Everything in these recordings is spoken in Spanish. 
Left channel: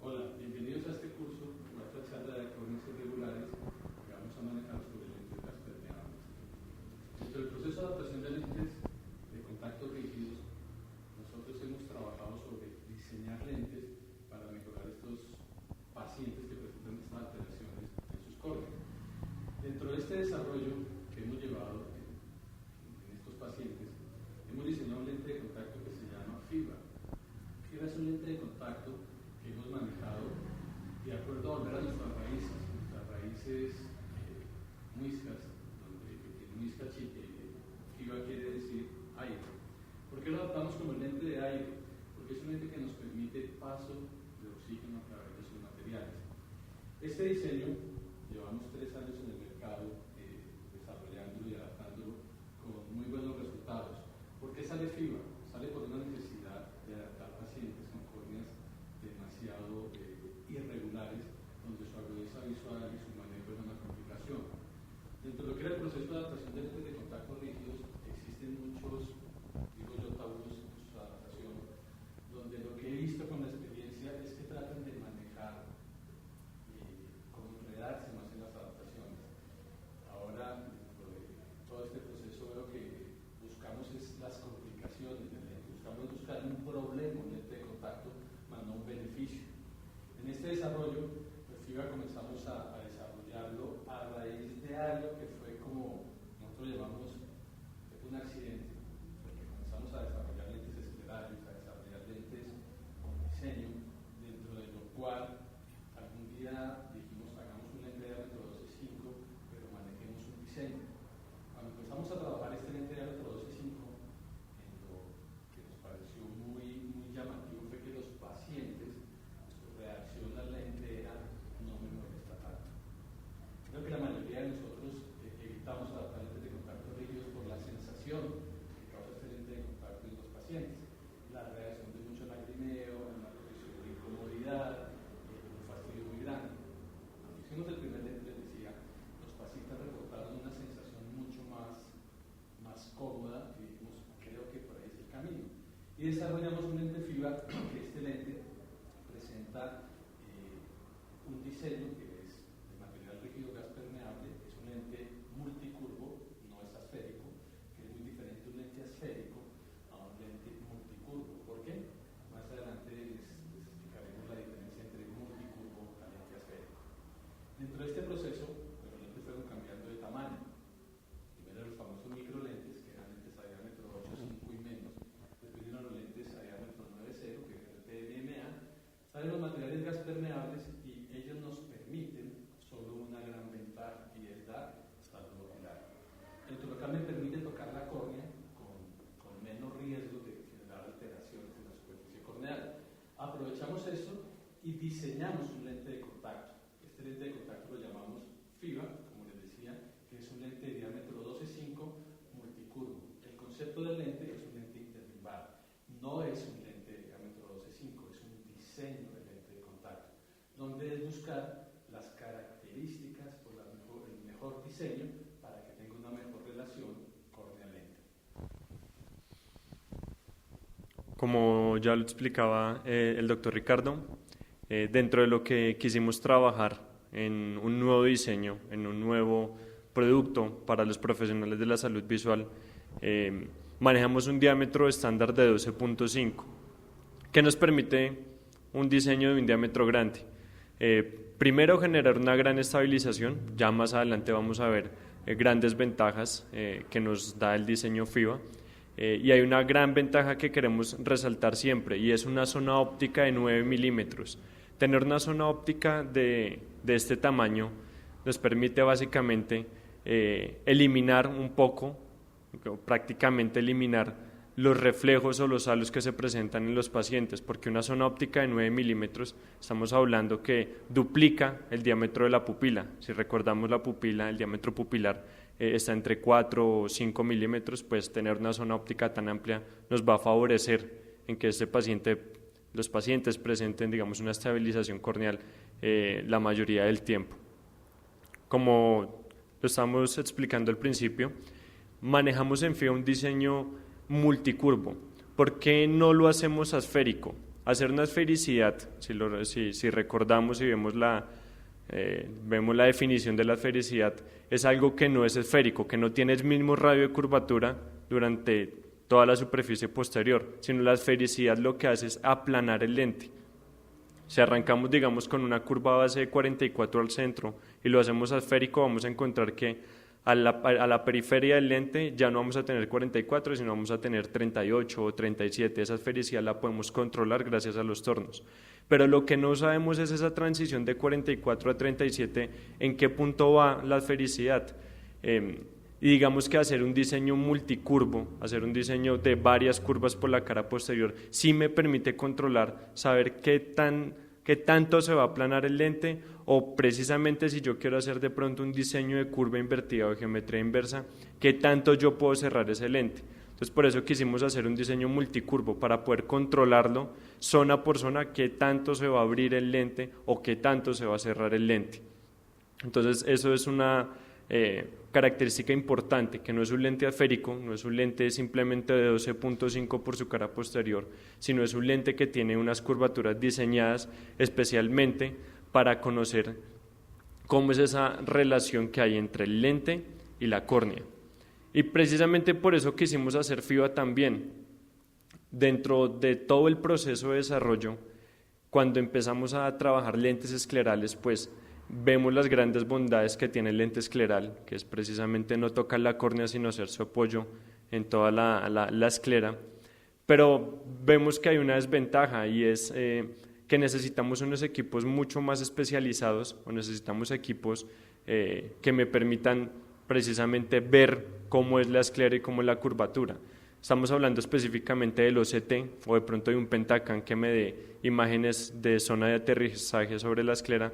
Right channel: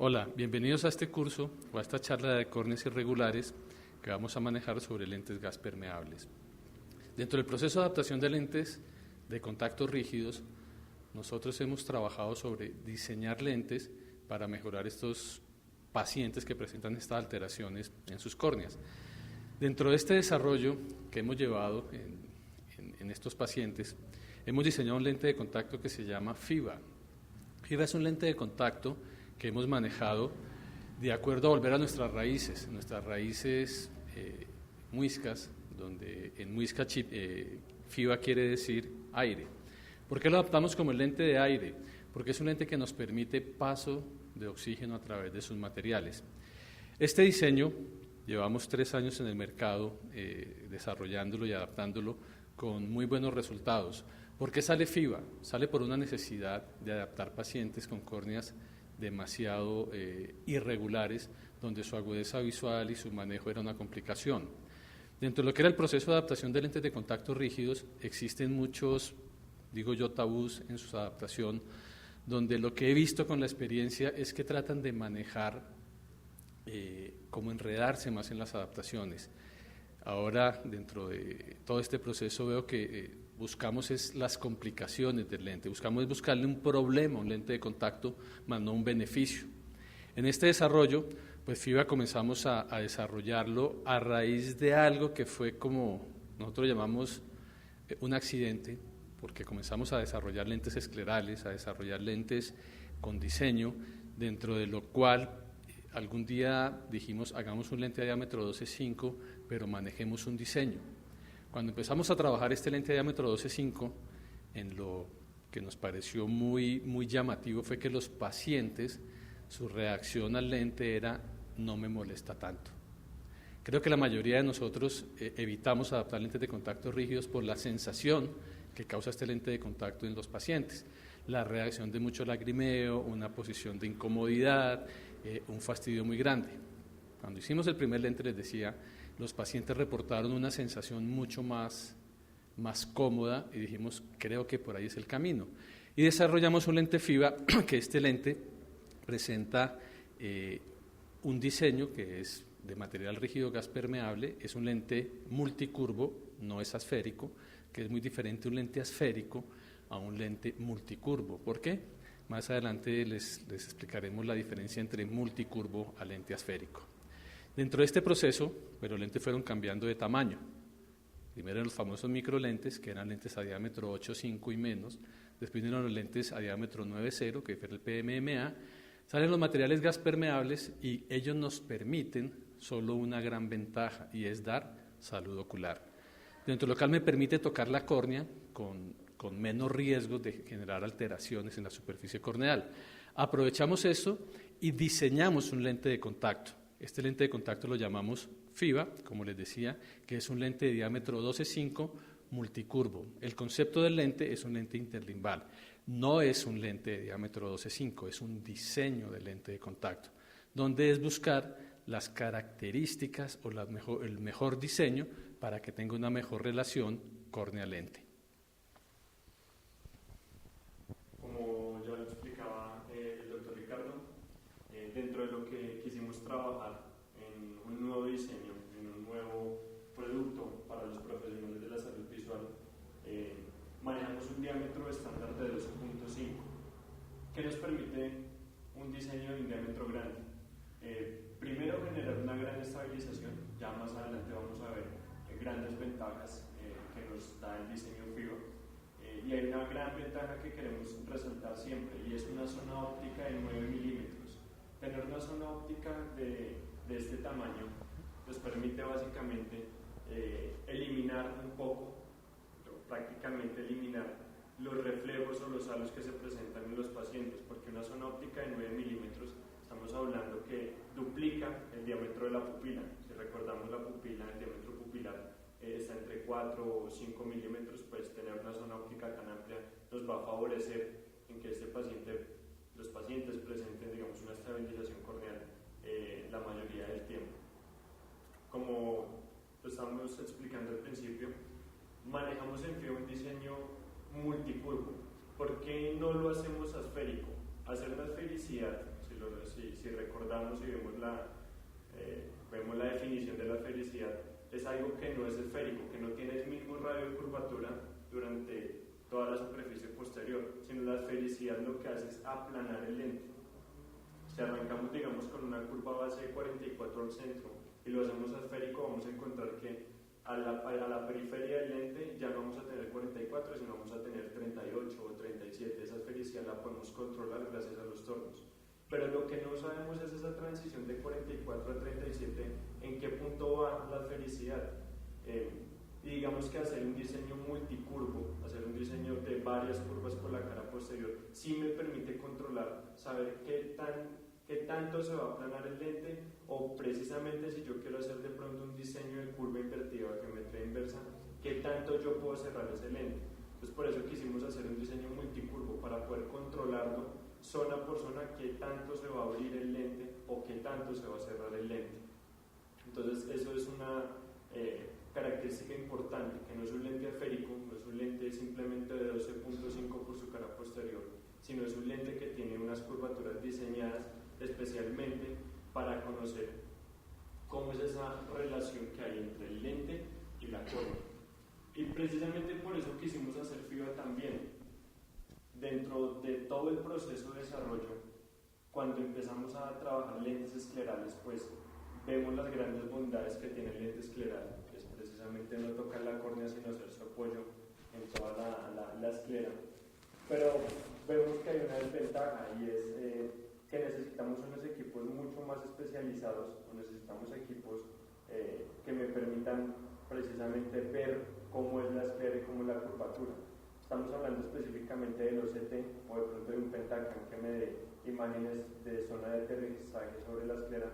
Hola, bienvenidos a este curso o a esta charla de córneas irregulares que vamos a manejar sobre lentes gas permeables. Dentro del proceso de adaptación de lentes de contacto rígidos, nosotros hemos trabajado sobre diseñar lentes para mejorar estos pacientes que presentan estas alteraciones en sus córneas. Dentro de este desarrollo que hemos llevado en estos pacientes, hemos diseñado un lente de contacto que se llama FIBA. FIBA es un lente de contacto que hemos manejado de acuerdo a volver a nuestras raíces muiscas, donde en muisca FIBA quiere decir aire. ¿Por qué lo adaptamos como el lente de aire? Porque es un lente que nos permite paso de oxígeno a través de sus materiales. Este diseño llevamos 3 años en el mercado desarrollándolo y adaptándolo con muy buenos resultados. ¿Por qué sale FIBA? Sale por una necesidad de adaptar pacientes con córneas demasiado irregulares, donde su agudeza visual y su manejo era una complicación. Dentro de lo que era el proceso de adaptación de lentes de contacto rígidos, existen muchos, digo yo, tabús en su adaptación, donde lo que he visto con la experiencia es que tratan de manejar, como enredarse más en las adaptaciones. Ahora, dentro de todo este proceso, veo que buscamos es las complicaciones del lente, buscamos buscarle un problema a un lente de contacto, más no un beneficio. En este desarrollo, pues FIBA comenzamos a desarrollarlo a raíz de algo que fue como, nosotros llamamos un accidente, porque comenzamos a desarrollar lentes esclerales, a desarrollar lentes con diseño, dentro de lo cual algún día dijimos, hagamos un lente de diámetro 12.5, pero manejemos un diseño. Cuando empezamos a trabajar este lente de diámetro 12.5, en lo que nos pareció muy llamativo fue que los pacientes, su reacción al lente era, no me molesta tanto. Creo que la mayoría de nosotros evitamos adaptar lentes de contacto rígidos por la sensación que causa este lente de contacto en los pacientes. La reacción de mucho lagrimeo, una posición de incomodidad, un fastidio muy grande. Cuando hicimos el primer lente, les decía, los pacientes reportaron una sensación mucho más cómoda y dijimos, creo que por ahí es el camino. Y desarrollamos un lente FIBA, que este lente presenta un diseño que es de material rígido gas permeable, es un lente multicurvo, no es asférico, que es muy diferente un lente asférico a un lente multicurvo. ¿Por qué? Más adelante les explicaremos la diferencia entre multicurvo a lente asférico. Dentro de este proceso, pues los lentes fueron cambiando de tamaño. Primero los famosos microlentes, que eran lentes a diámetro 8.5 y menos. Después vinieron los lentes a diámetro 9.0, que fue el PMMA. Salen los materiales gas permeables y ellos nos permiten solo una gran ventaja, y es dar salud ocular. Dentro de lo cual me permite tocar la córnea con menos riesgos de generar alteraciones en la superficie corneal. Aprovechamos eso y diseñamos un lente de contacto. Este lente de contacto lo llamamos FIBA, como les decía, que es un lente de diámetro 12.5 multicurvo. El concepto del lente es un lente interlimbal, no es un lente de diámetro 12.5, es un diseño de lente de contacto, donde es buscar las características o el mejor diseño para que tenga una mejor relación córnea-lente. Como ya lo explicaba el doctor Ricardo, dentro de lo que quisimos trabajar en un nuevo diseño, en un nuevo producto para los profesionales de la salud visual, manejamos un diámetro estándar de 12.5, que nos permite un diseño de un diámetro grande. Primero, generar una gran estabilización, ya más adelante vamos a ver grandes ventajas que nos da el diseño FIBA. Y hay una gran ventaja que queremos resaltar siempre, y es una zona óptica de 9 milímetros. Tener una zona óptica de este tamaño nos permite básicamente eliminar un poco, prácticamente eliminar los reflejos o los halos que se presentan en los pacientes, porque una zona óptica de 9 milímetros, estamos hablando que duplica el diámetro de la pupila. Si recordamos la pupila, el diámetro pupilar está entre 4 o 5 milímetros, pues tener una zona óptica tan amplia nos va a favorecer en que los pacientes presenten, digamos, una estabilización corneal la mayoría del tiempo. Como lo estamos explicando al principio, manejamos en FIBA un diseño multicurvo. ¿Por qué no lo hacemos asférico? Hacer una esfericidad, si recordamos y vemos vemos la definición de la esfericidad, es algo que no es esférico, que no tiene el mismo radio de curvatura durante toda la superficie posterior, sino la esfericidad lo que hace es aplanar el lente. Si arrancamos, digamos, con una curva base de 44 al centro y lo hacemos esférico, vamos a encontrar que a la periferia del lente ya no vamos a tener 44, sino vamos a tener 38 o 37. Esa esfericidad la podemos controlar gracias a los tornos. Pero lo que no sabemos es esa transición de 44 a 37, en qué punto va la esfericidad. Y digamos que hacer un diseño multicurvo, hacer un diseño de varias curvas por la cara posterior, sí me permite controlar, saber qué tanto se va a aplanar el lente, o precisamente si yo quiero hacer de pronto un diseño de curva invertida o de geometría inversa, qué tanto yo puedo cerrar ese lente. Entonces por eso quisimos hacer un diseño multicurvo, para poder controlarlo zona por zona, qué tanto se va a abrir el lente o qué tanto se va a cerrar el lente. Entonces eso es una característica importante, que no es un lente esférico, no es un lente simplemente de 12.5 por su cara posterior, sino es un lente que tiene unas curvaturas diseñadas especialmente para conocer cómo es esa relación que hay entre el lente y la córnea. Y precisamente por eso quisimos hacer FIBA también. Dentro de todo el proceso de desarrollo, cuando empezamos a trabajar lentes esclerales, pues vemos las grandes bondades que tiene el lente escleral, que es precisamente no tocar la córnea sino hacer su apoyo en toda la esclera, pero vemos que hay una desventaja, y es que necesitamos unos equipos mucho más especializados, o necesitamos equipos que me permitan precisamente ver cómo es la esclera y cómo es la curvatura. Estamos hablando específicamente del OCT, o de pronto de un Pentacam que me dé imágenes de zona de aterrizaje sobre la esclera.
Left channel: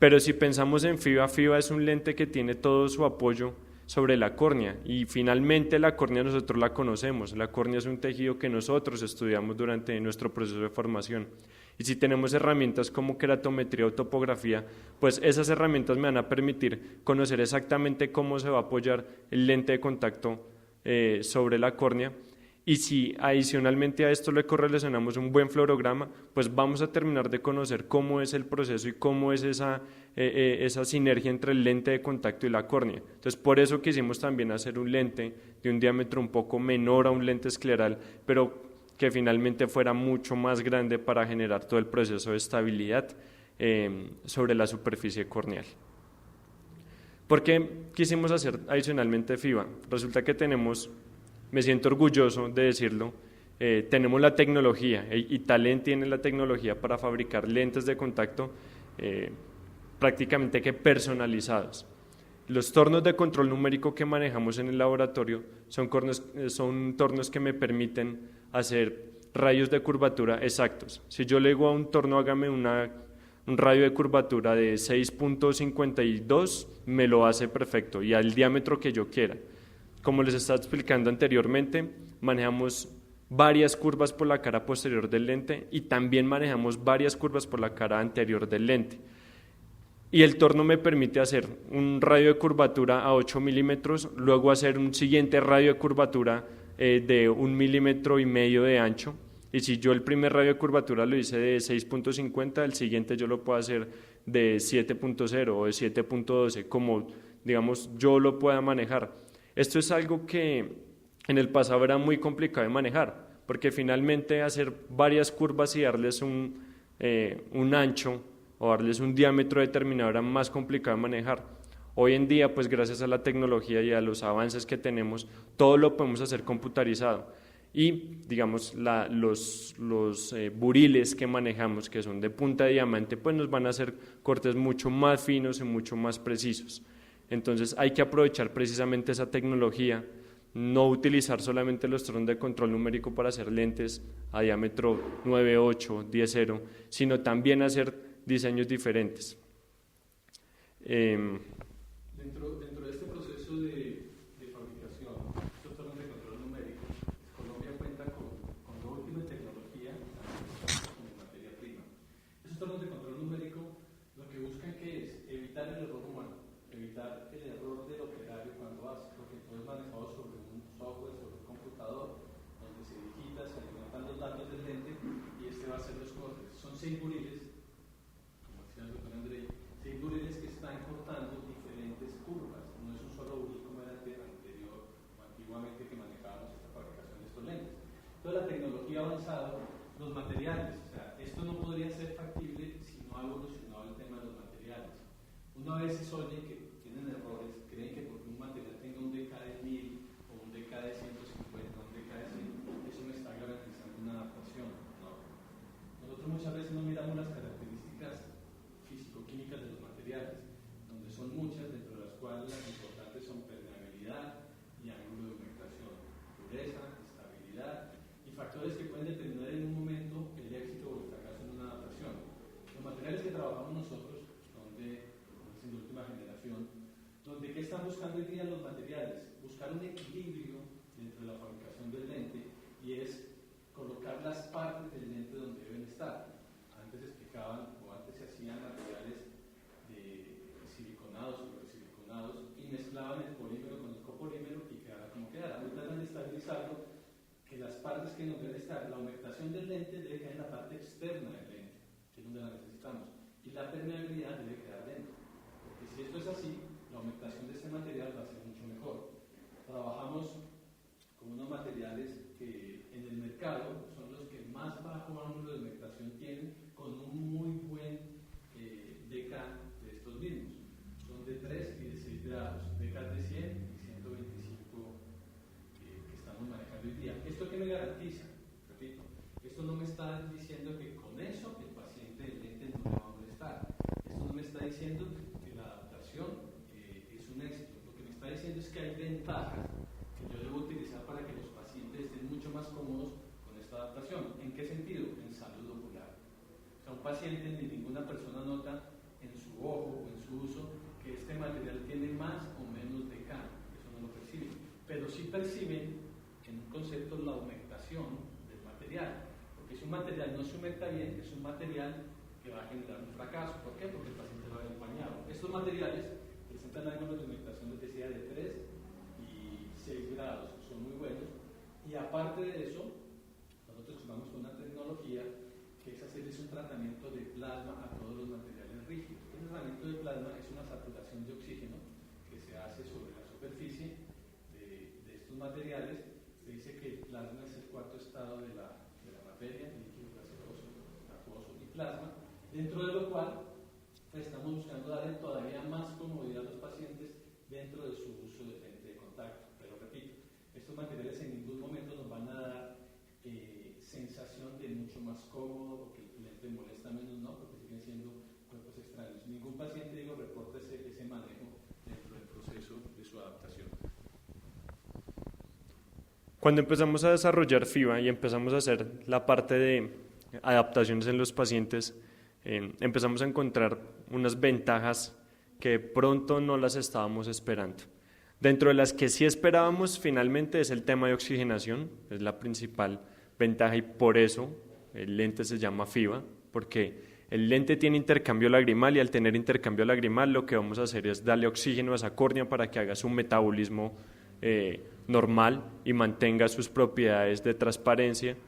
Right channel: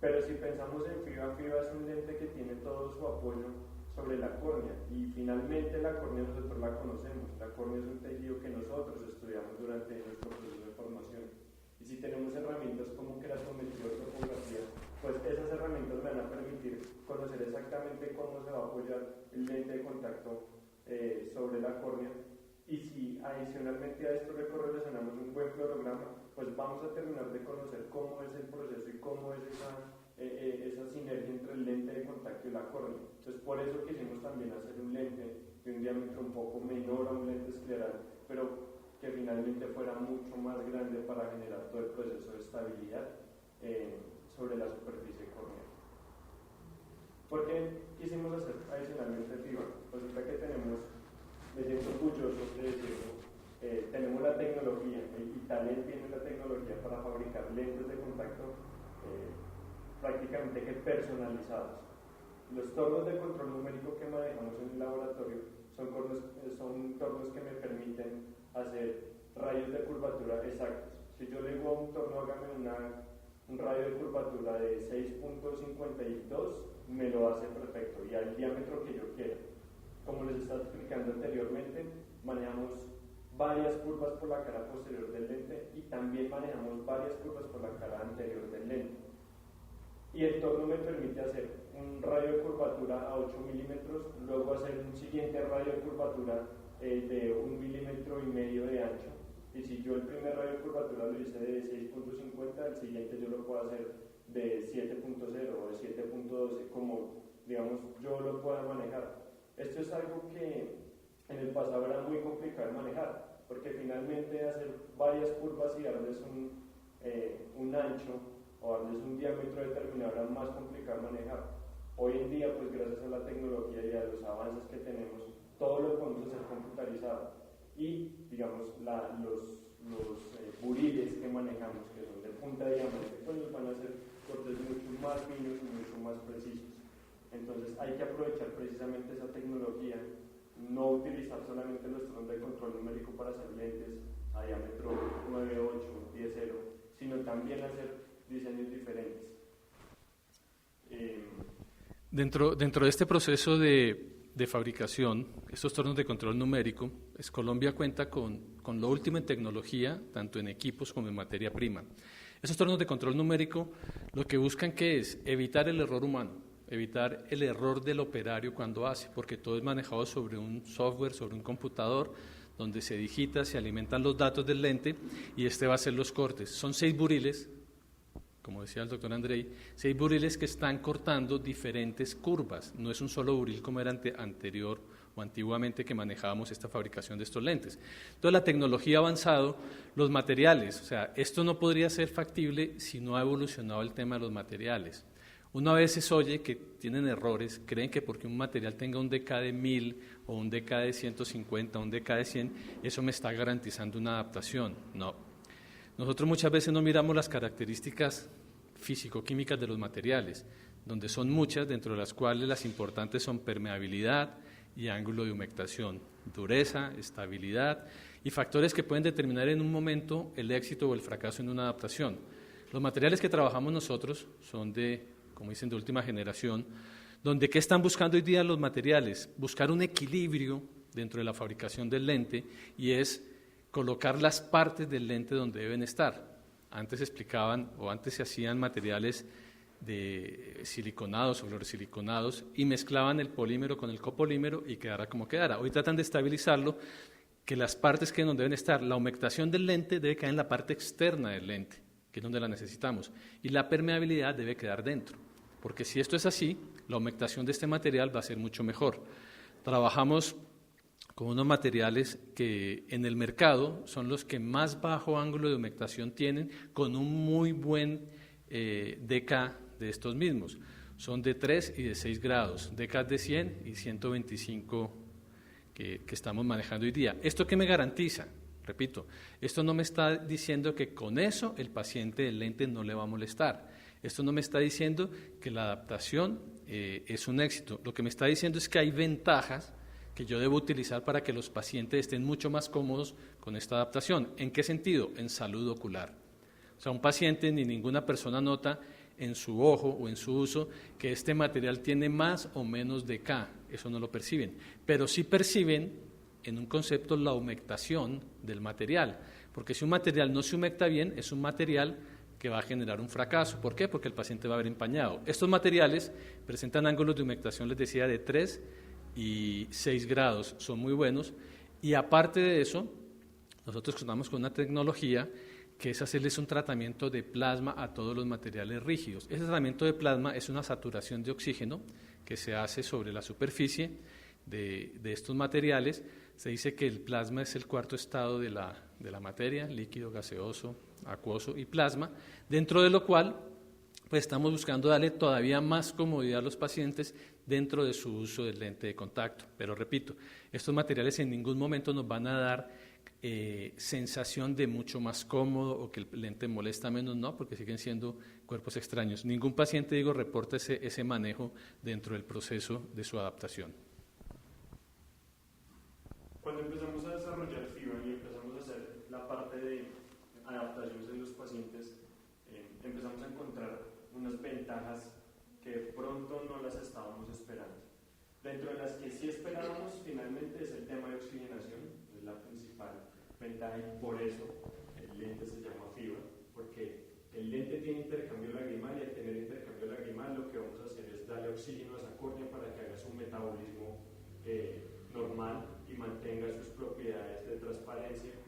Pero si pensamos en FIBA, FIBA es un lente que tiene todo su apoyo sobre la córnea, y finalmente la córnea nosotros la conocemos. La córnea es un tejido que nosotros estudiamos durante nuestro proceso de formación, y si tenemos herramientas como keratometría o topografía, pues esas herramientas me van a permitir conocer exactamente cómo se va a apoyar el lente de contacto sobre la córnea. Y si adicionalmente a esto le correlacionamos un buen fluorograma, pues vamos a terminar de conocer cómo es el proceso y cómo es esa sinergia entre el lente de contacto y la córnea. Entonces por eso quisimos también hacer un lente de un diámetro un poco menor a un lente escleral, pero que finalmente fuera mucho más grande para generar todo el proceso de estabilidad sobre la superficie corneal. ¿Por qué quisimos hacer adicionalmente FIBA? Resulta que me siento orgulloso de decirlo, tenemos la tecnología, y Talent tiene la tecnología para fabricar lentes de contacto prácticamente que personalizados. Los tornos de control numérico que manejamos en el laboratorio son tornos que me permiten hacer radios de curvatura exactos. Si yo le digo a un torno, hágame un radio de curvatura de 6.52, me lo hace perfecto y al diámetro que yo quiera. Como les estaba explicando anteriormente, manejamos varias curvas por la cara posterior del lente y también manejamos varias curvas por la cara anterior del lente. Y el torno me permite hacer un radio de curvatura a 8 milímetros, luego hacer un siguiente radio de curvatura de 1,5 milímetros de ancho, y si yo el primer radio de curvatura lo hice de 6.50, el siguiente yo lo puedo hacer de 7.0 o de 7.12, como digamos yo lo pueda manejar. Esto es algo que en el pasado era muy complicado de manejar, porque finalmente hacer varias curvas y darles un ancho o darles un diámetro determinado era más complicado de manejar. Hoy en día, pues gracias a la tecnología y a los avances que tenemos, todo lo podemos hacer computarizado. Y digamos, los buriles que manejamos, que son de punta de diamante, pues nos van a hacer cortes mucho más finos y mucho más precisos. Entonces hay que aprovechar precisamente esa tecnología, no utilizar solamente los tornos de control numérico para hacer lentes a diámetro 9.8, 10.0, sino también hacer diseños diferentes. Dentro de este proceso de fabricación, estos tornos de control numérico, pues Colombia cuenta con lo último en tecnología, tanto en equipos como en materia prima. Esos tornos de control numérico lo que buscan que es evitar el error humano, evitar el error del operario cuando hace, porque todo es manejado sobre un software, sobre un computador, donde se digita, se alimentan los datos del lente y este va a hacer los cortes. Son 6 buriles, como decía el doctor Andrei, 6 buriles que están cortando diferentes curvas, no es un solo buril como era anterior o antiguamente que manejábamos esta fabricación de estos lentes. Entonces la tecnología ha avanzado, los materiales, o sea, esto no podría ser factible si no ha evolucionado el tema de los materiales. Uno a veces oye que tienen errores, creen que porque un material tenga un DK de 1000 o un DK de 150, un DK de 100, eso me está garantizando una adaptación. No. Nosotros muchas veces no miramos las características físico-químicas de los materiales, donde son muchas, dentro de las cuales las importantes son permeabilidad y ángulo de humectación, dureza, estabilidad y factores que pueden determinar en un momento el éxito o el fracaso en una adaptación. Los materiales que trabajamos nosotros son de, como dicen, de última generación, donde ¿qué están buscando hoy día los materiales? Buscar un equilibrio dentro de la fabricación del lente y es colocar las partes del lente donde deben estar. Antes explicaban o antes se hacían materiales de siliconados o fluorosiliconados y mezclaban el polímero con el copolímero y quedara como quedara. Hoy tratan de estabilizarlo, que las partes queden donde deben estar. La humectación del lente debe quedar en la parte externa del lente, que es donde la necesitamos, y la permeabilidad debe quedar dentro, porque si esto es así, la humectación de este material va a ser mucho mejor. Trabajamos con unos materiales que en el mercado son los que más bajo ángulo de humectación tienen, con un muy buen DK de estos mismos. Son de 3 y de 6 grados, DK de 100 y 125 que estamos manejando hoy día. ¿Esto qué me garantiza? Repito, esto no me está diciendo que con eso el paciente del lente no le va a molestar. Esto no me está diciendo que la adaptación es un éxito. Lo que me está diciendo es que hay ventajas que yo debo utilizar para que los pacientes estén mucho más cómodos con esta adaptación. ¿En qué sentido? En salud ocular. O sea, un paciente ni ninguna persona nota en su ojo o en su uso que este material tiene más o menos DK, eso no lo perciben, pero sí perciben en un concepto la humectación del material, porque si un material no se humecta bien, es un material que va a generar un fracaso. ¿Por qué? Porque el paciente va a ver empañado. Estos materiales presentan ángulos de humectación, les decía, de 3 y 6 grados, son muy buenos, y aparte de eso, nosotros contamos con una tecnología que es hacerles un tratamiento de plasma a todos los materiales rígidos. Ese tratamiento de plasma es una saturación de oxígeno que se hace sobre la superficie de estos materiales. Se dice que el plasma es el cuarto estado de la materia, líquido, gaseoso, acuoso y plasma, dentro de lo cual pues, estamos buscando darle todavía más comodidad a los pacientes dentro de su uso del lente de contacto. Pero repito, estos materiales en ningún momento nos van a dar sensación de mucho más cómodo o que el lente molesta menos, no, porque siguen siendo cuerpos extraños. Ningún paciente, digo, reporta ese manejo dentro del proceso de su adaptación. Cuando empezamos a desarrollar FIBA y empezamos a hacer la parte de adaptaciones en los pacientes, empezamos a encontrar unas ventajas que pronto no las estábamos esperando. Dentro de las que sí esperábamos finalmente es el tema de oxigenación, es la principal ventaja y por eso el lente se llama FIBA, porque el lente tiene intercambio lagrimal y al tener intercambio lagrimal lo que vamos a hacer es darle oxígeno a esa córnea para que haga su metabolismo normal y mantenga sus propiedades de transparencia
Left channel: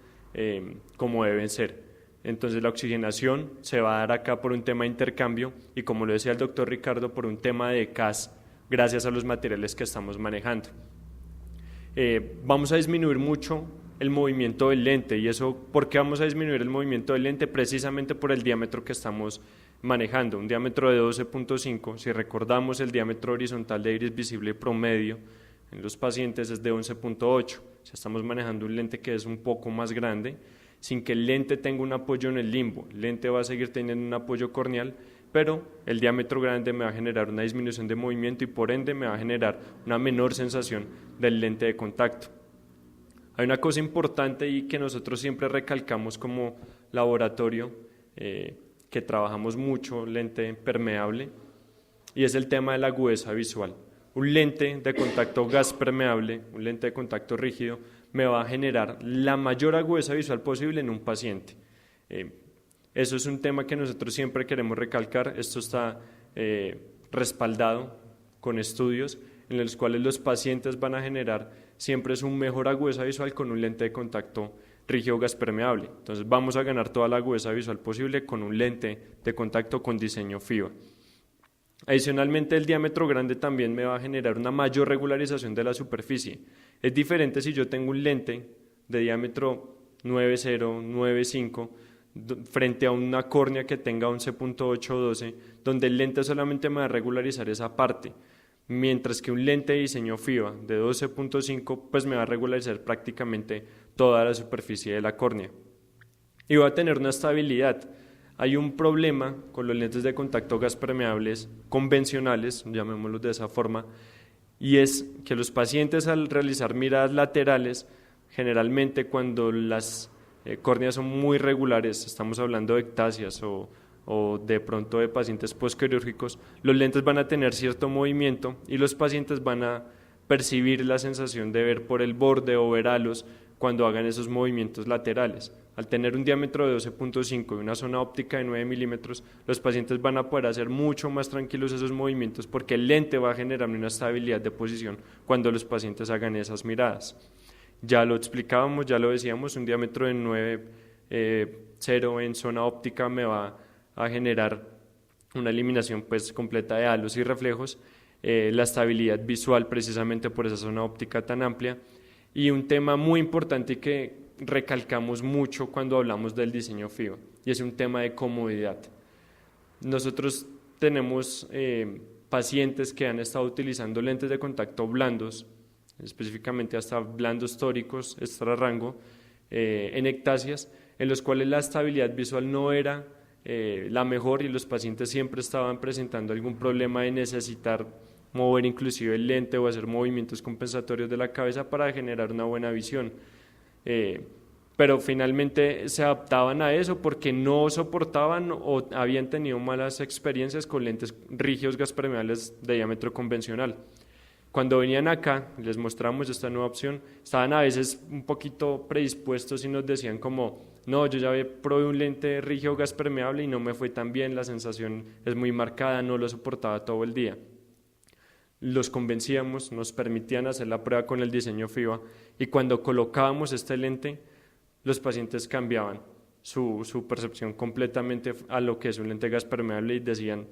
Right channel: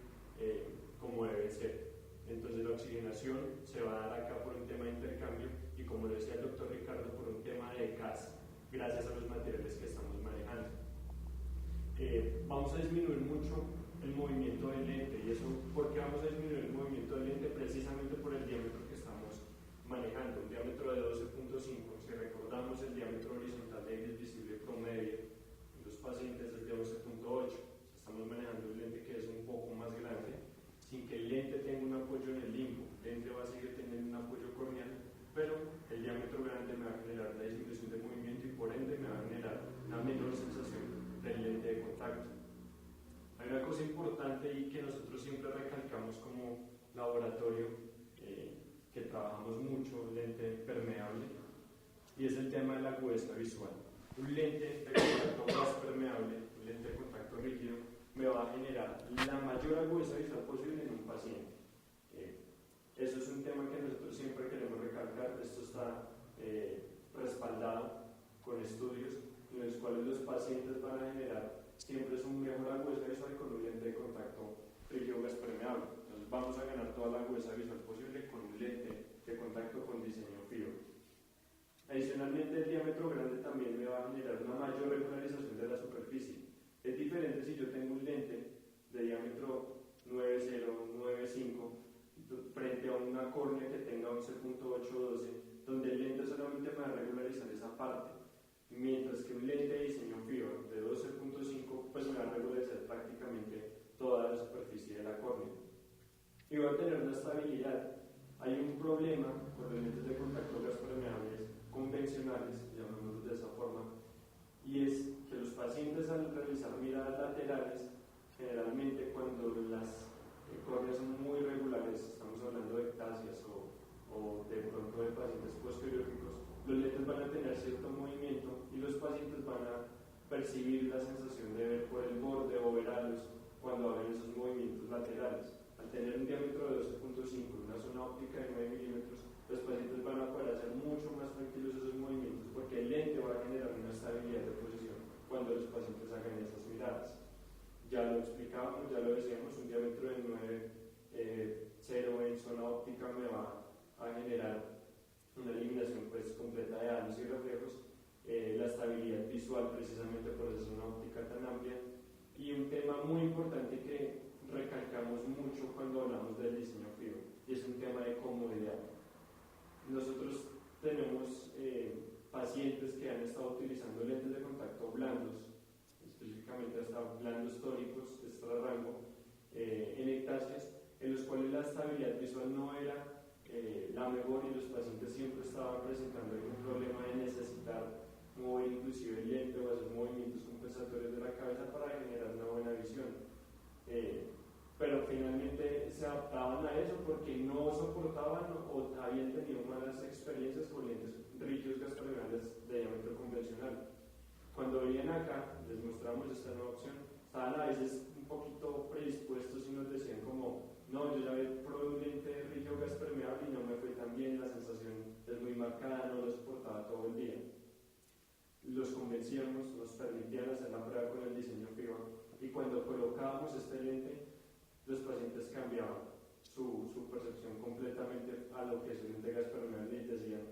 como deben ser. Entonces la oxigenación se va a dar acá por un tema de intercambio y como lo decía el doctor Ricardo, por un tema de CAS gracias a los materiales que estamos manejando. Vamos a disminuir mucho el movimiento del lente y eso, ¿por qué vamos a disminuir el movimiento del lente? Precisamente por el diámetro que estamos manejando, un diámetro de 12.5, si recordamos el diámetro horizontal de iris visible promedio en los pacientes es de 11.8, si estamos manejando un lente que es un poco más grande, sin que el lente tenga un apoyo en el limbo, el lente va a seguir teniendo un apoyo corneal, pero el diámetro grande me va a generar una disminución de movimiento y por ende me va a generar una menor sensación del lente de contacto. Hay una cosa importante y que nosotros siempre recalcamos como laboratorio, que trabajamos mucho, lente permeable, y es el tema de la agudeza visual. Un lente de contacto gas permeable, un lente de contacto rígido, me va a generar la mayor agudeza visual posible en un paciente. Eso es un tema que nosotros siempre queremos recalcar, esto está respaldado con estudios en los cuales los pacientes van a generar siempre es un mejor agudeza visual con un lente de contacto rígido gas permeable. Entonces vamos a ganar toda la agudeza visual posible con un lente de contacto con diseño FIBA. Adicionalmente, el diámetro grande también me va a generar una mayor regularización de la superficie. Es diferente si yo tengo un lente de diámetro 9.0, 9.5 frente a una córnea que tenga 11.8 o 12, donde el lente solamente me va a regularizar esa parte, mientras que un lente de diseño FIBA de 12.5 pues me va a regularizar prácticamente toda la superficie de la córnea. Y va a tener una estabilidad. Hay un problema con los lentes de contacto gas permeables convencionales, llamémoslos de esa forma, y es que los pacientes al realizar miradas laterales, generalmente cuando las córneas son muy regulares, estamos hablando de ectasias o de pronto de pacientes postquirúrgicos, los lentes van a tener cierto movimiento y los pacientes van a percibir la sensación de ver por el borde o ver halos cuando hagan esos movimientos laterales. Al tener un diámetro de 12.5 y una zona óptica de 9 milímetros, los pacientes van a poder hacer mucho más tranquilos esos movimientos porque el lente va a generar una estabilidad de posición cuando los pacientes hagan esas miradas. Ya lo explicábamos, ya lo decíamos, un diámetro de 9.0 en zona óptica me va a generar una eliminación pues completa de halos y reflejos, la estabilidad visual precisamente por esa zona óptica tan amplia, y un tema muy importante que recalcamos mucho cuando hablamos del diseño FIBA, y es un tema de comodidad. Nosotros tenemos pacientes que han estado utilizando lentes de contacto blandos, específicamente hasta blandos tóricos, extra rango, en ectasias, en los cuales la estabilidad visual no era la mejor y los pacientes siempre estaban presentando algún problema de necesitar mover inclusive el lente o hacer movimientos compensatorios de la cabeza para generar una buena visión. Pero finalmente se adaptaban a eso porque no soportaban o habían tenido malas experiencias con lentes rígidos gas permeables de diámetro convencional. Cuando venían acá, les mostramos esta nueva opción, estaban a veces un poquito predispuestos y nos decían como, no, yo ya probé un lente rígido gas permeable y no me fue tan bien, la sensación es muy marcada, no lo soportaba todo el día. Los convencíamos, nos permitían hacer la prueba con el diseño FIBA y cuando colocábamos este lente, los pacientes cambiaban su percepción completamente a lo que es un lente gas permeable y decían,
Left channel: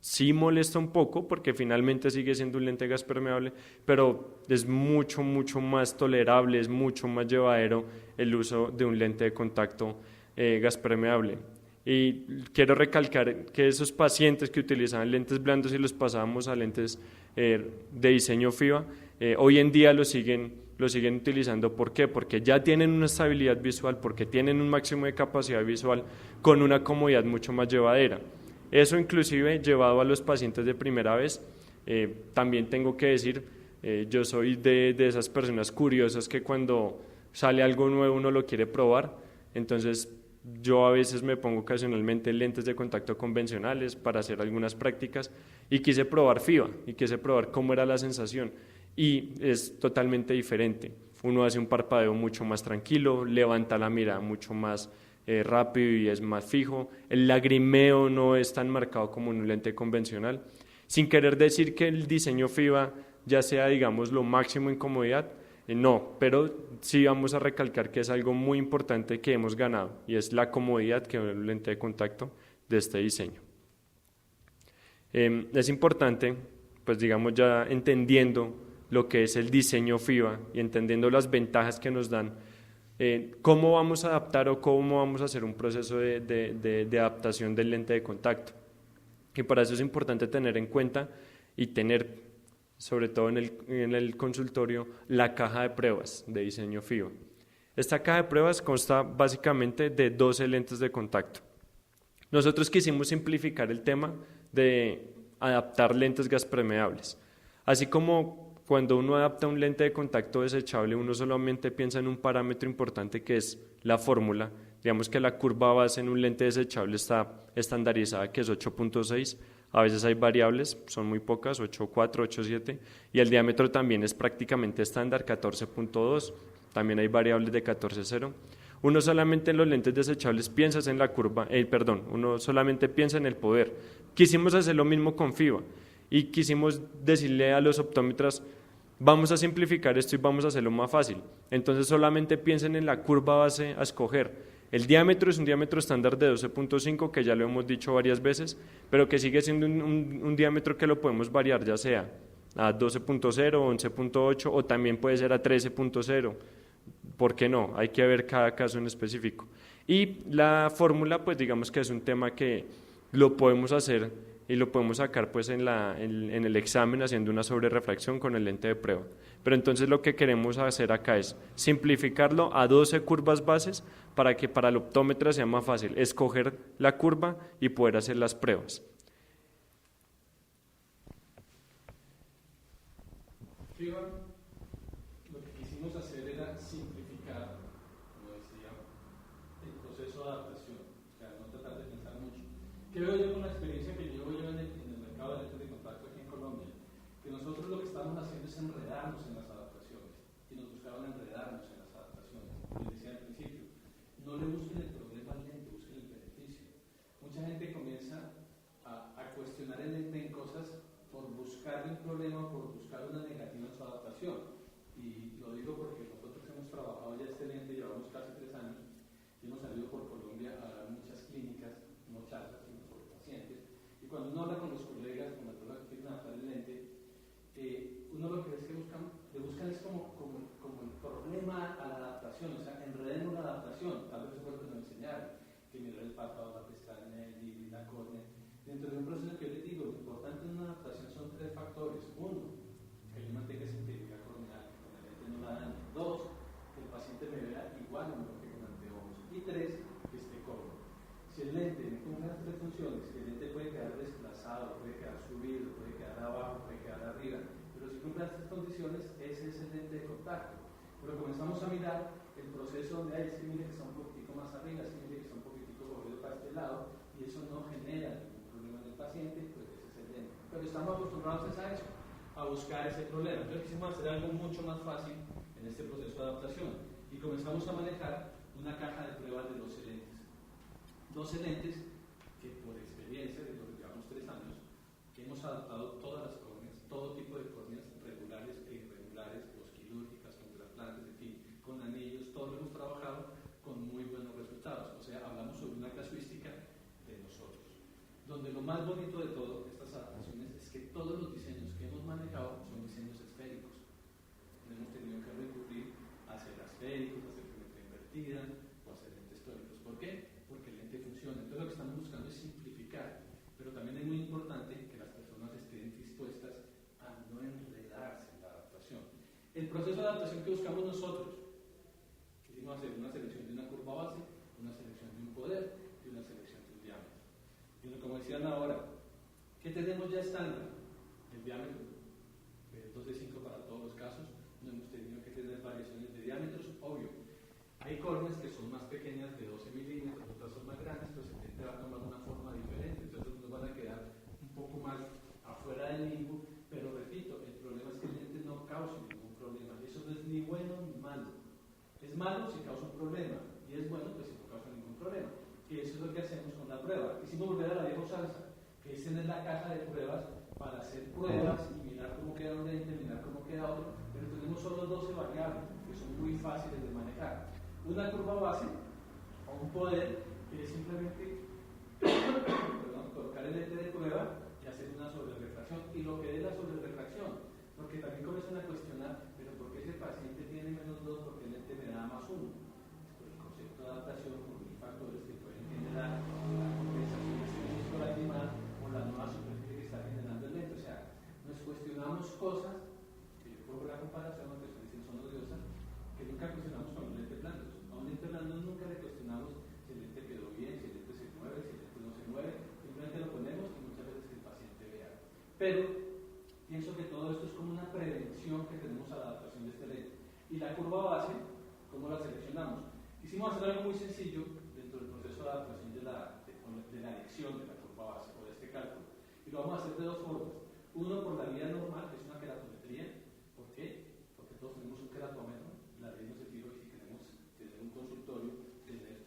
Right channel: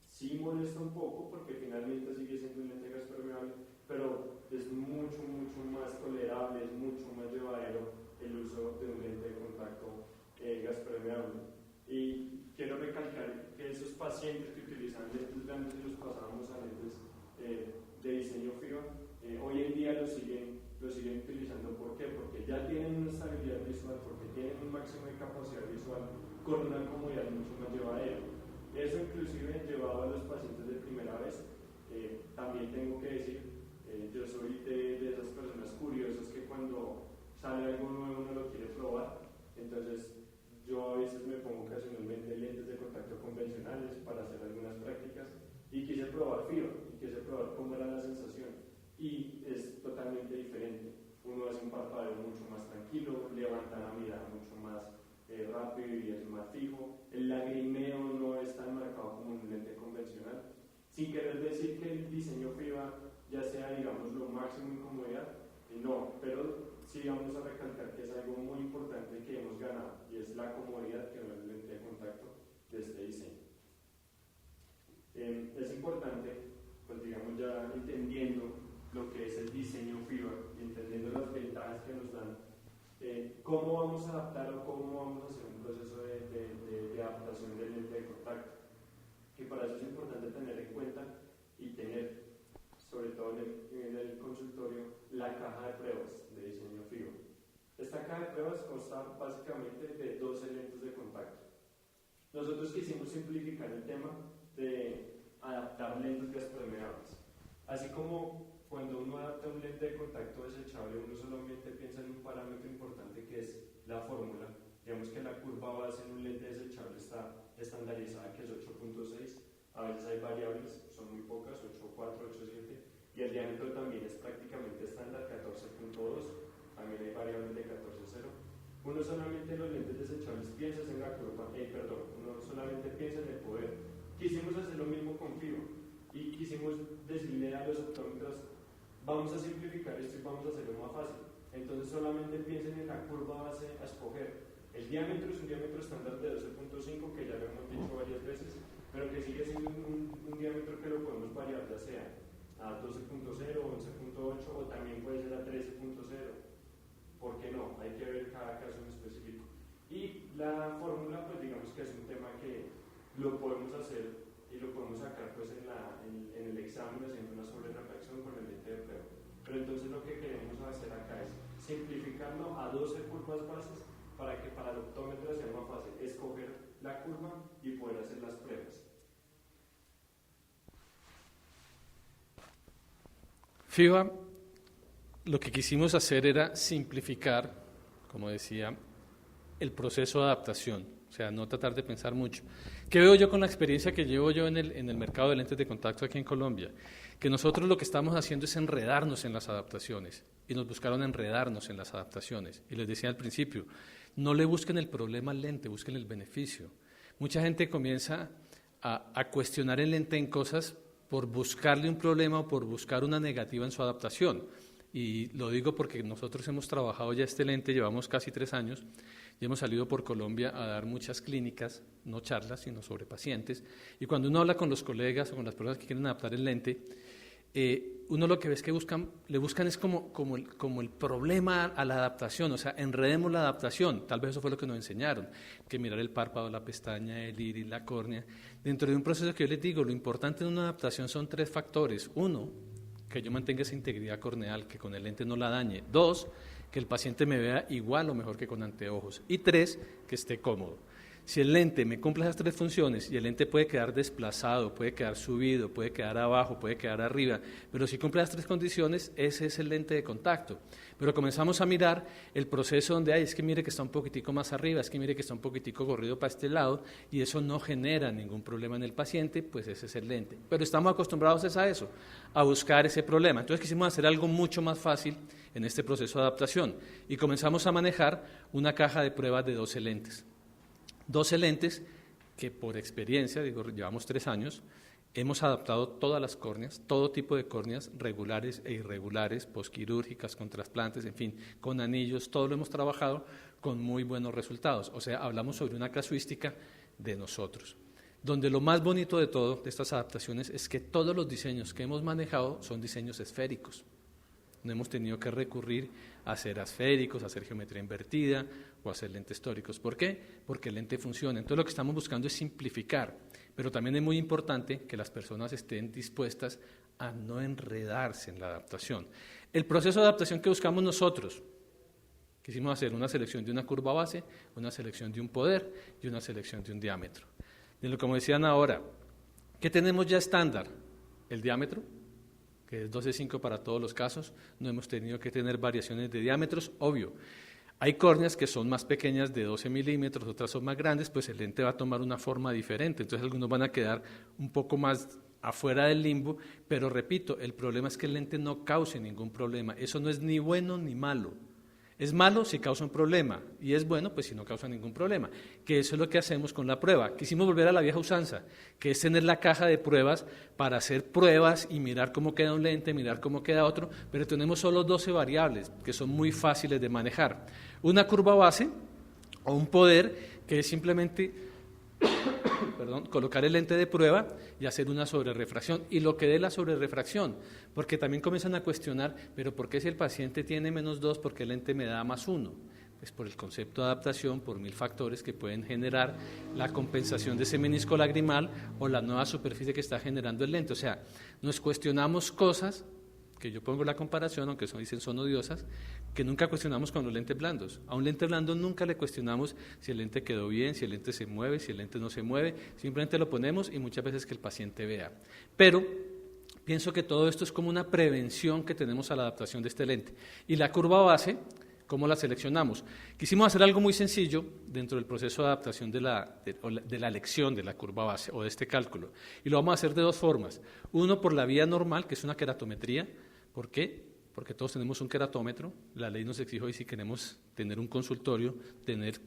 sí molesta un poco porque finalmente sigue siendo un lente gas permeable, pero es mucho más tolerable, es mucho más llevadero el uso de un lente de contacto gas permeable. Y quiero recalcar que esos pacientes que utilizaban lentes blandos y los pasábamos a lentes de diseño FIBA, hoy en día lo siguen utilizando. ¿Por qué? Porque ya tienen una estabilidad visual, porque tienen un máximo de capacidad visual con una comodidad mucho más llevadera. Eso inclusive llevado a los pacientes de primera vez, también tengo que decir, yo soy de esas personas curiosas que cuando sale algo nuevo uno lo quiere probar, entonces yo a veces me pongo ocasionalmente lentes de contacto convencionales para hacer algunas prácticas y quise probar FIBA y quise probar cómo era la sensación y es totalmente diferente. Uno hace un parpadeo mucho más tranquilo, levanta la mirada mucho más rápido y es más fijo, el lagrimeo no es tan marcado como en un lente convencional, sin querer decir que el diseño FIBA ya sea, digamos, lo máximo en comodidad, no, pero sí vamos a recalcar que es algo muy importante que hemos ganado y es la comodidad que da el lente de contacto de este diseño. Es importante, pues digamos ya entendiendo lo que es el diseño FIBA y entendiendo las ventajas que nos dan, cómo vamos a adaptar o cómo vamos a hacer un proceso de adaptación del lente de contacto. Y para eso es importante tener en cuenta y tener, sobre todo en el consultorio, la caja de pruebas de diseño FIBA. Esta caja de pruebas consta básicamente de 12 lentes de contacto. Nosotros quisimos simplificar el tema de adaptar lentes gas permeables. Así como cuando uno adapta un lente de contacto desechable, uno solamente piensa en un parámetro importante que es la fórmula. Digamos que la curva base en un lente desechable está estandarizada, que es 8.6. A veces hay variables, son muy pocas, 8.4, 8.7, y el diámetro también es prácticamente estándar, 14.2. También hay variables de 14.0. Uno solamente en los lentes desechables piensa en la curva, uno solamente piensa en el poder. Quisimos hacer lo mismo con FIBA y quisimos decirle a los optómetras, vamos a simplificar esto y vamos a hacerlo más fácil. Entonces solamente piensen en la curva base a escoger. El diámetro es un diámetro estándar de 12.5, que ya lo hemos dicho varias veces, pero que sigue siendo un diámetro que lo podemos variar, ya sea a 12.0, 11.8 o también puede ser a 13.0. ¿Por qué no? Hay que ver cada caso en específico. Y la fórmula, pues digamos que es un tema que lo podemos hacer y lo podemos sacar pues en el examen haciendo una sobrerefracción con el lente de prueba. Pero entonces lo que queremos hacer acá es simplificarlo a 12 curvas bases para que para el optómetra sea más fácil escoger la curva y poder hacer las pruebas. FIBA, lo que quisimos hacer era simplificar, como decía, el proceso de adaptación, o sea, no tratar de pensar mucho. ¿Qué veo yo con la experiencia que llevo yo en el mercado de lentes de contacto aquí en Colombia? Que nosotros lo que estamos haciendo es enredarnos en las adaptaciones, y nos buscaron enredarnos en las adaptaciones. Y les decía al principio, no le busquen el problema al lente, busquen el beneficio. Mucha gente comienza a cuestionar el lente en cosas por buscarle un problema o por buscar una negativa en su adaptación. Y lo digo porque nosotros hemos trabajado ya este lente, llevamos casi 3 años, y hemos salido por Colombia a dar muchas clínicas, no charlas, sino sobre pacientes. Y cuando uno habla con los colegas o con las personas que quieren adaptar el lente, uno lo que ve es que le buscan es como el problema a la adaptación, o sea, enredemos la adaptación. Tal vez eso fue lo que nos enseñaron, que mirar el párpado, la pestaña, el iris, la córnea. Dentro de un proceso que yo les digo, lo importante en una adaptación son 3 factores. 1, que yo mantenga esa integridad corneal, que con el lente no la dañe. 2, que el paciente me vea igual o mejor que con anteojos. Y 3, que esté cómodo. Si el lente me cumple esas 3 funciones, y el lente puede quedar desplazado, puede quedar subido, puede quedar abajo, puede quedar arriba, pero si cumple las 3 condiciones, ese es el lente de contacto. Pero comenzamos a mirar el proceso donde es que mire que está un poquitico más arriba, es que mire que está un poquitico corrido para este lado, y eso no genera ningún problema en el paciente, pues ese es el lente. Pero estamos acostumbrados a eso, a buscar ese problema. Entonces quisimos hacer algo mucho más fácil en este proceso de adaptación, y comenzamos a manejar una caja de pruebas de 12 lentes. 12 lentes que por experiencia, digo, llevamos 3 años, hemos adaptado todas las córneas, todo tipo de córneas, regulares e irregulares, posquirúrgicas, con trasplantes, en fin, con anillos, todo lo hemos trabajado con muy buenos resultados. O sea, hablamos sobre una casuística de nosotros, donde lo más bonito de todo, de estas adaptaciones, es que todos los diseños que hemos manejado son diseños esféricos. No hemos tenido que recurrir a hacer esféricos, a hacer geometría invertida o a hacer lentes tóricos. ¿Por qué? Porque el lente funciona. Entonces lo que estamos buscando es simplificar, pero también es muy importante que las personas estén dispuestas a no enredarse en la adaptación. El proceso de adaptación que buscamos nosotros, quisimos hacer una selección de una curva base, una selección de un poder y una selección de un diámetro. Como decían ahora, ¿qué tenemos ya estándar? El diámetro, que es 12.5 para todos los casos, no hemos tenido que tener variaciones de diámetros, obvio. Hay córneas que son más pequeñas de 12 milímetros, otras son más grandes, pues el lente va a tomar una forma diferente, entonces algunos van a quedar un poco más afuera del limbo, pero repito, el problema es que el lente no cause ningún problema, eso no es ni bueno ni malo. Es malo si causa un problema y es bueno pues si no causa ningún problema, que eso es lo que hacemos con la prueba. Quisimos volver a la vieja usanza, que es tener la caja de pruebas para hacer pruebas y mirar cómo queda un lente, mirar cómo queda otro, pero tenemos solo 12 variables que son muy fáciles de manejar. Una curva base o un poder que es simplemente colocar el lente de prueba y hacer una sobrerefracción y lo que dé la sobrerefracción, porque también comienzan a cuestionar, pero ¿por qué si el paciente tiene -2, por qué el lente me da +1? Pues por el concepto de adaptación, por 1000 factores que pueden generar la compensación de ese menisco lagrimal o la nueva superficie que está generando el lente. O sea, nos cuestionamos cosas, que yo pongo la comparación, aunque son odiosas, que nunca cuestionamos con los lentes blandos. A un lente blando nunca le cuestionamos si el lente quedó bien, si el lente se mueve, si el lente no se mueve, simplemente lo ponemos y muchas veces que el paciente vea. Pero pienso que todo esto es como una prevención que tenemos a la adaptación de este lente. Y la curva base, ¿cómo la seleccionamos? Quisimos hacer algo muy sencillo dentro del proceso de adaptación de la elección de la curva base o de este cálculo. Y lo vamos a hacer de 2 formas. Uno, por la vía normal, que es una queratometría. ¿Por qué? Porque todos tenemos un queratómetro, la ley nos exige hoy si queremos tener un consultorio, tener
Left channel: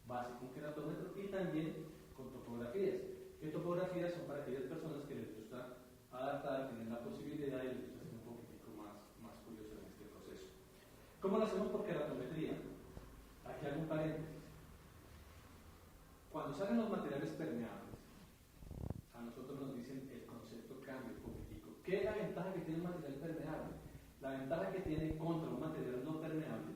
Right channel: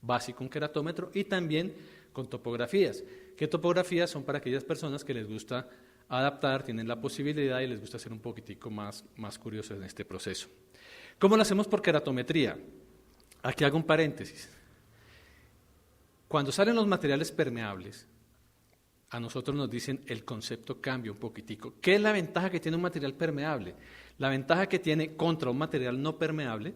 básico un queratómetro y también con topografías. ¿Qué topografías son para aquellas personas que les gusta adaptar, tienen la posibilidad y les gusta ser un poquitico más curiosos en este proceso. ¿Cómo lo hacemos por keratometría? Aquí hago un paréntesis. Cuando salen los materiales permeables, a nosotros nos dicen el concepto cambia un poquitico. ¿Qué es la ventaja que tiene un material permeable? La ventaja que tiene contra un material no permeable,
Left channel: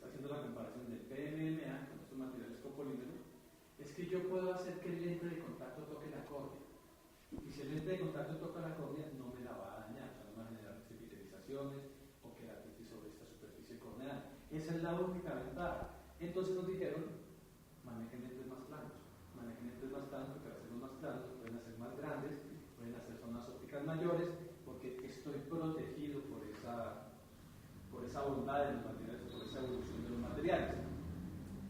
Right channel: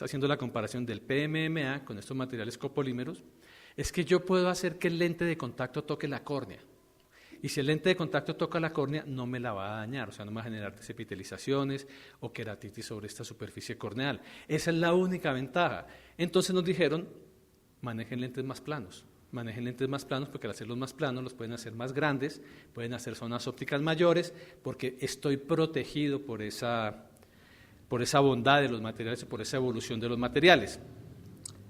haciendo la comparación del PMMA con estos materiales copolímeros, es que yo puedo hacer que el lente de contacto toque la córnea. Y si el lente de contacto toca la córnea, no me la va a dañar, o sea, no me va a generar desepitelizaciones o queratitis sobre esta superficie corneal. Esa es la única ventaja. Entonces nos dijeron, manejen lentes más planos. Manejen lentes más planos porque al hacerlos más planos los pueden hacer más grandes, pueden hacer zonas ópticas mayores, porque estoy protegido por esa bondad de los materiales y por esa evolución de los materiales.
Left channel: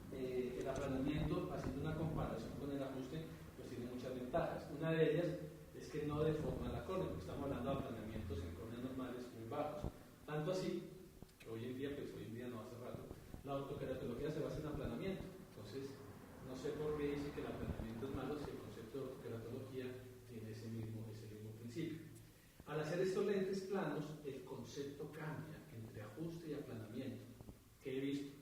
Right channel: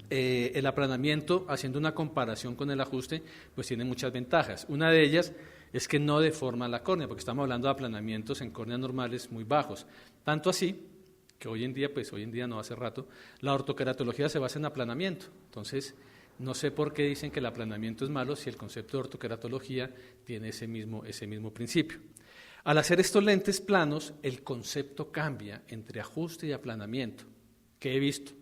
El aplanamiento, haciendo una comparación con el ajuste, pues tiene muchas ventajas. Una de ellas es que no deforma la córnea, porque estamos hablando de aplanamientos en córneas normales muy bajos. Tanto así que hoy en día no, hace rato, la ortoqueratología se basa en aplanamiento. Entonces, no sé por qué dicen que el aplanamiento es malo si el concepto de ortoqueratología tiene ese mismo principio. Al hacer estos lentes planos, el concepto cambia entre ajuste y aplanamiento. ¿Qué he visto?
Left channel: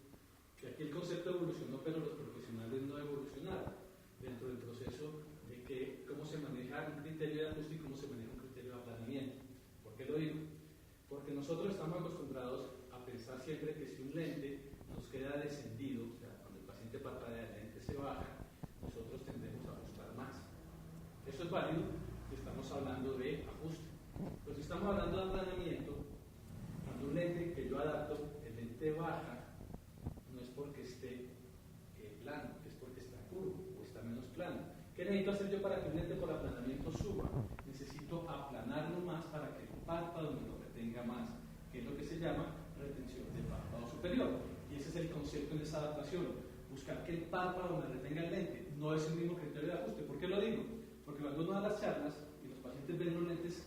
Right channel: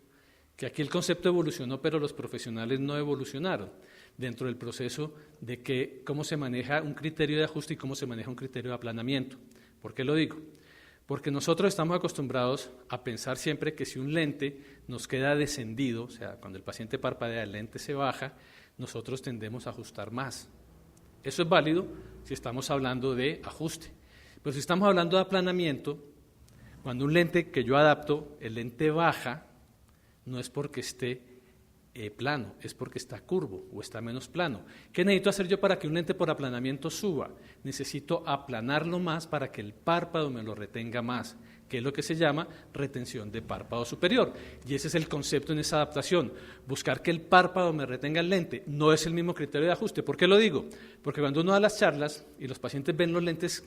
Que aquí el concepto evolucionó, pero los profesionales no evolucionaron dentro del proceso de cómo se maneja un criterio de ajuste y cómo se maneja un criterio de aplanamiento. ¿Por qué lo digo? Porque nosotros estamos acostumbrados a pensar siempre que si un lente nos queda descendido, o sea, cuando el paciente parpadea, el lente se baja, nosotros tendemos a ajustar más. Eso es válido si estamos hablando de ajuste. Pero si estamos hablando de aplanamiento, cuando un lente que yo adapto, el lente baja, no es porque esté plano, es porque está curvo o está menos plano. ¿Qué necesito hacer yo para que un lente por aplanamiento suba? Necesito aplanarlo más para que el párpado me lo retenga más, que es lo que se llama retención de párpado superior. Y ese es el concepto en esa adaptación, buscar que el párpado me retenga el lente. No es el mismo criterio de ajuste. ¿Por qué lo digo? Porque cuando uno da las charlas y los pacientes ven los lentes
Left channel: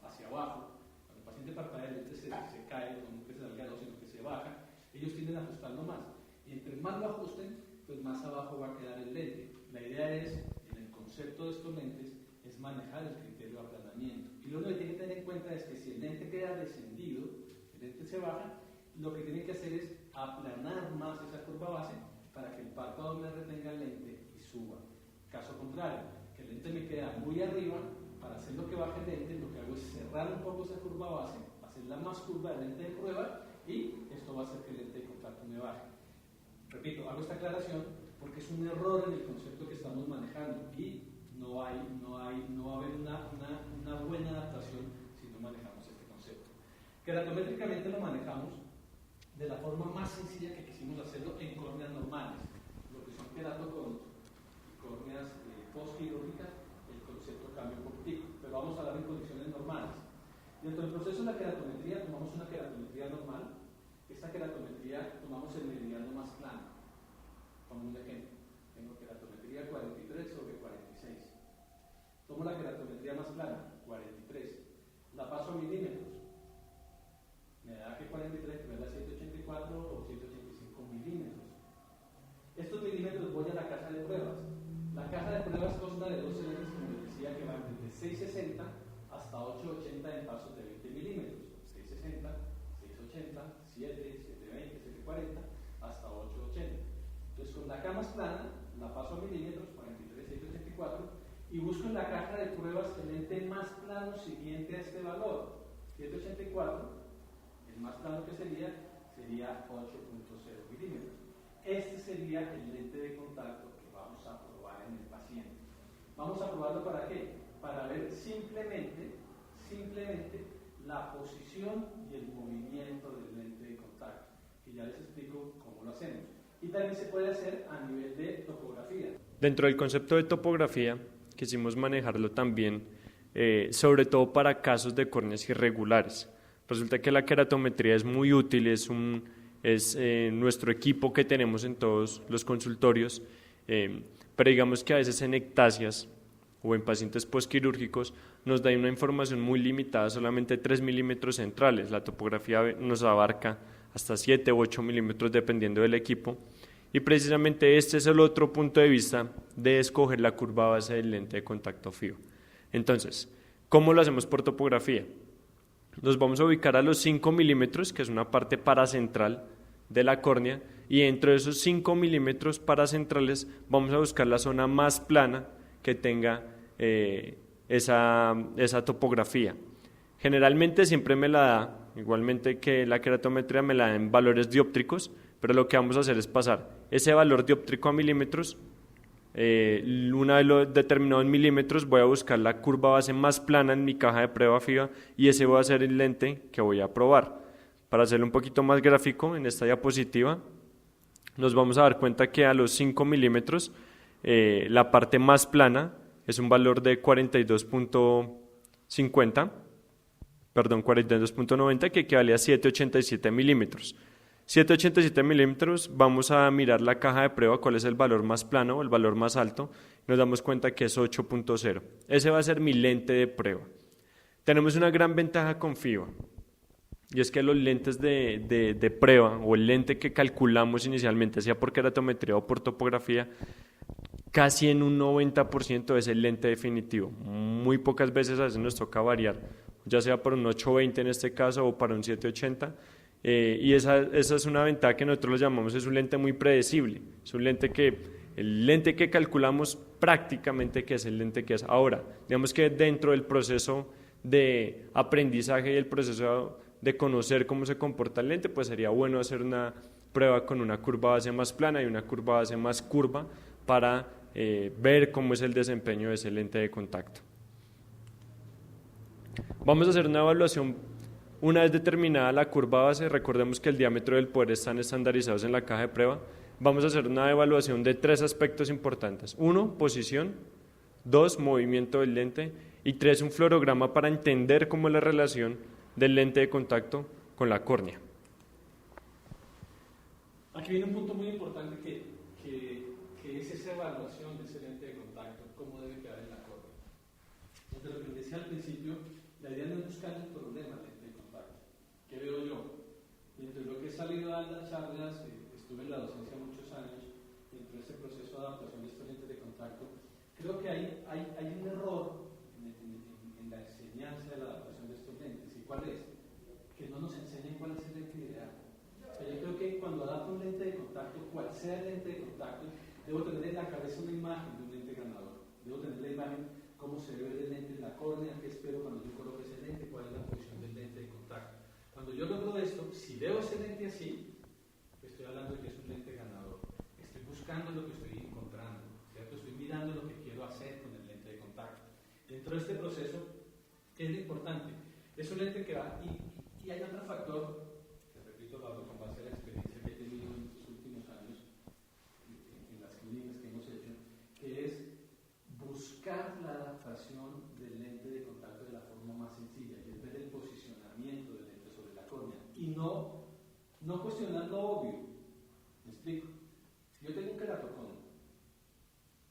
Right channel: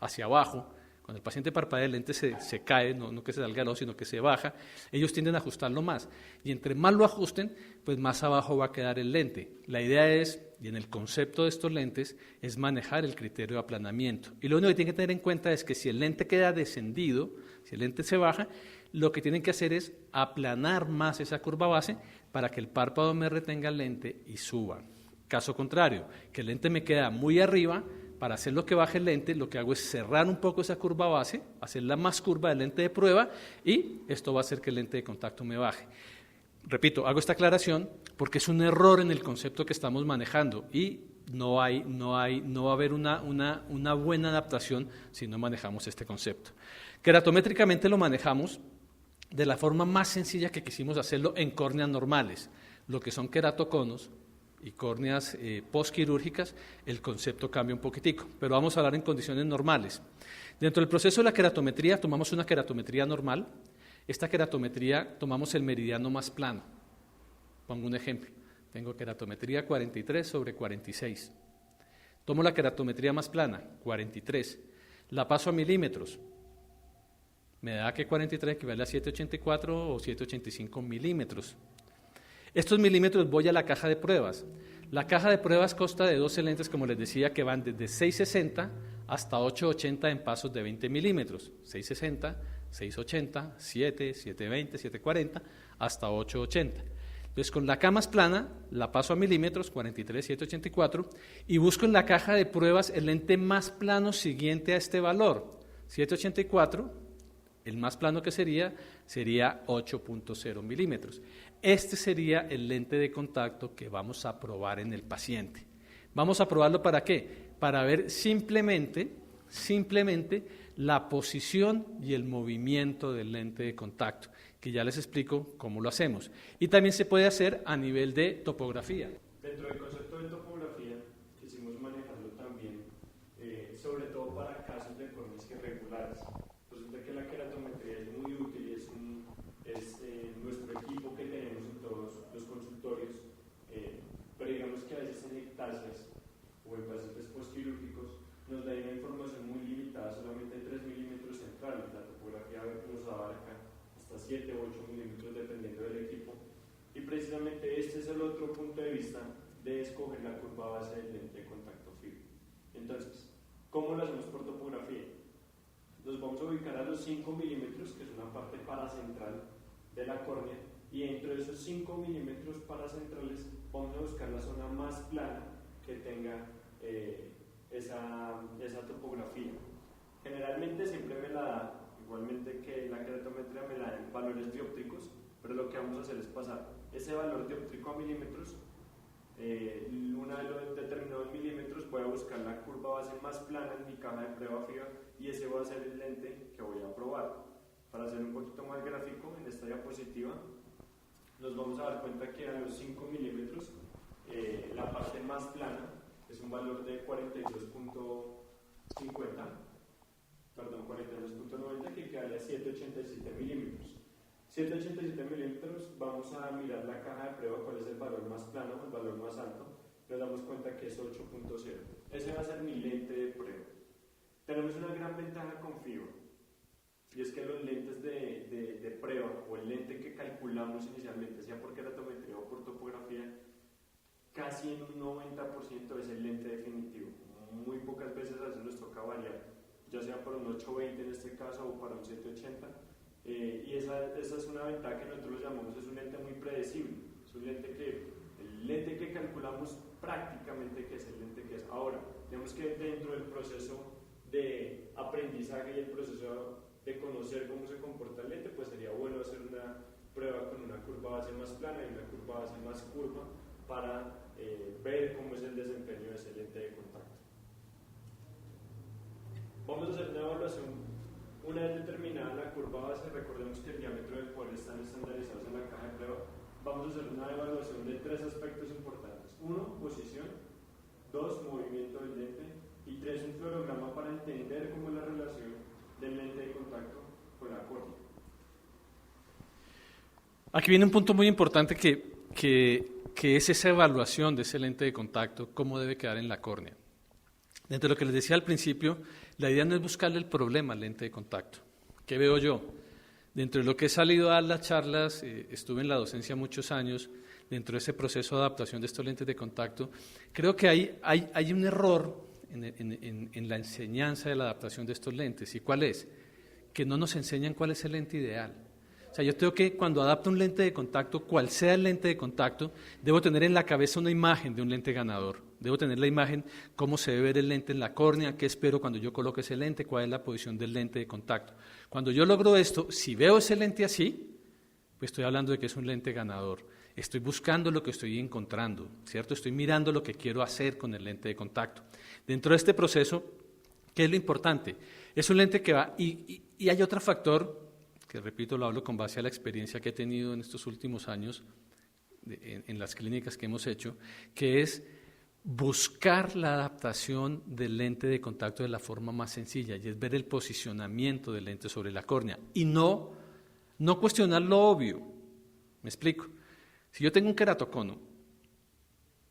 hacia abajo, cuando el paciente parpadea el lente se cae, no que se salga al ojo, sino que se baja, ellos tienden a ajustarlo más. Y entre más lo ajusten, pues más abajo va a quedar el lente. La idea es, y en el concepto de estos lentes, es manejar el criterio de aplanamiento. Y lo único que tienen que tener en cuenta es que si el lente queda descendido, si el lente se baja, lo que tienen que hacer es aplanar más esa curva base para que el párpado me retenga el lente y suba. Caso contrario, que el lente me queda muy arriba, para hacer lo que baje el lente, lo que hago es cerrar un poco esa curva base, hacerla más curva del lente de prueba y esto va a hacer que el lente de contacto me baje. Repito, hago esta aclaración porque es un error en el concepto que estamos manejando y no va a haber una buena adaptación si no manejamos este concepto. Keratométricamente lo manejamos de la forma más sencilla que quisimos hacerlo en córneas normales, lo que son queratoconos y córneas postquirúrgicas, el concepto cambia un poquitico, pero vamos a hablar en condiciones normales. Dentro del proceso de la keratometría tomamos una keratometría normal. Esta keratometría tomamos el meridiano más plano. Pongo un ejemplo. Tengo keratometría 43 sobre 46. Tomo la keratometría más plana, 43. La paso a milímetros. Me da que 43 equivale a 784 o 785 milímetros. Estos milímetros voy a la caja de pruebas. La caja de pruebas consta de 12 lentes, como les decía, que van desde 660 hasta 880 en pasos de 20 milímetros. 660, 680, 7, 720, 740, hasta 880. Entonces, con la K más plana, la paso a milímetros, 43, 784, y busco en la caja de pruebas el lente más plano siguiente a este valor, 784, el más plano que sería 8.0 milímetros. Este sería el lente de contacto que vamos a probar en el paciente. ¿Vamos a probarlo para qué? Para ver simplemente la posición y el movimiento del lente de contacto, que ya les explico cómo lo hacemos. Y también se puede hacer a nivel de topografía. Dentro del concepto de topografía, quisimos manejarlo también, sobre todo para casos de córneas irregulares. Resulta que la keratometría es muy útil, es nuestro equipo que tenemos en todos los consultorios, pero digamos que a veces en ectasias o en pacientes postquirúrgicos nos da una información muy limitada, solamente 3 milímetros centrales. La topografía nos abarca hasta 7 u 8 milímetros dependiendo del equipo, y precisamente este es el otro punto de vista de escoger la curva base del lente de contacto fijo. Entonces, ¿Cómo lo hacemos por topografía? Nos vamos a ubicar a los 5 milímetros, que es una parte paracentral de la córnea, y dentro de esos 5 milímetros paracentrales vamos a buscar la zona más plana que tenga esa topografía. Generalmente siempre me la da, igualmente que la queratometría, me la da en valores dióptricos, pero lo que vamos a hacer es pasar ese valor dióptrico a milímetros. Una vez lo determinado en milímetros, voy a buscar la curva base más plana en mi caja de prueba FIBA y ese va a ser el lente que voy a probar. Para hacerlo un poquito más gráfico, en esta diapositiva nos vamos a dar cuenta que a los 5 milímetros la parte más plana es un valor de 42.90, que equivale a 7,87 milímetros. 7,87 milímetros, vamos a mirar la caja de prueba, cuál es el valor más plano o el valor más alto, nos damos cuenta que es 8.0. Ese va a ser mi lente de prueba. Tenemos una gran ventaja con FIBA, y es que los lentes de prueba, o el lente que calculamos inicialmente, sea por queratometría o por topografía, casi en un 90% es el lente definitivo. Muy pocas veces a veces nos toca variar, ya sea por un 820 en este caso o para un 780, y esa es una ventaja que nosotros lo llamamos, es un lente muy predecible, es un lente el lente que calculamos prácticamente que es el lente que es. Ahora, digamos que dentro del proceso de aprendizaje y el proceso de conocer cómo se comporta el lente, pues sería bueno hacer una prueba con una curva base más plana y una curva base más curva para ver cómo es el desempeño de ese lente de contacto. Vamos a hacer una evaluación. Una vez determinada la curva base, recordemos que el diámetro del poder están estandarizados en la caja de prueba, vamos a hacer una evaluación de 3 aspectos importantes. 1, posición; 2, movimiento del lente; y 3, un fluorograma para entender cómo es la relación del lente de contacto con la córnea. Aquí viene un punto muy importante que es esa evaluación de ese lente de contacto, cómo debe quedar en la córnea. Dentro de lo que les decía al principio, la idea no es buscarle el problema al lente de contacto. ¿Qué veo yo? Dentro de lo que he salido a dar las charlas, estuve en la docencia muchos años, dentro de ese proceso de adaptación de estos lentes de contacto, creo que hay un error en la enseñanza de la adaptación de estos lentes. ¿Y cuál es? Que no nos enseñan cuál es el lente ideal. O sea, yo tengo que, cuando adapto un lente de contacto, cual sea el lente de contacto, debo tener en la cabeza una imagen de un lente ganador. Debo tener la imagen, cómo se debe ver el lente en la córnea, qué espero cuando yo coloque ese lente, cuál es la posición del lente de contacto. Cuando yo logro esto, si veo ese lente así, pues estoy hablando de que es un lente ganador. Estoy buscando lo que estoy encontrando, ¿cierto? Estoy mirando lo que quiero hacer con el lente de contacto. Dentro de este proceso, ¿qué es lo importante? Es un lente que va, y hay otro factor, que repito, lo hablo con base a la experiencia que he tenido en estos últimos años, en las clínicas que hemos hecho, que es buscar la adaptación del lente de contacto de la forma más sencilla, y es ver el posicionamiento del lente sobre la córnea, y no cuestionar lo obvio. ¿Me explico? Si yo tengo un queratocono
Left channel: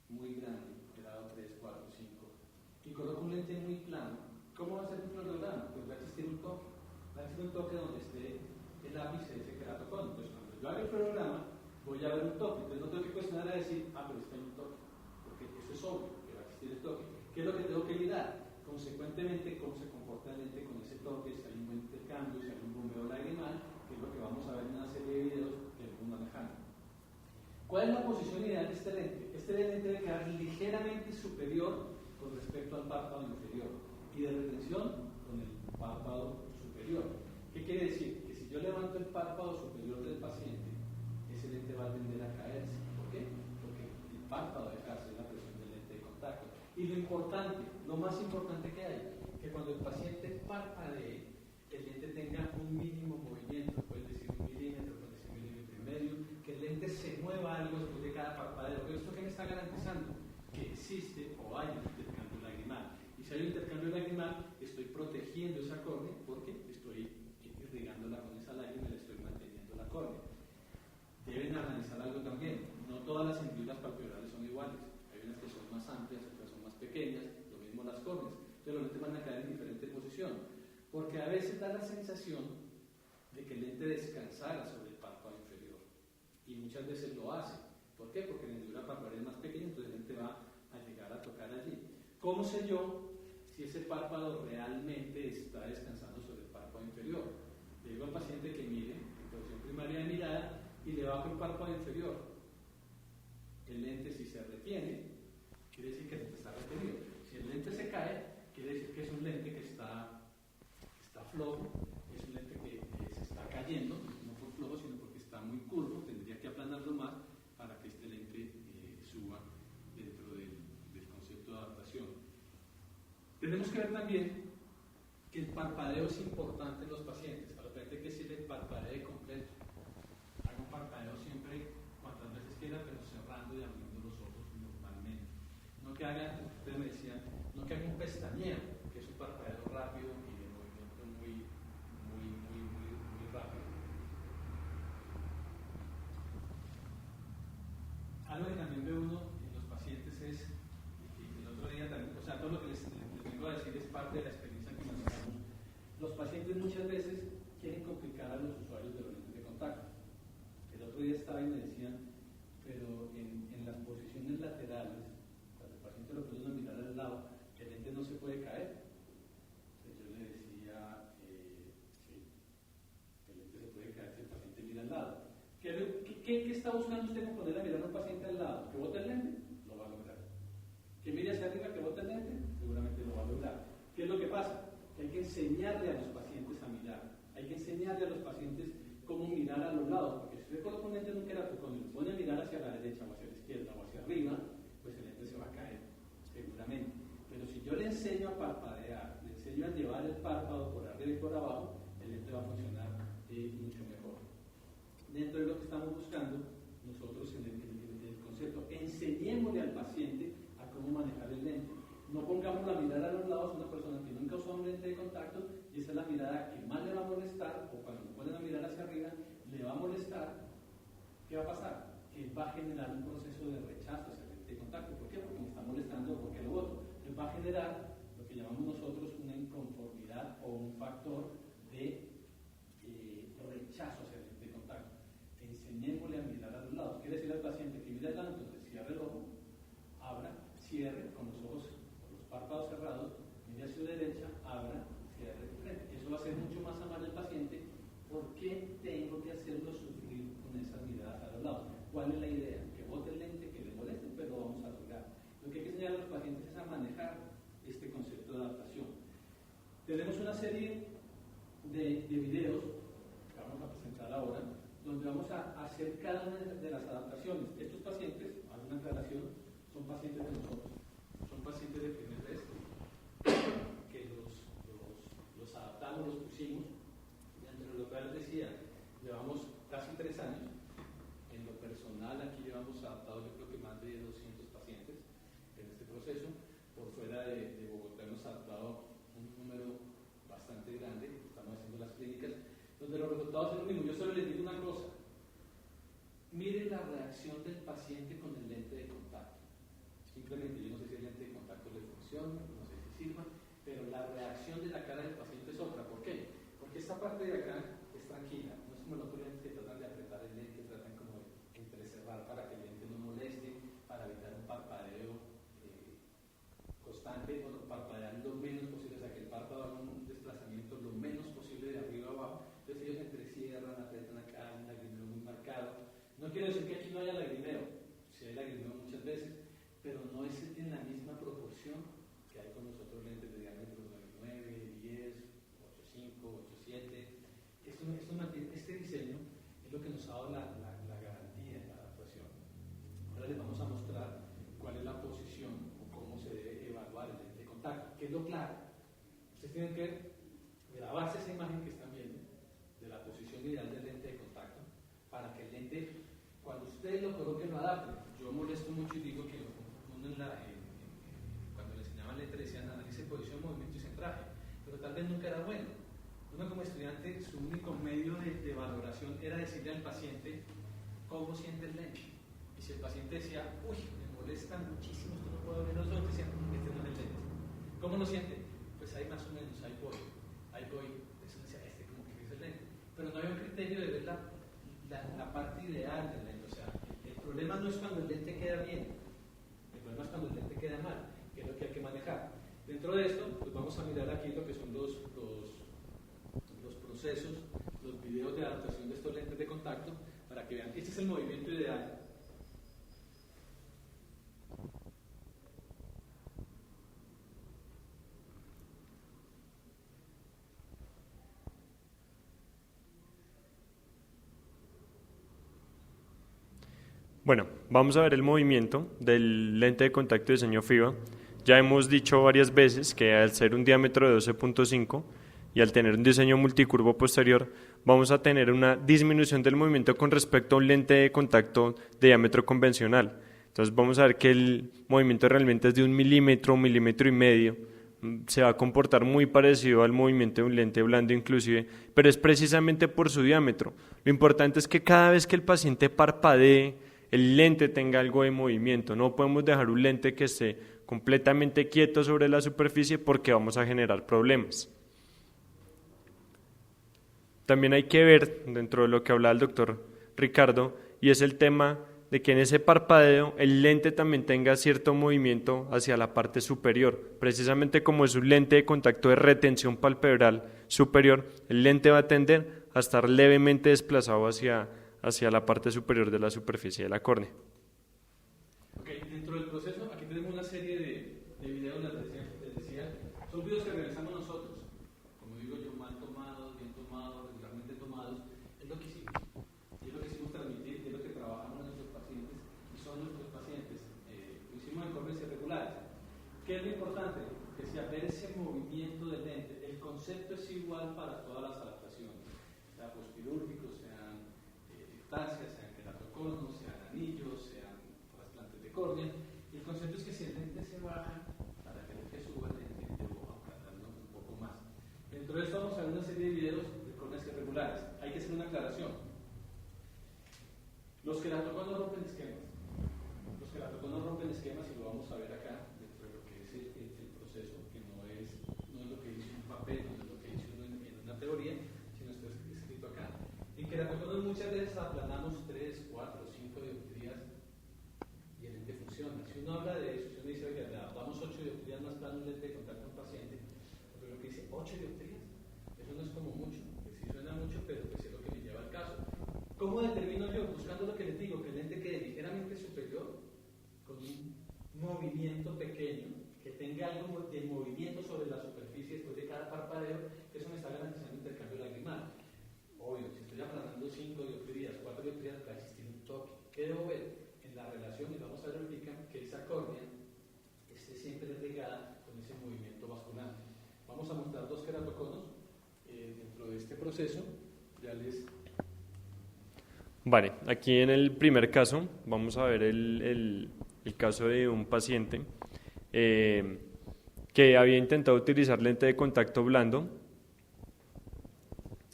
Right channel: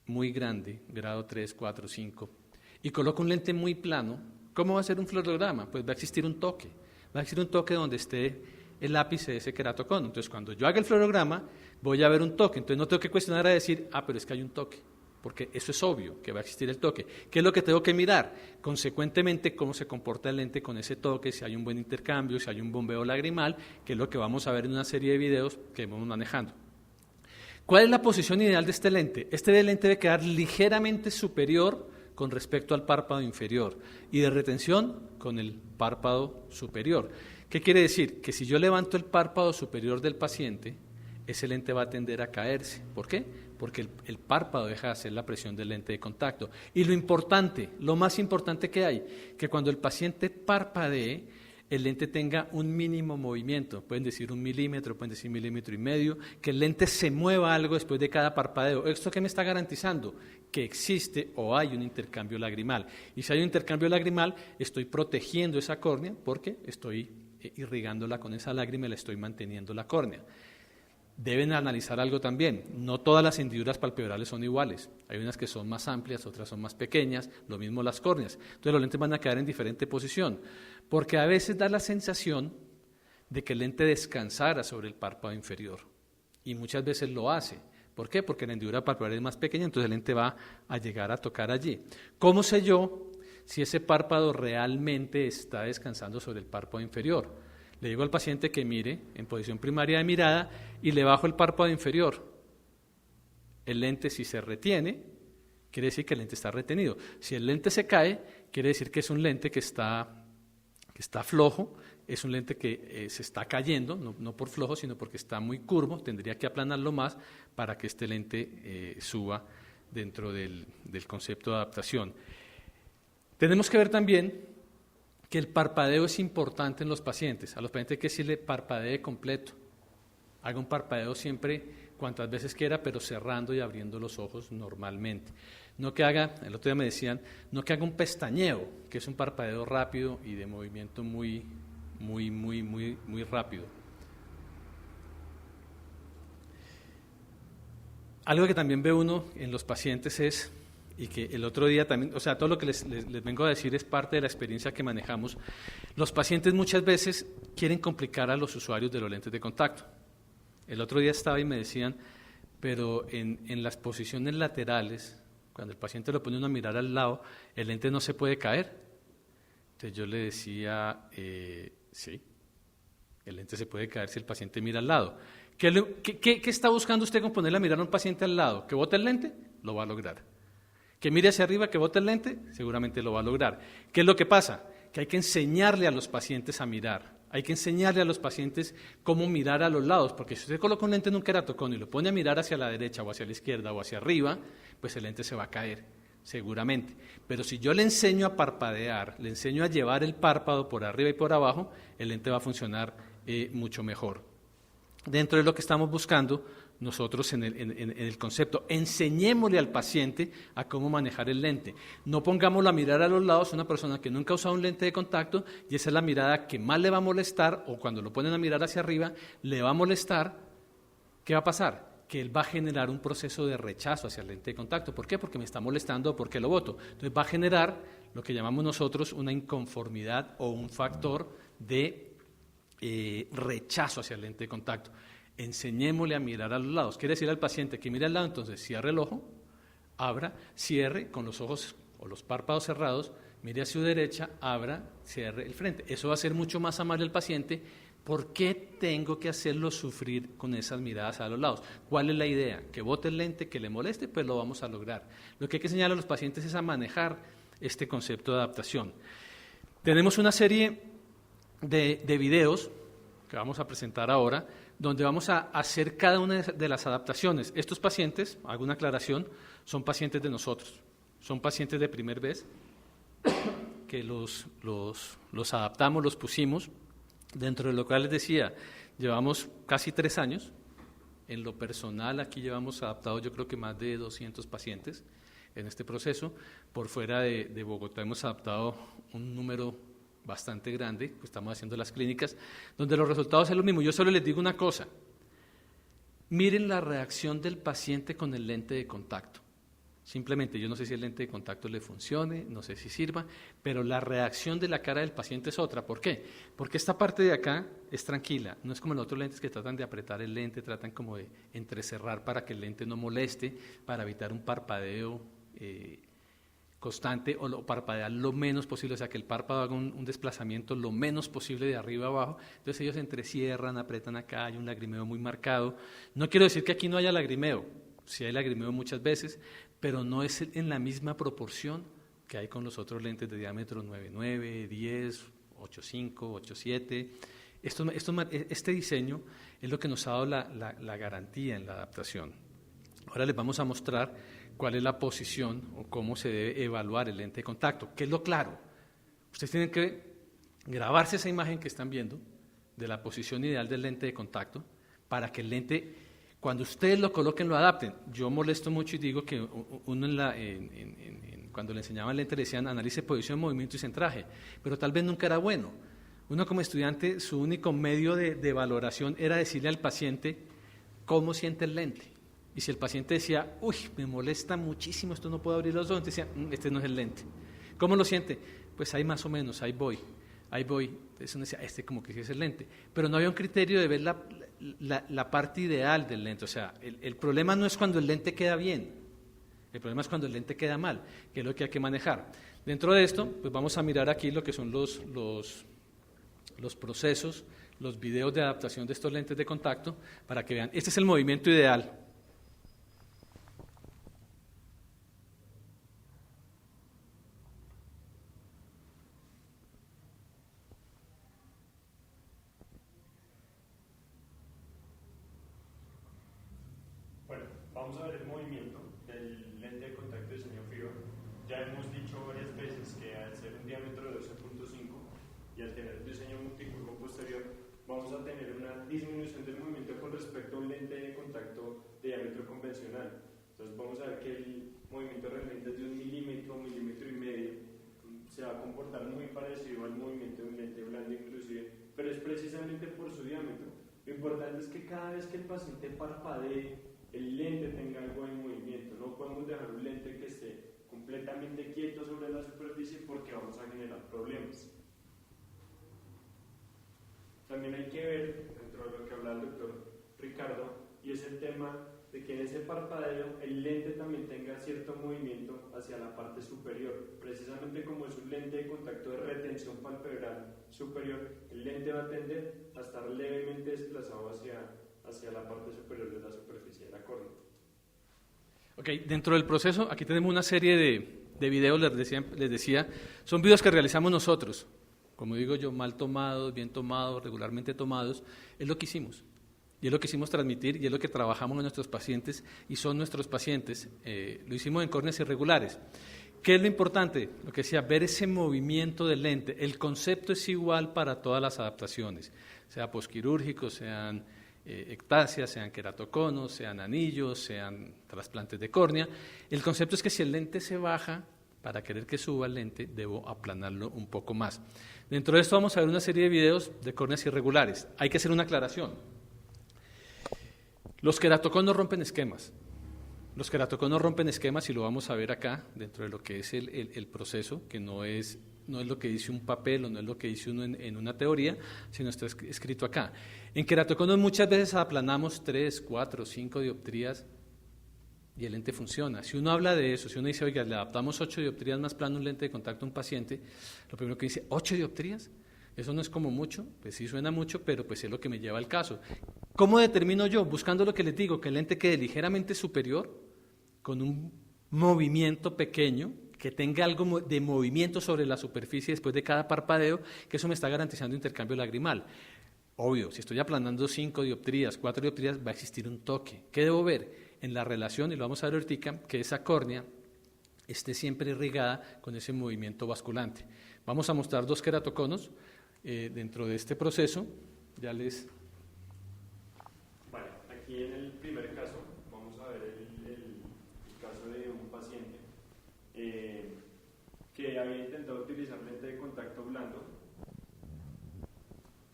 muy grande, grado 3, 4, 5, y coloco un lente muy plano, ¿cómo va a ser un fluorograma? Pues va a existir un toque. Va a existir un toque donde esté el ápice de ese queratocono. Entonces, cuando yo haga el fluorograma, voy a ver un toque. Entonces, no tengo que cuestionar a decir, pero es que hay un toque, porque eso es obvio, que va a existir el toque. ¿Qué es lo que tengo que mirar? Consecuentemente, cómo se comporta el lente con ese toque, si hay un buen intercambio, si hay un bombeo lagrimal, que es lo que vamos a ver en una serie de videos que vamos manejando. ¿Cuál es la posición ideal de este lente? Este lente debe quedar ligeramente superior con respecto al párpado inferior y de retención con el párpado superior. ¿Qué quiere decir? Que si yo levanto el párpado superior del paciente, ese lente va a tender a caerse. ¿Por qué? Porque el párpado deja de hacer la presión del lente de contacto. Y lo importante, lo más importante que hay, que cuando el paciente parpadee, el lente tenga un mínimo movimiento, pueden decir 1 milímetro, pueden decir 1,5 milímetros, que el lente se mueva algo después de cada parpadeo. ¿Esto qué me está garantizando? Que existe o hay un intercambio lagrimal. Y si hay un intercambio lagrimal, estoy protegiendo esa córnea porque estoy irrigándola con esa lágrima y le estoy manteniendo la córnea. Deben analizar algo también, no todas las hendiduras palpebrales son iguales, hay unas que son más amplias, otras son más pequeñas, lo mismo las córneas, entonces los lentes van a quedar en diferente posición, porque a veces da la sensación de que el lente descansara sobre el párpado inferior, y muchas veces lo hace. ¿Por qué? Porque la hendidura palpebral es más pequeña, entonces el lente va a llegar a tocar allí. ¿Cómo sé yo si ese párpado realmente está descansando sobre el párpado inferior. Le digo al paciente que mire en posición primaria de mirada y le bajo el párpado inferior. El lente, si se retiene, quiere decir que el lente está retenido. Si el lente se cae, quiere decir que es un lente que está flojo, es un lente que se está cayendo, no por flojo, sino porque está muy curvo, tendría que aplanarlo más para que este lente suba dentro del concepto de adaptación. Tenemos que ver también que el parpadeo es importante en los pacientes. A los pacientes hay que decirle parpadee completo. Haga un parpadeo siempre cuantas veces quiera, pero cerrando y abriendo los ojos normalmente. No que haga, el otro día me decían, no que haga un pestañeo, que es un parpadeo rápido y de movimiento muy rápido. Algo que también ve uno en los pacientes es, y que el otro día también, o sea, todo lo que les vengo a decir es parte de la experiencia que manejamos. Los pacientes muchas veces quieren complicar a los usuarios de los lentes de contacto. El otro día estaba y me decían, pero en las posiciones laterales, cuando el paciente lo pone uno a mirar al lado, el lente no se puede caer. Entonces yo le decía, sí, el lente se puede caer si el paciente mira al lado. ¿Qué está buscando usted con ponerle a mirar a un paciente al lado? ¿Que bote el lente? Lo va a lograr. ¿Que mire hacia arriba, que bote el lente? Seguramente lo va a lograr. ¿Qué es lo que pasa? Que hay que enseñarle a los pacientes a mirar. Hay que enseñarle a los pacientes cómo mirar a los lados, porque si usted coloca un lente en un queratoconio y lo pone a mirar hacia la derecha o hacia la izquierda o hacia arriba, pues el lente se va a caer, seguramente. Pero si yo le enseño a parpadear, le enseño a llevar el párpado por arriba y por abajo, el lente va a funcionar mucho mejor. Dentro de lo que estamos buscando, nosotros en el concepto, enseñémosle al paciente a cómo manejar el lente. No pongámoslo a mirar a los lados, una persona que nunca ha usado un lente de contacto, y esa es la mirada que más le va a molestar, o cuando lo ponen a mirar hacia arriba, le va a molestar. ¿Qué va a pasar? Que él va a generar un proceso de rechazo hacia el lente de contacto. ¿Por qué? Porque me está molestando o porque lo boto. Entonces va a generar lo que llamamos nosotros una inconformidad o un factor de rechazo hacia el lente de contacto. Enseñémosle a mirar a los lados. Quiere decir al paciente que mire al lado, entonces cierre el ojo, abra, cierre con los ojos o los párpados cerrados, mire hacia su derecha, abra, cierre el frente. Eso va a ser mucho más amable al paciente. ¿Por qué tengo que hacerlo sufrir con esas miradas a los lados? ¿Cuál es la idea? ¿Que bote el lente, que le moleste? Pues lo vamos a lograr. Lo que hay que enseñar a los pacientes es a manejar este concepto de adaptación. Tenemos una serie de videos que vamos a presentar ahora, donde vamos a hacer cada una de las adaptaciones. Estos pacientes, hago una aclaración, son pacientes de nosotros, son pacientes de primer vez, que los adaptamos, los pusimos. Dentro de lo cual les decía, llevamos casi 3 años. En lo personal, aquí llevamos adaptados yo creo que más de 200 pacientes en este proceso. Por fuera de Bogotá hemos adaptado un número bastante grande, pues estamos haciendo las clínicas, donde los resultados son lo mismo. Yo solo les digo una cosa, miren la reacción del paciente con el lente de contacto. Simplemente, yo no sé si el lente de contacto le funcione, no sé si sirva, pero la reacción de la cara del paciente es otra. ¿Por qué? Porque esta parte de acá es tranquila, no es como los otros lentes que tratan de apretar el lente, tratan como de entrecerrar para que el lente no moleste, para evitar un parpadeo constante o parpadear lo menos posible, o sea que el párpado haga un desplazamiento lo menos posible de arriba a abajo. Entonces ellos entrecierran, apretan acá, hay un lagrimeo muy marcado. No quiero decir que aquí no haya lagrimeo, sí hay lagrimeo muchas veces, pero no es en la misma proporción que hay con los otros lentes de diámetro 9.9, 10, 8.5, 8.7. Este diseño es lo que nos ha dado la garantía en la adaptación. Ahora les vamos a mostrar cuál es la posición o cómo se debe evaluar el lente de contacto. ¿Qué es lo claro? Ustedes tienen que grabarse esa imagen que están viendo de la posición ideal del lente de contacto para que el lente, cuando ustedes lo coloquen, lo adapten. Yo molesto mucho y digo que uno cuando le enseñaban el lente le decían analice posición, movimiento y centraje, pero tal vez nunca era bueno. Uno como estudiante, su único medio de valoración era decirle al paciente cómo siente el lente. Y si el paciente decía, uy, me molesta muchísimo, esto no puedo abrir los ojos, decía, este no es el lente. ¿Cómo lo siente? Pues ahí más o menos, ahí voy. Entonces uno decía, este como que sí es el lente. Pero no había un criterio de ver la parte ideal del lente. O sea, el problema no es cuando el lente queda bien, el problema es cuando el lente queda mal, que es lo que hay que manejar. Dentro de esto, pues vamos a mirar aquí lo que son los procesos, los videos de adaptación de estos lentes de contacto, para que vean, este es el movimiento ideal. Bueno, vamos a ver el movimiento del lente de contacto de diseño FIBA. Ya hemos dicho varias veces que al ser un diámetro de 12.5 y al tener un diseño multicurvo posterior, vamos a tener una disminución del movimiento con respecto a un lente de contacto de diámetro convencional. Entonces vamos a ver que el movimiento realmente es de 1 milímetro, 1,5 milímetros. Se va a comportar muy parecido al movimiento de un lente blando inclusive, pero es precisamente por su diámetro. Lo importante es que cada vez que el paciente parpadee, el lente tenga algo de movimiento. No podemos dejar un lente que esté completamente quieto sobre la superficie porque vamos a generar problemas. También hay que ver, dentro de lo que hablaba el doctor Ricardo, y es el tema de que en ese parpadeo el lente también tenga cierto movimiento hacia la parte superior. Precisamente como es un lente de contacto de retención palpebral superior, el lente va a tender a estar levemente desplazado hacia la parte superior de la superficie de la córnea. Ok, dentro del proceso, aquí tenemos una serie de videos, les decía, son videos que realizamos nosotros, como digo yo, mal tomados, bien tomados, regularmente tomados, es lo que hicimos, y es lo que hicimos transmitir, y es lo que trabajamos en nuestros pacientes, y son nuestros pacientes, lo hicimos en córneas irregulares. ¿Qué es lo importante? Lo que decía, ver ese movimiento del lente, el concepto es igual para todas las adaptaciones, sea posquirúrgicos, sean ectasias, sean queratoconos, sean anillos, sean trasplantes de córnea. El concepto es que si el lente se baja, para querer que suba el lente, debo aplanarlo un poco más. Dentro de esto vamos a ver una serie de videos de córneas irregulares. Hay que hacer una aclaración. Los queratoconos rompen esquemas. Los queratoconos rompen esquemas y lo vamos a ver acá, dentro de lo que es el proceso, que no es lo que dice un papel o no es lo que dice uno en una teoría, sino está escrito acá. En queratoconos muchas veces aplanamos 3, 4, 5 dioptrías y el lente funciona. Si uno habla de eso, si uno dice, oiga, le adaptamos 8 dioptrías más plano un lente de contacto a un paciente, lo primero que dice, ¿8 dioptrías? Eso no es como mucho, pues sí suena mucho, pero pues es lo que me lleva al caso. ¿Cómo determino yo? Buscando lo que les digo, que el lente quede ligeramente superior, con un movimiento pequeño, que tenga algo de movimiento sobre la superficie después de cada parpadeo, que eso me está garantizando intercambio lagrimal. Obvio, si estoy aplanando 5 dioptrías, 4 dioptrías, va a existir un toque. ¿Qué debo ver? En la relación, y lo vamos a ver ahorita, que esa córnea esté siempre irrigada con ese movimiento basculante. Vamos a mostrar 2 queratoconos dentro de este proceso. Vale, aquí en el primer caso vamos a ver el caso de un paciente que había intentado utilizar lente de contacto blando,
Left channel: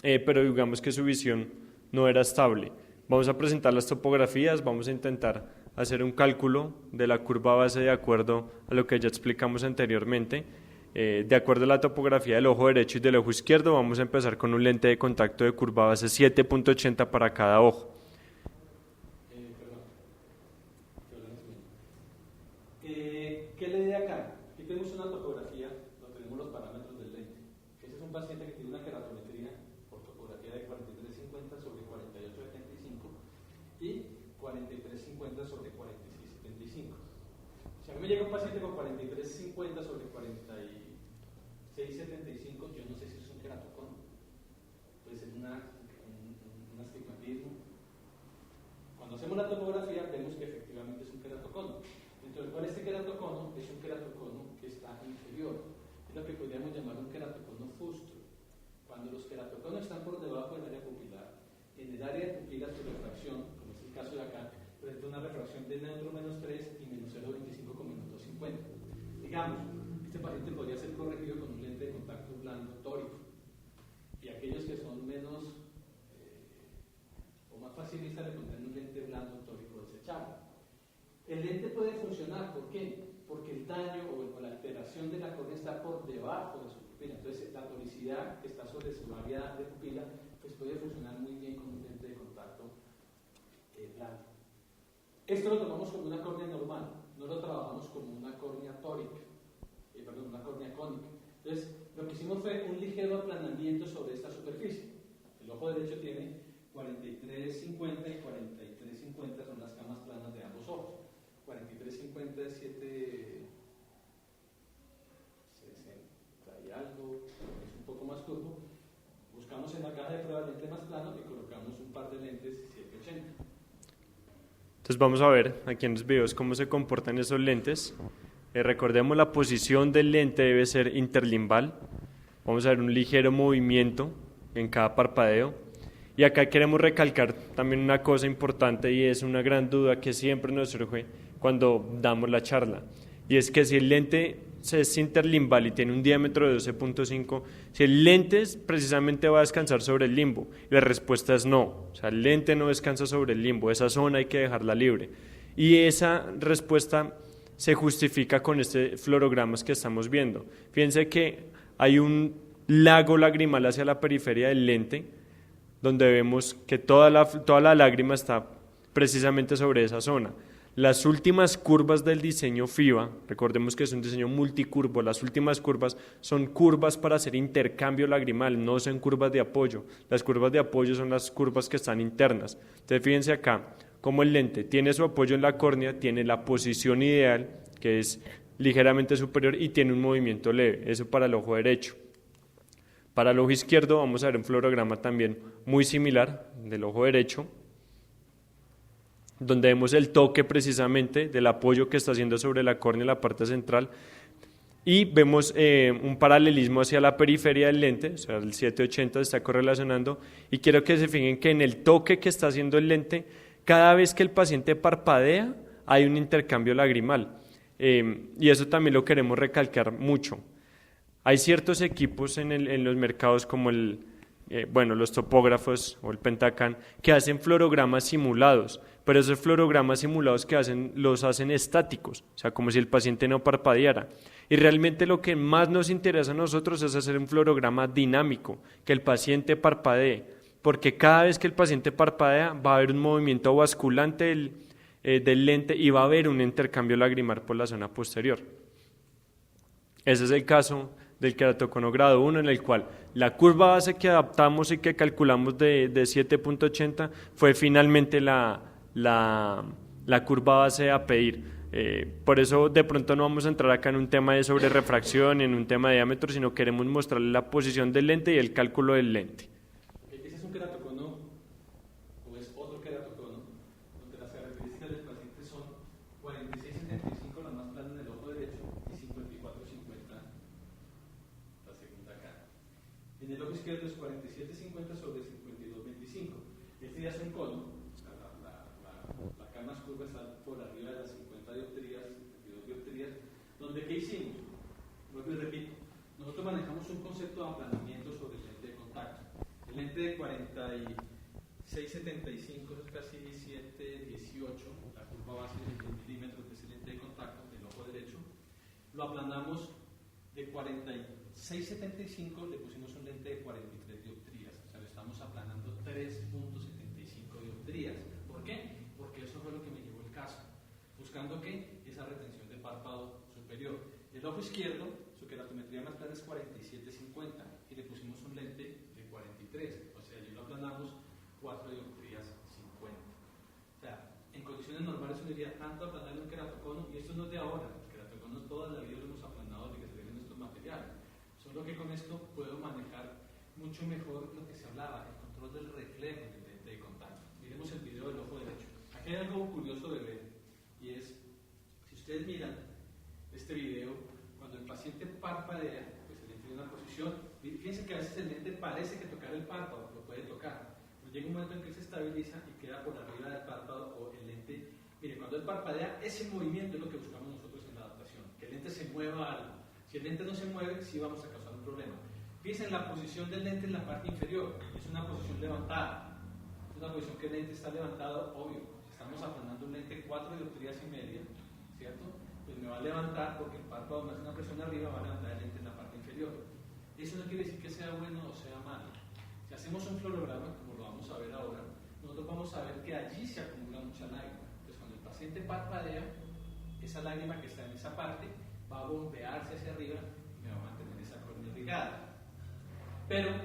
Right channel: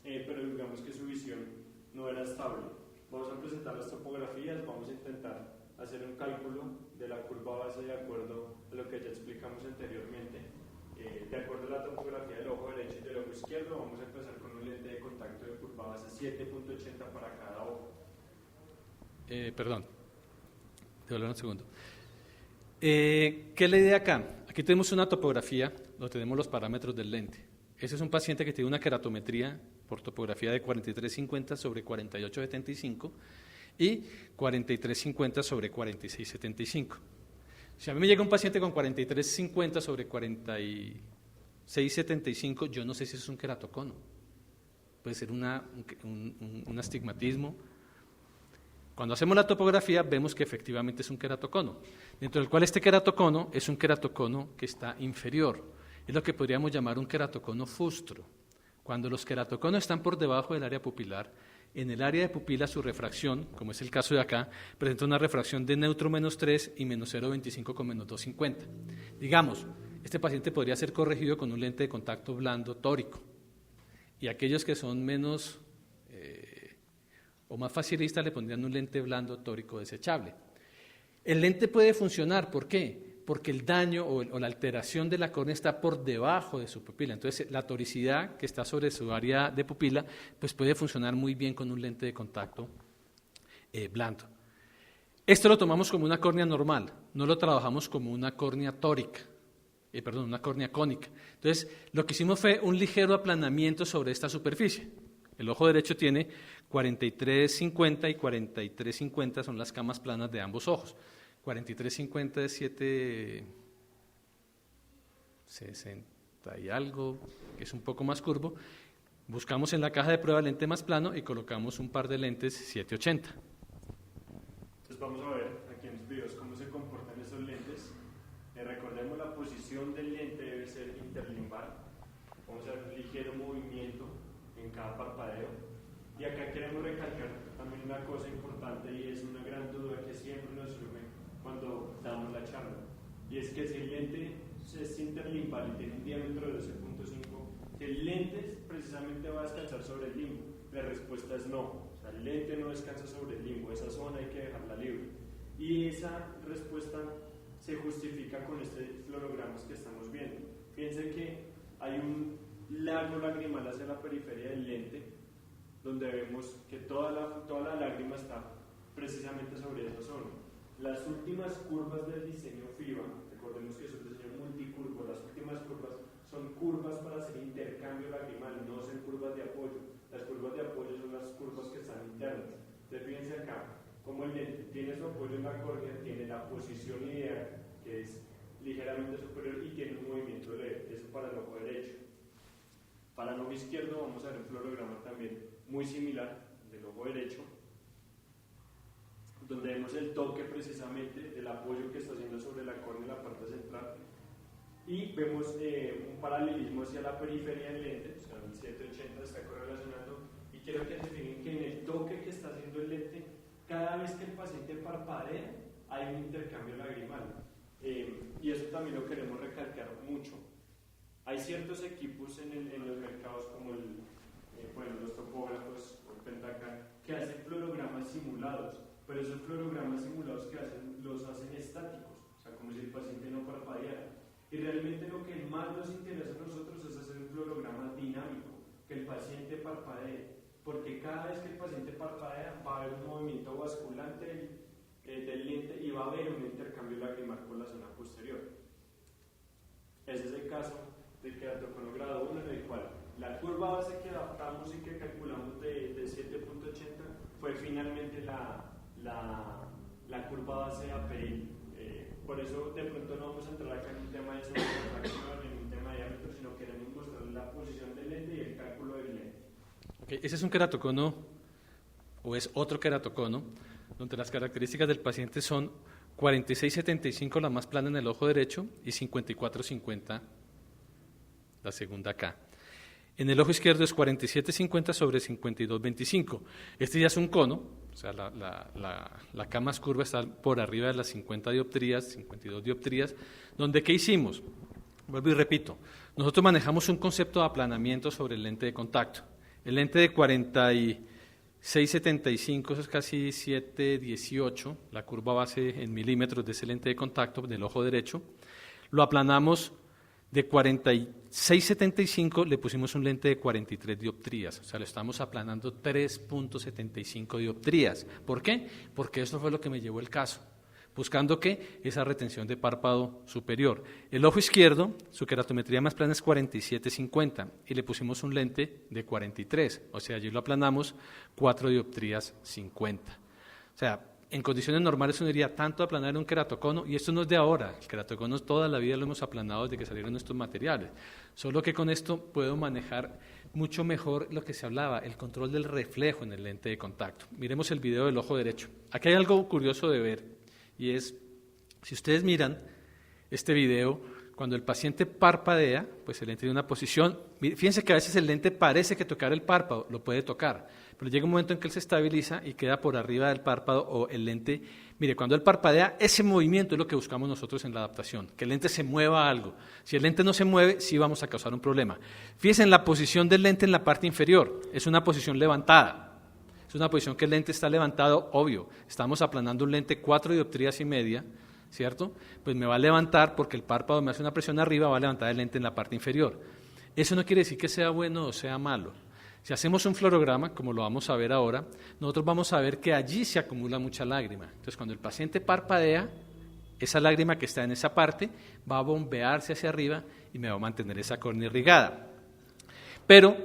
pero digamos que su visión no era estable. Vamos a presentar las topografías, vamos a intentar hacer un cálculo de la curva base de acuerdo a lo que ya explicamos anteriormente. De acuerdo a la topografía del ojo derecho y del ojo izquierdo, vamos a empezar con un lente de contacto de curva base 7.80 para cada ojo. Perdón, te voy a hablar un segundo. ¿Qué es la idea acá? Aquí tenemos una topografía donde tenemos los parámetros del lente. Ese es un paciente que tiene una queratometría por topografía de 4350 sobre 4875 y 4350 sobre 4675. Si a mí me llega un paciente con 4350 sobre 4675, yo no sé si es un queratocono. Puede ser un astigmatismo. Cuando hacemos la topografía vemos que efectivamente es un queratocono, dentro del cual este queratocono es un queratocono que está inferior. Es lo que podríamos llamar un queratocono fustro. Cuando los queratoconos están por debajo del área pupilar, en el área de pupila su refracción, como es el caso de acá, presenta una refracción de neutro menos 3 y menos 0,25 con menos 2,50. Digamos, este paciente podría ser corregido con un lente de contacto blando tórico. Y aquellos que son menos o más facilistas le pondrían un lente blando tórico desechable. El lente puede funcionar, ¿por qué? Porque el daño o la alteración de la córnea está por debajo de su pupila. Entonces, la toricidad que está sobre su área de pupila pues puede funcionar muy bien con un lente de contacto blando. Esto lo tomamos como una córnea normal, no lo trabajamos como una córnea tórica. una córnea cónica. Entonces, lo que hicimos fue un ligero aplanamiento sobre esta superficie. El ojo derecho tiene 43,50 y 43,50 son las camas planas de ambos ojos. 43,50 es 7,60 y algo, que es un poco más curvo. Buscamos en la caja de prueba el lente más plano y colocamos un par de lentes 780. Entonces vamos a ver aquí en los videos cómo se comportan esos lentes. Recordemos, la posición del lente debe ser interlimbal. Vamos a ver un ligero movimiento en cada parpadeo. Y acá queremos recalcar también una cosa importante, y es una gran duda que siempre nos surge cuando damos la charla, y es que si el lente es interlimbal y tiene un diámetro de 12,5, si el lente precisamente va a descansar sobre el limbo, la respuesta es no. O sea, el lente no descansa sobre el limbo, esa zona hay que dejarla libre, y esa respuesta se justifica con este fluorogramas que estamos viendo. Fíjense que hay un lago lagrimal hacia la periferia del lente, donde vemos que toda la lágrima está precisamente sobre esa zona. Las últimas curvas del diseño FIBA, recordemos que es un diseño multicurvo, las últimas curvas son curvas para hacer intercambio lagrimal, no son curvas de apoyo. Las curvas de apoyo son las curvas que están internas. Entonces fíjense acá, como el lente tiene su apoyo en la córnea, tiene la posición ideal, que es ligeramente superior, y tiene un movimiento leve, eso para el ojo derecho. Para el ojo izquierdo vamos a ver un fluorograma también muy similar del ojo derecho, donde vemos el toque precisamente del apoyo que está haciendo sobre la córnea en la parte central, y vemos un paralelismo hacia la periferia del lente, o sea, el 780 se está correlacionando, y quiero que se fijen que en el toque que está haciendo el lente, cada vez que el paciente parpadea, hay un intercambio lagrimal, y eso también lo queremos recalcar mucho. Hay ciertos equipos en los mercados como los topógrafos o el Pentacan, que hacen fluorogramas simulados, pero esos fluorogramas simulados que hacen, los hacen estáticos, o sea, como si el paciente no parpadeara. Y realmente lo que más nos interesa a nosotros es hacer un fluorograma dinámico, que el paciente parpadee, porque cada vez que el paciente parpadea va a haber un movimiento basculante del lente y va a haber un intercambio lagrimal por la zona posterior. Ese es el caso del queratocono grado 1, en el cual la curva base que adaptamos y que calculamos de 7,80 fue finalmente la curva base a pedir. Por eso de pronto no vamos a entrar acá en un tema de sobrerefracción, en un tema de diámetro, sino queremos mostrarle la posición del lente y el cálculo del lente. Ese es un queratocono, o es otro queratocono, donde las características del paciente son 46,75 la más plana en el ojo derecho y 54,50 la segunda acá. En el ojo izquierdo es 47,50 sobre 52,25. Este ya es un cono, o sea, la cama más curva está por arriba de las 50 dioptrías, 52 dioptrías, donde ¿qué hicimos? Vuelvo y repito, nosotros manejamos un concepto de aplanamiento sobre el lente de contacto. El lente de 46,75, eso es casi 7,18, la curva base en milímetros de ese lente de contacto del ojo derecho, lo aplanamos. De 46,75 le pusimos un lente de 43 dioptrías, o sea, lo estamos aplanando 3,75 dioptrías. ¿Por qué? Porque eso fue lo que me llevó el caso, buscando que esa retención de párpado superior. El ojo izquierdo, su queratometría más plana es 47,50 y le pusimos un lente de 43, o sea, allí lo aplanamos 4 dioptrías 50. O sea, en condiciones normales uno diría tanto aplanar un queratocono, y esto no es de ahora, el queratocono toda la vida lo hemos aplanado desde que salieron estos materiales, solo que con esto puedo manejar mucho mejor lo que se hablaba, el control del reflejo en el lente de contacto. Miremos el video del ojo derecho. Aquí hay algo curioso de ver, y es, si ustedes miran este video, cuando el paciente parpadea, pues el lente tiene una posición, fíjense que a veces el lente parece que tocar el párpado, lo puede tocar, pero llega un momento en que él se estabiliza y queda por arriba del párpado, o el lente, mire, cuando él parpadea, ese movimiento es lo que buscamos nosotros en la adaptación, que el lente se mueva a algo. Si el lente no se mueve, sí vamos a causar un problema. Fíjense en la posición del lente en la parte inferior, es una posición levantada, es una posición que el lente está levantado, obvio, estamos aplanando un lente 4 dioptrías y media, ¿cierto? Pues me va a levantar porque el párpado me hace una presión arriba, va a levantar el lente en la parte inferior. Eso no quiere decir que sea bueno o sea malo. Si hacemos un fluorograma, como lo vamos a ver ahora, nosotros vamos a ver que allí se acumula mucha lágrima. Entonces, cuando el paciente parpadea, esa lágrima que está en esa parte va a bombearse hacia arriba y me va a mantener esa córnea irrigada. Pero,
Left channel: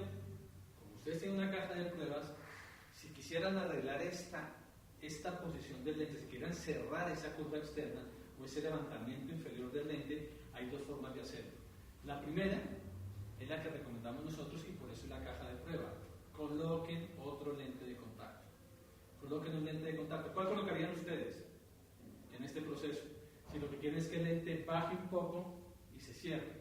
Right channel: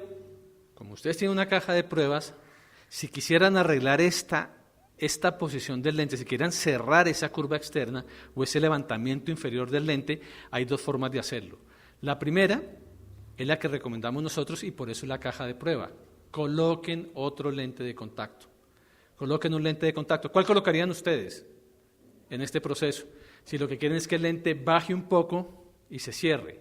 como ustedes tienen una caja de pruebas, si quisieran arreglar esta posición del lente, si quieran cerrar esa curva externa o ese levantamiento inferior del lente, hay dos formas de hacerlo. La primera es la que recomendamos nosotros y por eso es la caja de prueba. Coloquen otro lente de contacto. Coloquen un lente de contacto. ¿Cuál colocarían ustedes en este proceso? Si lo que quieren es que el lente baje un poco y se cierre,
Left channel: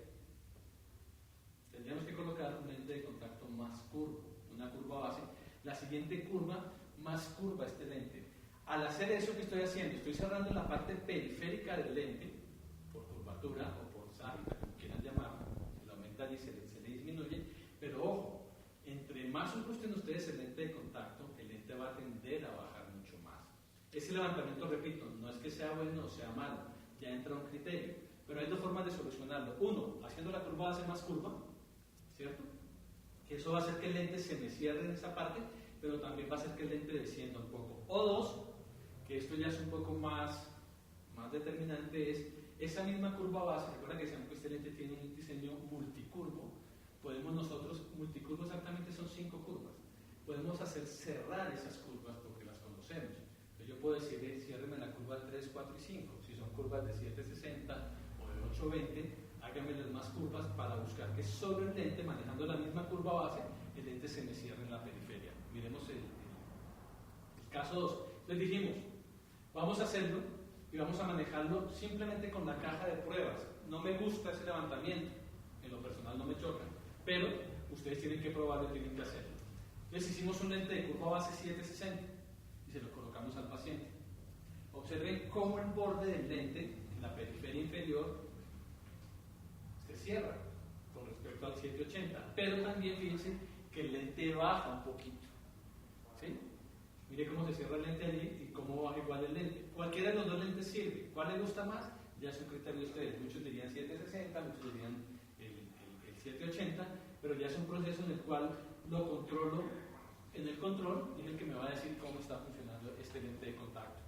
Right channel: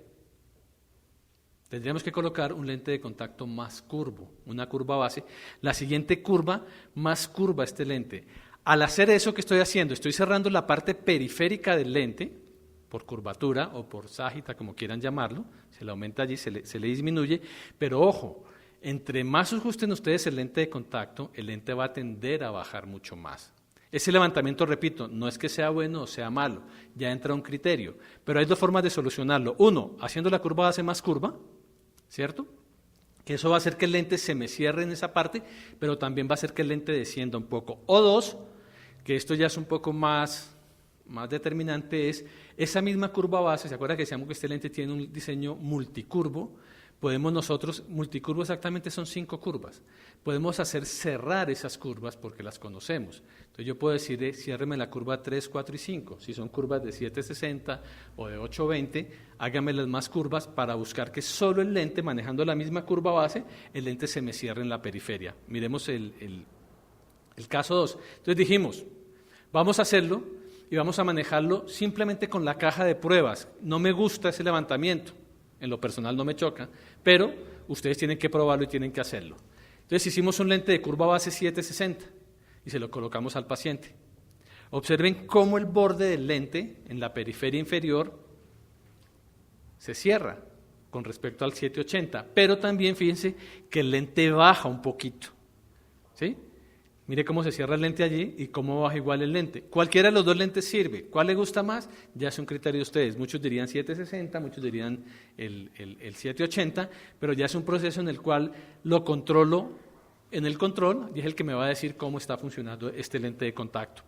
tendríamos que colocar un lente de contacto más curvo, una curva base. La siguiente curva, más curva este lente. Al hacer eso que estoy haciendo, estoy cerrando la parte periférica del lente, por curvatura o por ságita, como quieran llamarlo, se le aumenta allí, se le disminuye, pero ojo, entre más ajusten ustedes el lente de contacto, el lente va a tender a bajar mucho más. Ese levantamiento, repito, no es que sea bueno o sea malo, ya entra un criterio, pero hay dos formas de solucionarlo. Uno, haciendo la curva base más curva, ¿cierto? Que eso va a hacer que el lente se me cierre en esa parte, pero también va a hacer que el lente descienda un poco. O dos, que esto ya es un poco más determinante, es esa misma curva base. ¿Se acuerdan que decíamos que este lente tiene un diseño multicurvo? Podemos nosotros, multicurvo exactamente son 5 curvas, podemos hacer cerrar esas curvas porque las conocemos. Entonces yo puedo decir, ciérreme la curva 3, 4 y 5, si son curvas de 760 o de 820, háganmelas más curvas para buscar que solo el lente, manejando la misma curva base, el lente se me cierre en la periferia. Miremos el caso 2. Entonces dijimos, vamos a hacerlo y vamos a manejarlo simplemente con la caja de pruebas. No me gusta ese levantamiento, en lo personal no me choca, pero ustedes tienen que probarlo y tienen que hacerlo. Entonces hicimos un lente de curva base 760 y se lo colocamos al paciente. Observen cómo el borde del lente en la periferia inferior se cierra con respecto al 780, pero también fíjense que el lente baja un poquito, ¿sí? Mire cómo se cierra el lente allí y cómo baja igual el lente. Cualquiera de los dos lentes sirve. ¿Cuál le gusta más? Ya es un criterio de ustedes. Muchos dirían 760, muchos dirían el 780, pero ya es un proceso en el cual lo controlo en el control y es el que me va a decir cómo está funcionando este lente de contacto.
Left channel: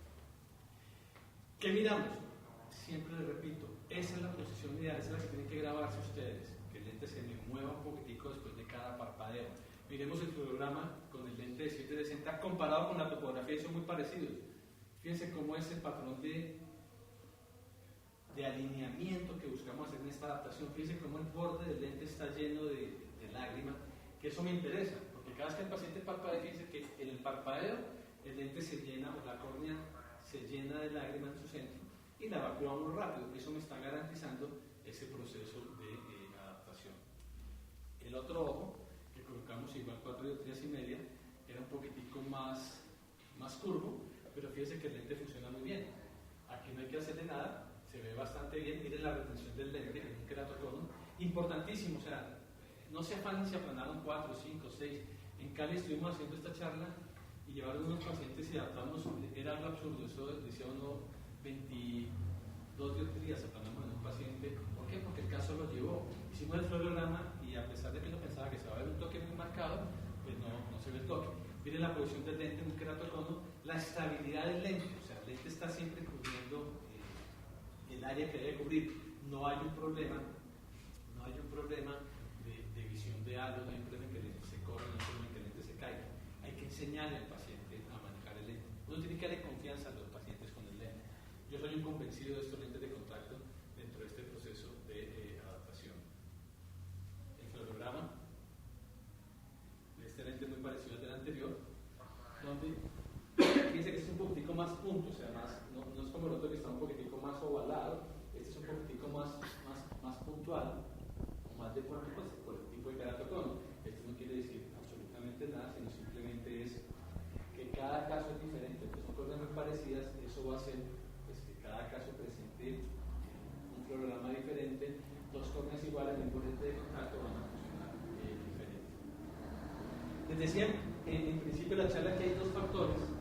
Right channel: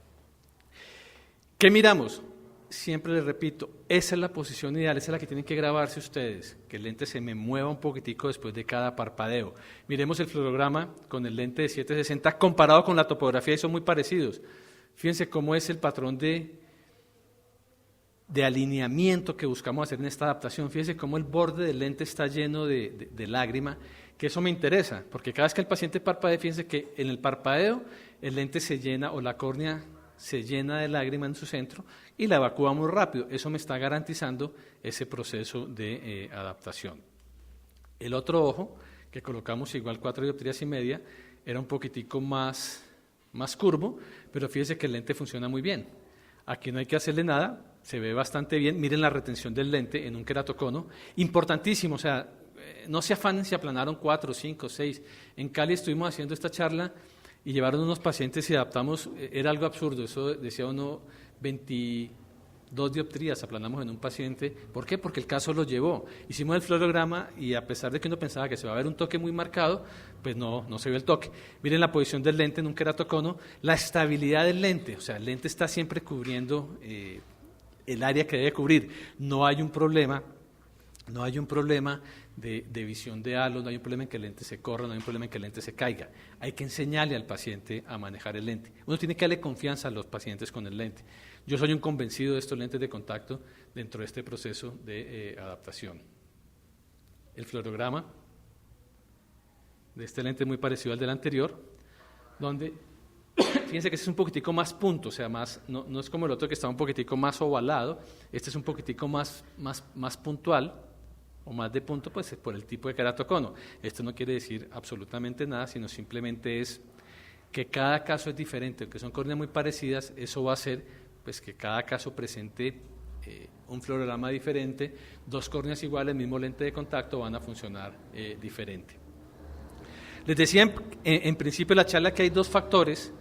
¿Qué miramos? Siempre les repito, esa es la posición ideal, esa es la que tienen que grabarse ustedes, que el lente se me mueva un poquitico después de cada parpadeo. Miremos el fluorograma con el lente de 760 comparado con la topografía y son muy parecidos. Fíjense cómo es el patrón de alineamiento que buscamos hacer en esta adaptación. Fíjense cómo el borde del lente está lleno de lágrima, que eso me interesa, porque cada vez que el paciente parpadea, fíjense que en el parpadeo el lente se llena o la córnea se llena de lágrima en su centro y la evacúa muy rápido. Eso me está garantizando ese proceso de adaptación. El otro ojo, que colocamos igual 4 dioptrías y media, era un poquitico más curvo, pero fíjense que el lente funciona muy bien. Aquí no hay que hacerle nada, se ve bastante bien. Miren la retención del lente en un queratocono, importantísimo, o sea, no se afanen si aplanaron 4, 5, 6. En Cali estuvimos haciendo esta charla y llevaron unos pacientes y adaptamos, era algo absurdo, eso decía uno, 22 dioptrías aplanamos en un paciente. ¿Por qué? Porque el caso lo llevó. Hicimos el fluorograma y a pesar de que uno pensaba que se va a ver un toque muy marcado, pues no se ve el toque. Miren la posición del lente en un queratocono, la estabilidad del lente, o sea, el lente está siempre cubriendo el área que debe cubrir. No hay un problema de visión de halo, no hay un problema en que el lente se corra, no hay un problema en que el lente se caiga. Hay que enseñarle al paciente a manejar el lente. Uno tiene que darle confianza a los pacientes con el lente. Yo soy un convencido de estos lentes de contacto dentro de este proceso de adaptación. El fluorograma de este lente es muy parecido al del anterior, donde fíjense que este es un poquitico más punto, o sea, no es como el otro que está un poquitico más ovalado, este es un poquitico más puntual, o más de punto, pues es por el tipo de queratocono. Esto no quiere decir absolutamente nada, sino simplemente es que cada caso es diferente, aunque son córneas muy parecidas, eso va a hacer pues que cada caso presente un fluorograma diferente, 2 córneas iguales, el mismo lente de contacto van a funcionar diferente. Les decía en principio de la charla que hay 2 factores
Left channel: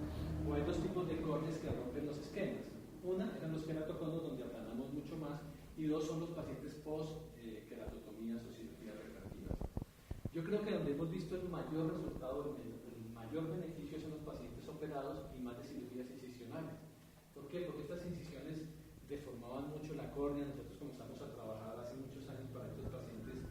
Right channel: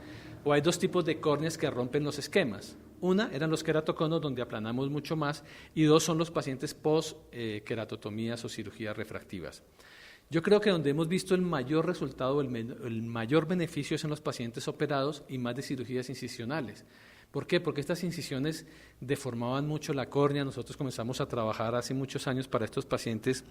o hay 2 tipos de córneas que rompen los esquemas. Una eran los queratoconos, donde aplanamos mucho más, y 2 son los pacientes post-queratotomías o cirugías refractivas. Yo creo que donde hemos visto el mayor resultado, el mayor beneficio es en los pacientes operados y más de cirugías incisionales. ¿Por qué? Porque estas incisiones deformaban mucho la córnea. Nosotros comenzamos a trabajar hace muchos años para estos pacientes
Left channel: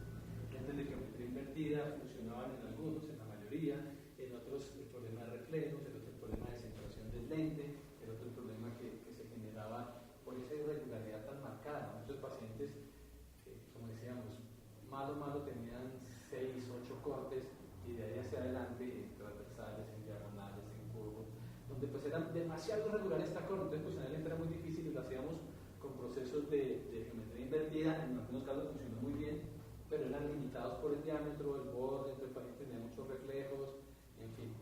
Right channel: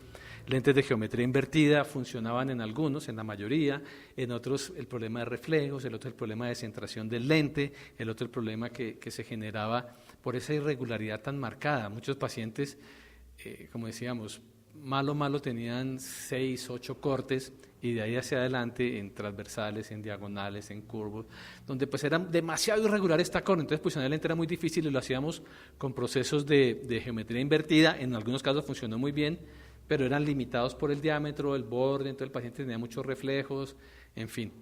lentes de geometría invertida, funcionaban en algunos, en la mayoría, en otros el problema de reflejos, el otro el problema de centración del lente, el otro el problema que se generaba por esa irregularidad tan marcada. Muchos pacientes, como decíamos, malo tenían 6, 8 cortes, y de ahí hacia adelante en transversales, en diagonales, en curvos, donde pues era demasiado irregular esta córnea. Entonces posicionar el lente era muy difícil y lo hacíamos con procesos de geometría invertida. En algunos casos funcionó muy bien, pero eran limitados por el diámetro, el borde, entonces el paciente tenía muchos reflejos, en fin.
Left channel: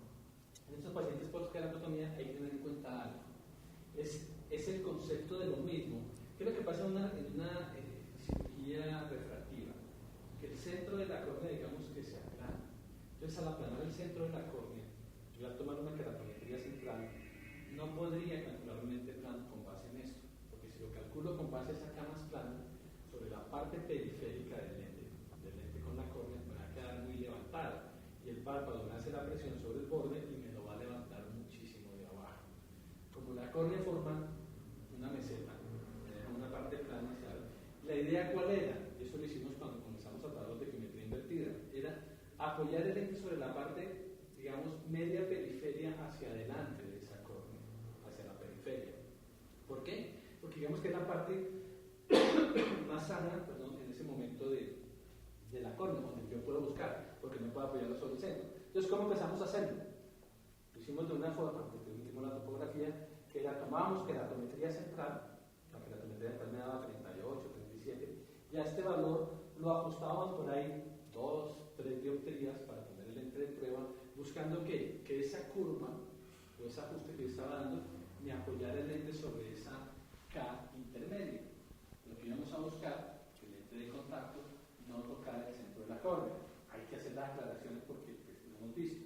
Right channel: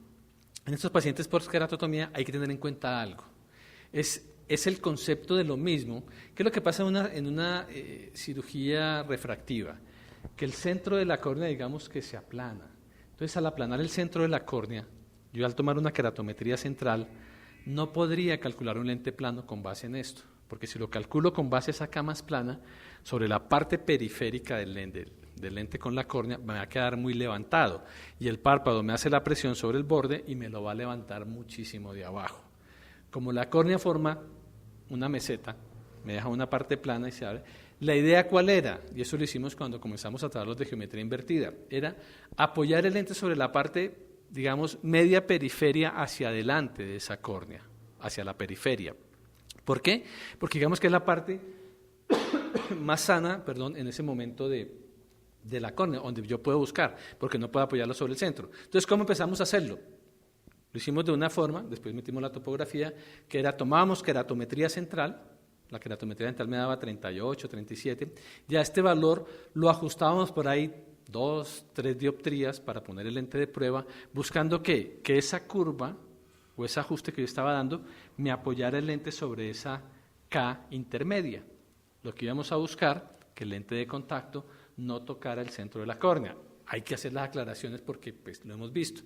En estos pacientes por queratotomía hay que tener en cuenta algo. Es el concepto de lo mismo. ¿Qué es lo que pasa en una cirugía refractiva? Que el centro de la córnea, digamos que se aplana. Entonces, al aplanar el centro de la córnea, yo al tomar una keratometría central, no podría calcular un lente plano con base en esto, porque si lo calculo con base a esa cama plana, sobre la parte periférica del lente con la córnea, me va a quedar muy levantado, y el párpado me hace la presión sobre el borde y me lo va a levantar muchísimo de abajo. Como la córnea forma una meseta, me deja una parte plana y se abre. La idea ¿cuál era? Y eso lo hicimos cuando comenzamos a trabajar los de geometría invertida, era apoyar el lente sobre la parte, digamos, media periferia hacia adelante de esa córnea, hacia la periferia. ¿Por qué? Porque digamos que es la parte más sana, en ese momento de la córnea, donde yo puedo buscar, porque no puedo apoyarlo sobre el centro. Entonces, ¿cómo empezamos a hacerlo? Lo hicimos de una forma, después metimos la topografía, que era, tomábamos keratometría central, la keratometría dental me daba 38, 37, ya este valor lo ajustábamos por ahí 2, 3 dioptrías para poner el lente de prueba, buscando que esa curva o ese ajuste que yo estaba dando me apoyara el lente sobre esa K intermedia. Lo que íbamos a buscar, que el lente de contacto no tocara el centro de la córnea. Hay que hacer las aclaraciones porque pues, lo hemos visto.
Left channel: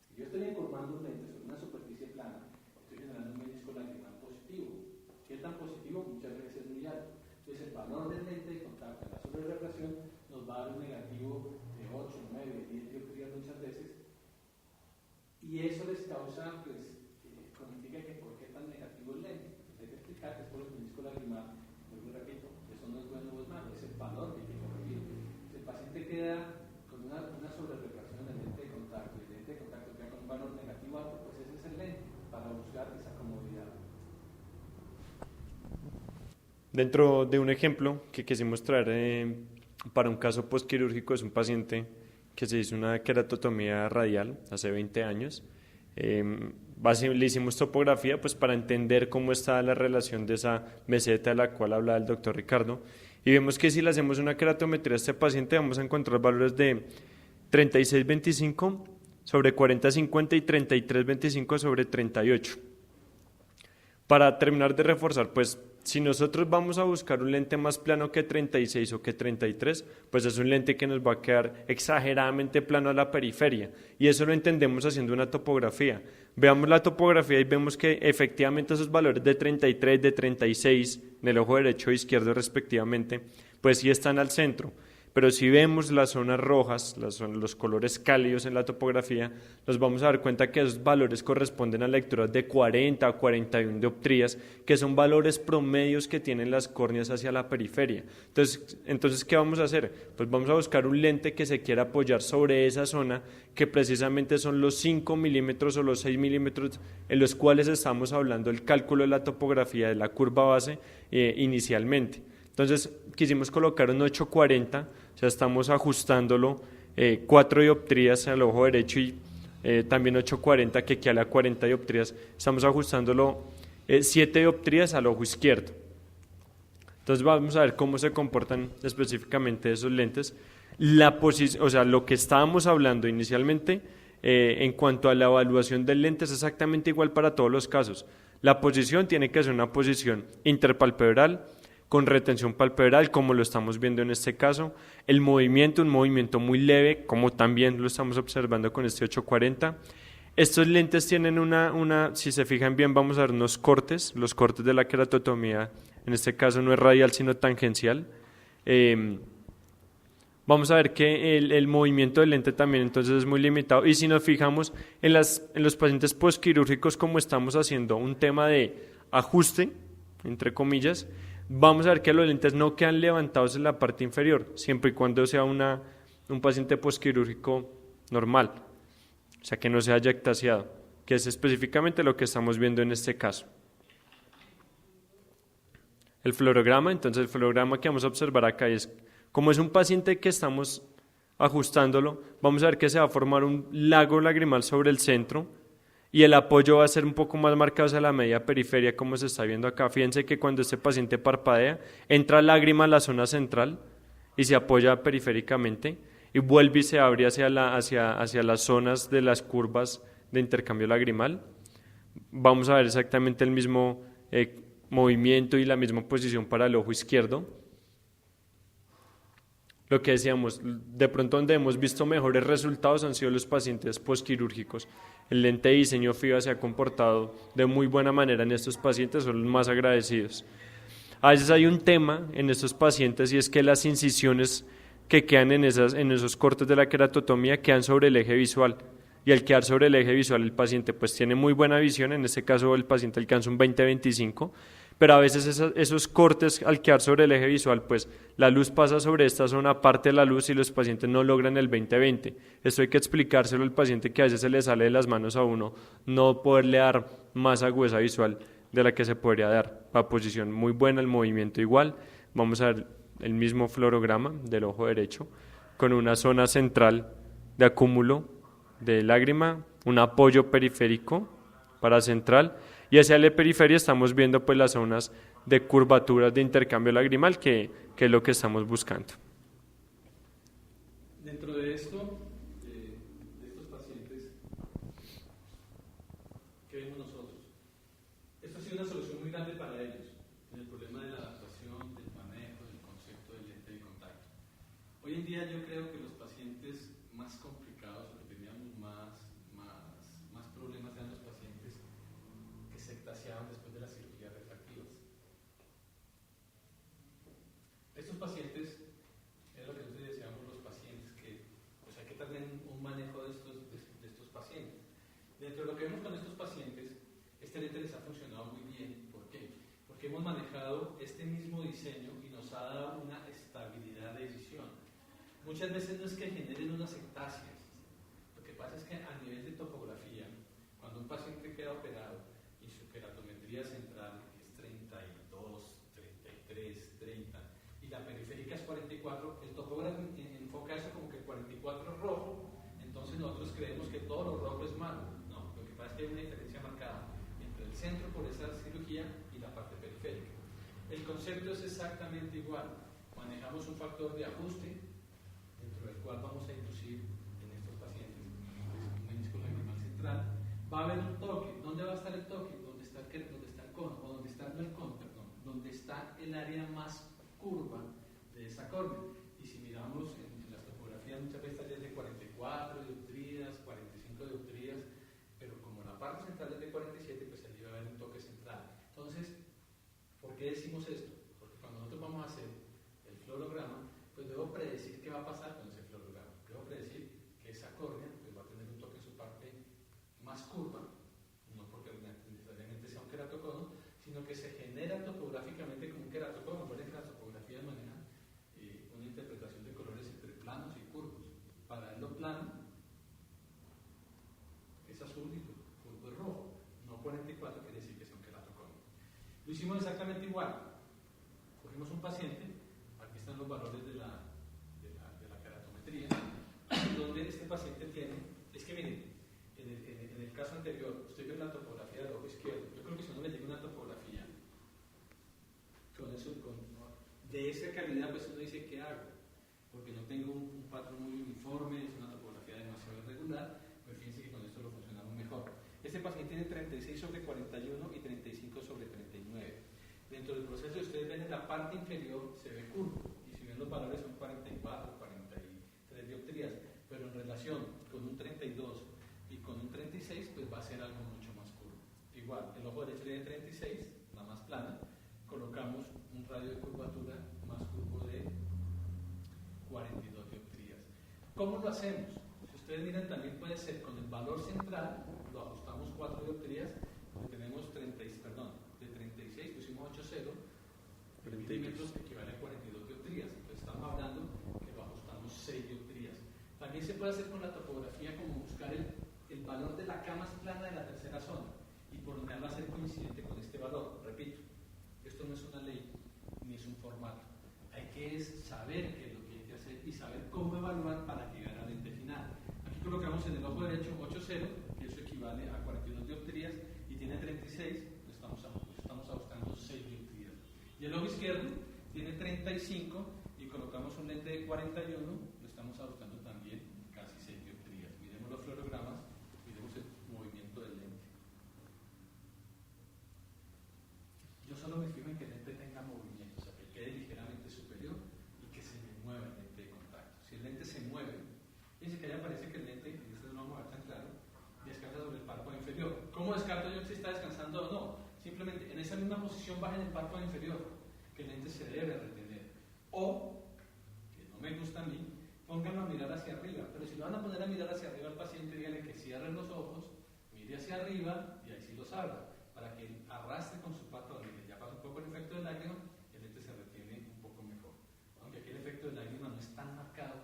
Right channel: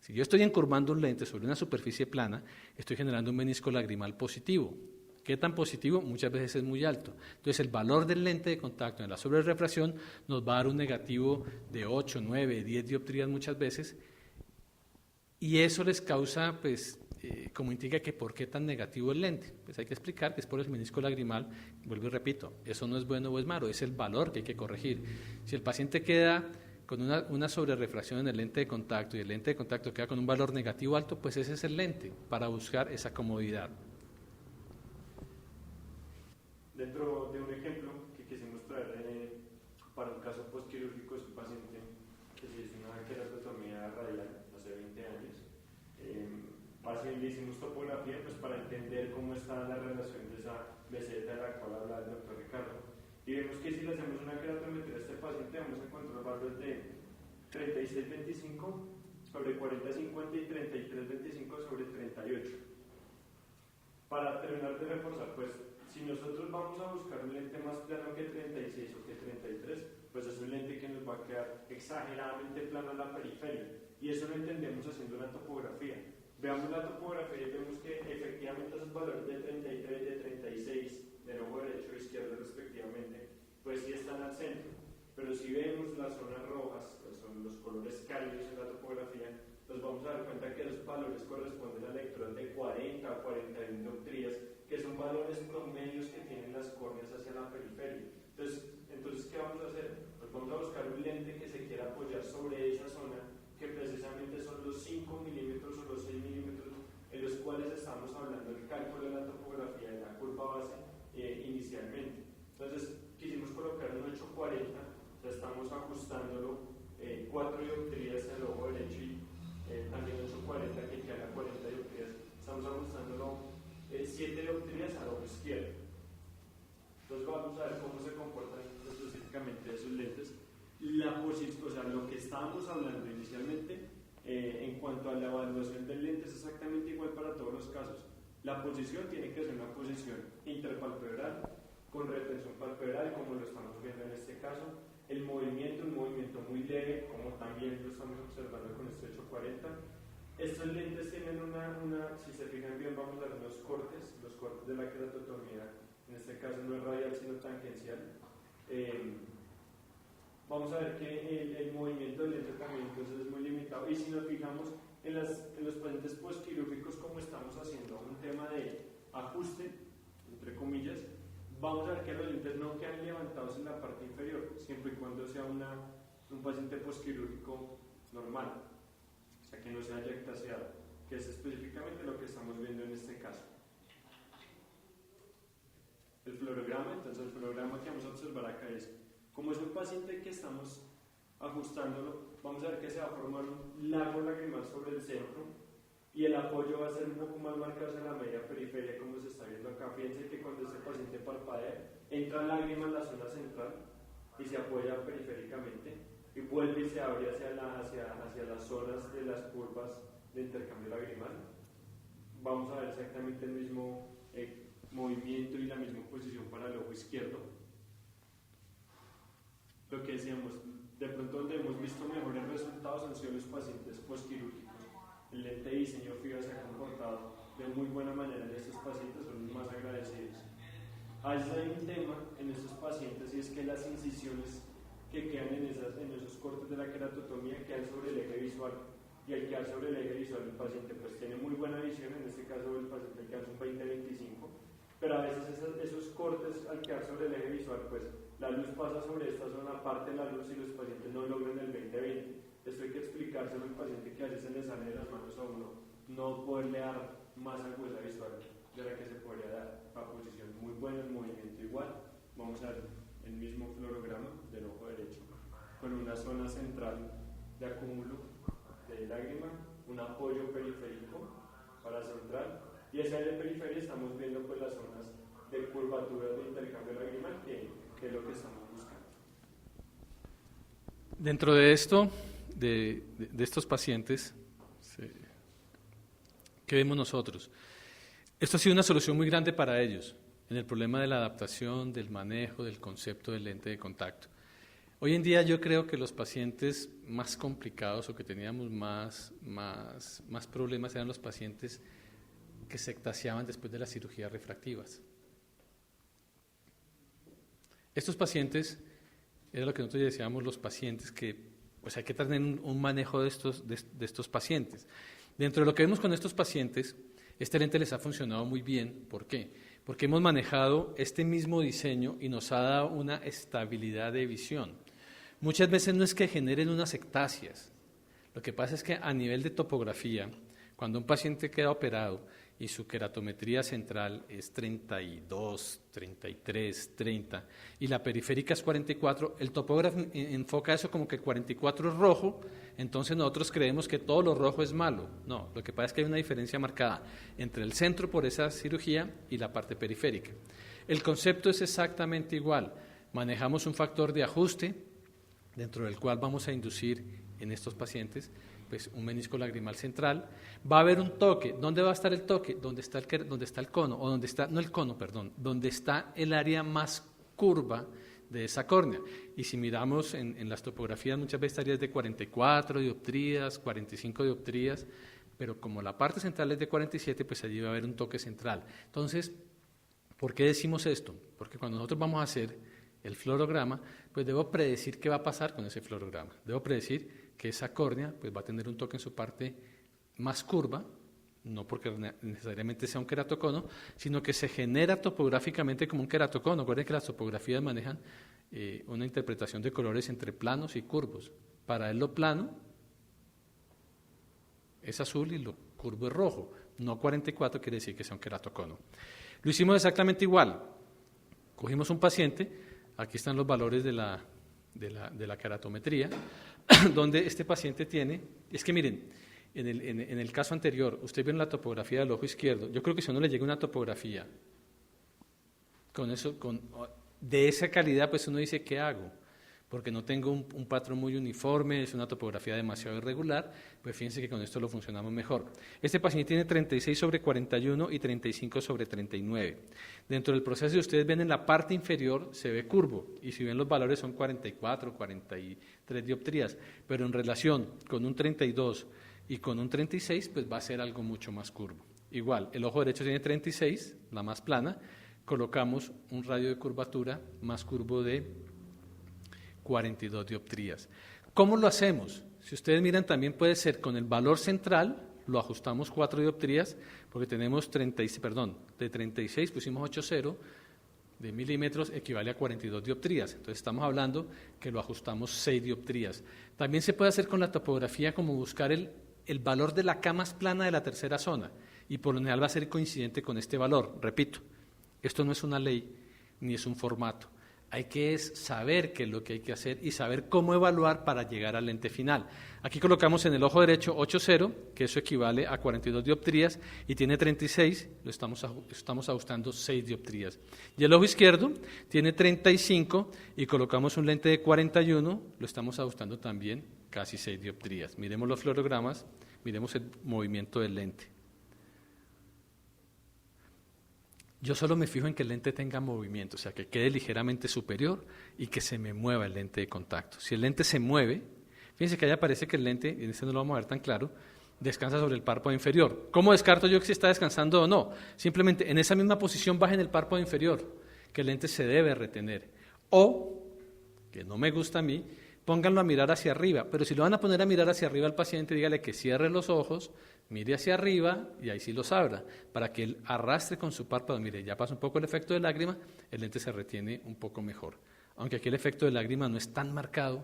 Si yo estoy encurvando un lente sobre una superficie plana, estoy generando un menisco lagrimal positivo. ¿Qué tan positivo? Muchas veces es muy alto. Entonces, el valor del lente de contacto en la sobrerefracción nos va a dar un negativo de 8, 9, 10 dioptrías muchas veces, y eso les causa, pues, como indica que por qué tan negativo el lente. Pues hay que explicar que es por el menisco lagrimal. Vuelvo y repito, eso no es bueno o es malo, es el valor que hay que corregir. Si el paciente queda con una sobrerefracción en el lente de contacto y el lente de contacto queda con un valor negativo alto, pues ese es el lente para buscar esa comodidad. Dentro de un ejemplo que quisimos traer para un caso postquirúrgico, es un paciente que se hizo una queratotomía radial hace 20 años. Le hicimos topografía pues, para entender cómo está la relación de esa meseta de la cual hablaba el doctor Ricardo, y vemos que si le hacemos una keratometría a este paciente vamos a encontrar valores de 36-25 sobre 40-50 y 33-25 sobre 38. Para terminar de reforzar, pues si nosotros vamos a buscar un lente más plano que 36 o que 33, pues es un lente que nos va a quedar exageradamente plano a la periferia, y eso lo entendemos haciendo una topografía. Veamos la topografía y vemos que efectivamente esos valores de 33, de 36 en el ojo derecho e izquierdo respectivamente, pues sí están al centro. Pero si vemos las zonas rojas, los colores cálidos en la topografía, nos vamos a dar cuenta que esos valores corresponden a lecturas de 40 a 41 dioptrías, que son valores promedios que tienen las córneas hacia la periferia. Entonces, ¿qué vamos a hacer? Pues vamos a buscar un lente que se quiera apoyar sobre esa zona, que precisamente son los 5 milímetros o los 6 milímetros en los cuales estamos hablando del cálculo de la topografía de la curva base inicialmente. Entonces, quisimos colocar un 840, o sea, estamos ajustándolo 4 dioptrías al ojo derecho y también 840 que equivale a 40 dioptrías, estamos ajustándolo 7 dioptrías al ojo izquierdo. Entonces vamos a ver cómo se comportan específicamente esos lentes. O sea, lo que estábamos hablando inicialmente en cuanto a la evaluación del lente es exactamente igual para todos los casos. La posición tiene que ser una posición interpalpebral, con retención palpebral, como lo estamos viendo en este caso. El movimiento, un movimiento muy leve, como también lo estamos observando con este 840. Estos lentes tienen si se fijan bien, vamos a ver unos cortes, los cortes de la queratotomía, en este caso no es radial, sino tangencial. vamos a ver que el movimiento del lente también entonces es muy limitado. Y si nos fijamos en los pacientes postquirúrgicos, como estamos haciendo un tema de ajuste, entre comillas, vamos a ver que los lentes no quedan levantados en la parte inferior, siempre y cuando sea un paciente postquirúrgico normal, o sea que no se haya ectasiado, que es específicamente lo que estamos viendo en este caso. El fluorograma, entonces el fluorograma que vamos a observar acá es, como es un paciente que estamos ajustándolo, vamos a ver que se va a formar un lago lagrimal sobre el centro y el apoyo va a ser un poco más marcado hacia la media periferia, como se está viendo acá. Fíjense que cuando este paciente parpadea, entra lágrima a la zona central y se apoya periféricamente y vuelve y se abre hacia las zonas de las curvas de intercambio lagrimal. Vamos a ver exactamente el mismo movimiento y la misma posición para el ojo izquierdo. Lo que decíamos, de pronto donde hemos visto mejores resultados han sido los pacientes postquirúrgicos. El lente de diseño FIBA se ha comportado de muy buena manera en estos pacientes, son los más agradecidos. A veces hay un tema en estos pacientes y es que las incisiones que quedan en esos cortes de la queratotomía quedan sobre el eje visual. Y al quedar sobre el eje visual el paciente pues tiene muy buena visión, en este caso el paciente alcanza un 20-25, pero a veces esos cortes al quedar sobre el eje visual, pues la luz pasa sobre esta zona, parte de la luz y los pacientes no logran el 20-20. Esto hay que explicárselo al paciente, que a veces se le sale de las manos a uno no poderle dar más agudeza visual de la que se podría dar. La posición muy buena, el movimiento igual. Vamos a ver el mismo fluorograma del ojo derecho con una zona central de acúmulo de lágrima, un apoyo periférico para central, y hacia la periferia estamos viendo pues las zonas de curvaturas de intercambio lagrimal que es lo que estamos buscando. Dentro de esto, de estos pacientes, ¿qué vemos nosotros? Esto ha sido una solución muy grande para ellos en el problema de la adaptación, del manejo, del concepto del lente de contacto. Hoy en día yo creo que los pacientes más complicados o que teníamos más problemas eran los pacientes que se ectasiaban después de las cirugías refractivas. Estos pacientes, era lo que nosotros decíamos, los pacientes que pues hay que tener un manejo de estos pacientes. Dentro de lo que vemos con estos pacientes, este lente les ha funcionado muy bien. ¿Por qué? Porque hemos manejado este mismo diseño y nos ha dado una estabilidad de visión. Muchas veces no es que generen unas ectasias, lo que pasa es que a nivel de topografía, cuando un paciente queda operado y su queratometría central es 32, 33, 30 y la periférica es 44, el topógrafo enfoca eso como que el 44 es rojo, entonces nosotros creemos que todo lo rojo es malo. No, lo que pasa es que hay una diferencia marcada entre el centro por esa cirugía y la parte periférica. El concepto es exactamente igual, manejamos un factor de ajuste dentro del cual vamos a inducir en estos pacientes pues un menisco lagrimal central. Va a haber un toque. ¿Dónde va a estar el toque? Donde está el cono, o donde está, no el cono, perdón, donde está el área más curva de esa córnea. Y si miramos en las topografías, muchas veces estarías de 44 dioptrías, 45 dioptrías, pero como la parte central es de 47, pues allí va a haber un toque central. Entonces, ¿por qué decimos esto? Porque cuando nosotros vamos a hacer el fluorograma, pues debo predecir qué va a pasar con ese fluorograma. Debo predecir que esa córnea pues va a tener un toque en su parte más curva, no porque necesariamente sea un queratocono, sino que se genera topográficamente como un queratocono. Recuerden que las topografías manejan una interpretación de colores entre planos y curvos. Para él lo plano es azul y lo curvo es rojo. No 44 quiere decir que sea un queratocono. Lo hicimos exactamente igual. Cogimos un paciente, aquí están los valores de la queratometría, donde este paciente tiene, es que miren, en el caso anterior, usted ve en la topografía del ojo izquierdo, yo creo que si a uno le llega una topografía de esa calidad, pues uno dice, ¿qué hago? Porque no tengo un patrón muy uniforme, es una topografía demasiado irregular, pues fíjense que con esto lo funcionamos mejor. Este paciente tiene 36 sobre 41 y 35 sobre 39. Dentro del proceso, si ustedes ven en la parte inferior, se ve curvo, y si ven los valores son 44, 43 dioptrías, pero en relación con un 32 y con un 36, pues va a ser algo mucho más curvo. Igual, el ojo derecho tiene 36, la más plana, colocamos un radio de curvatura más curvo de 42 dioptrías. ¿Cómo lo hacemos? Si ustedes miran, también puede ser con el valor central, lo ajustamos 4 dioptrías, porque tenemos de 36 pusimos 8,0 de milímetros, equivale a 42 dioptrías. Entonces estamos hablando que lo ajustamos 6 dioptrías. También se puede hacer con la topografía, como buscar el valor de la K más plana de la tercera zona, y por lo general va a ser coincidente con este valor. Repito, esto no es una ley ni es un formato. Hay que saber qué es lo que hay que hacer y saber cómo evaluar para llegar al lente final. Aquí colocamos en el ojo derecho 8,0, que eso equivale a 42 dioptrías, y tiene 36, lo estamos ajustando 6 dioptrías. Y el ojo izquierdo tiene 35 y colocamos un lente de 41, lo estamos ajustando también casi 6 dioptrías. Miremos los fluorogramas, miremos el movimiento del lente. Yo solo me fijo en que el lente tenga movimiento, o sea, que quede ligeramente superior y que se me mueva el lente de contacto. Si el lente se mueve, fíjense que allá parece que el lente, y en este no lo vamos a ver tan claro, descansa sobre el párpado inferior. ¿Cómo descarto yo que si está descansando o no? Simplemente en esa misma posición bajen el párpado inferior, que el lente se debe retener. O, que no me gusta a mí, pónganlo a mirar hacia arriba, pero si lo van a poner a mirar hacia arriba al paciente, dígale que cierre los ojos, mire hacia arriba y ahí sí los abra, para que él arrastre con su párpado. Mire, ya pasa un poco el efecto de lágrima, el lente se retiene un poco mejor. Aunque aquí el efecto de lágrima no es tan marcado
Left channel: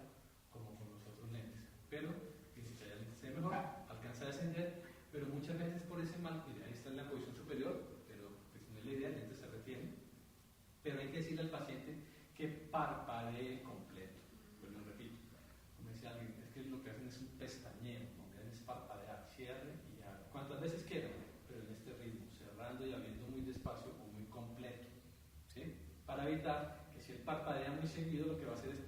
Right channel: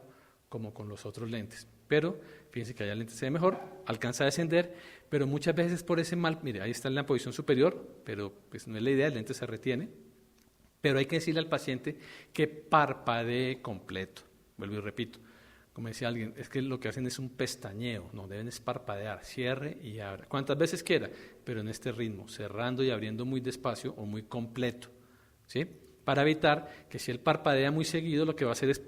como con los otros lentes. Pero fíjense que allá el lente se ve mejor, alcanza a descender, pero muchas veces por ese mal, mire, ahí está en la posición superior, pero pues no es la idea, el lente se retiene. Pero hay que decirle al paciente que parpadee completo. Vuelvo y repito. Como decía alguien, es que lo que hacen es un pestañeo, no, deben es parpadear, cierre y abra, cuantas veces quiera, pero en este ritmo, cerrando y abriendo muy despacio o muy completo, ¿sí? Para evitar que si él parpadea muy seguido, lo que va a hacer es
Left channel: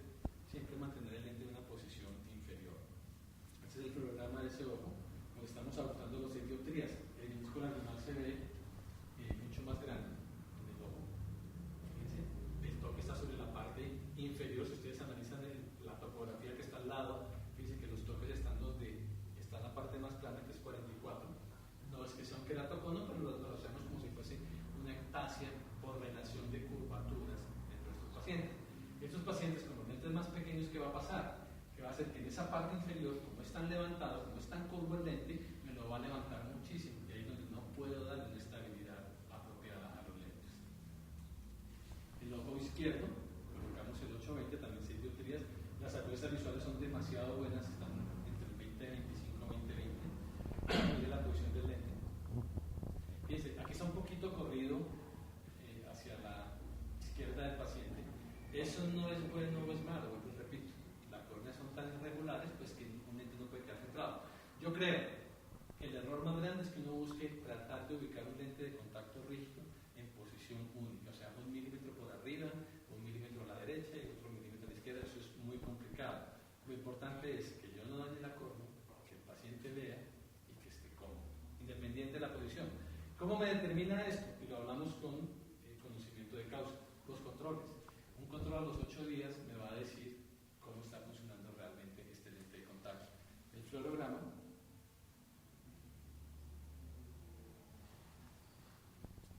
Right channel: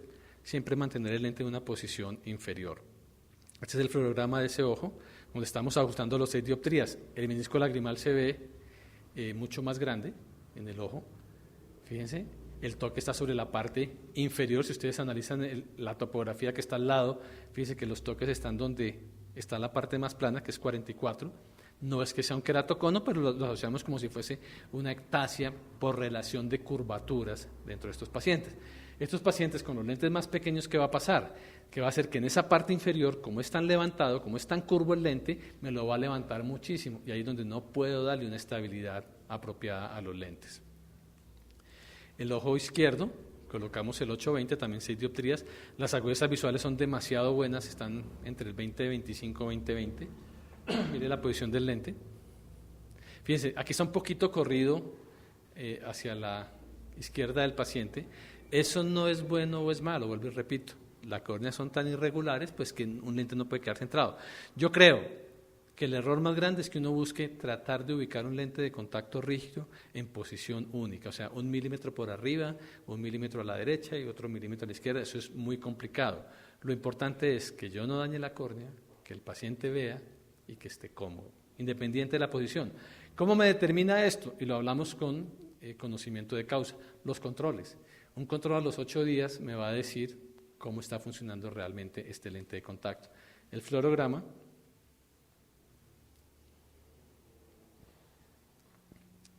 siempre mantener el lente en una posición inferior. Este es el fluorograma de ese ojo, donde estamos ajustando los 6 dioptrías. El menisco lagrimal se ve mucho más grande en el ojo, fíjense. El toque está sobre la parte inferior. Si ustedes analizan la topografía que está al lado, fíjense que los toques están donde está la parte más plana, que es 44. No es que sea un queratocono, pero lo asociamos como si fuese una ectasia por relación de curvaturas dentro de estos pacientes. Estos pacientes con los lentes más pequeños, ¿qué va a pasar? Que va a hacer que en esa parte inferior, como es tan levantado, como es tan curvo el lente, me lo va a levantar muchísimo, y ahí es donde no puedo darle una estabilidad apropiada a los lentes. El ojo izquierdo, colocamos el 8-20, también 6 dioptrías. Las agudezas visuales son demasiado buenas, están entre el 20-25, 20-20. Mire la posición del lente. Fíjense, aquí está un poquito corrido hacia la izquierda del paciente. Eso no es bueno o es malo, vuelvo y repito. Las córneas son tan irregulares, pues que un lente no puede quedar centrado. Yo creo que el error más grande es que uno busque tratar de ubicar un lente de contacto rígido en posición única, o sea, 1 milímetro por arriba, 1 milímetro a la derecha y otro milímetro a la izquierda. Eso es muy complicado. Lo importante es que yo no dañe la córnea, que el paciente vea y que esté cómodo, independiente de la posición. ¿Cómo me determina esto? Y lo hablamos con conocimiento de causa. Los controles. Un control a los 8 días me va a decir cómo está funcionando realmente este lente de contacto. El fluorograma.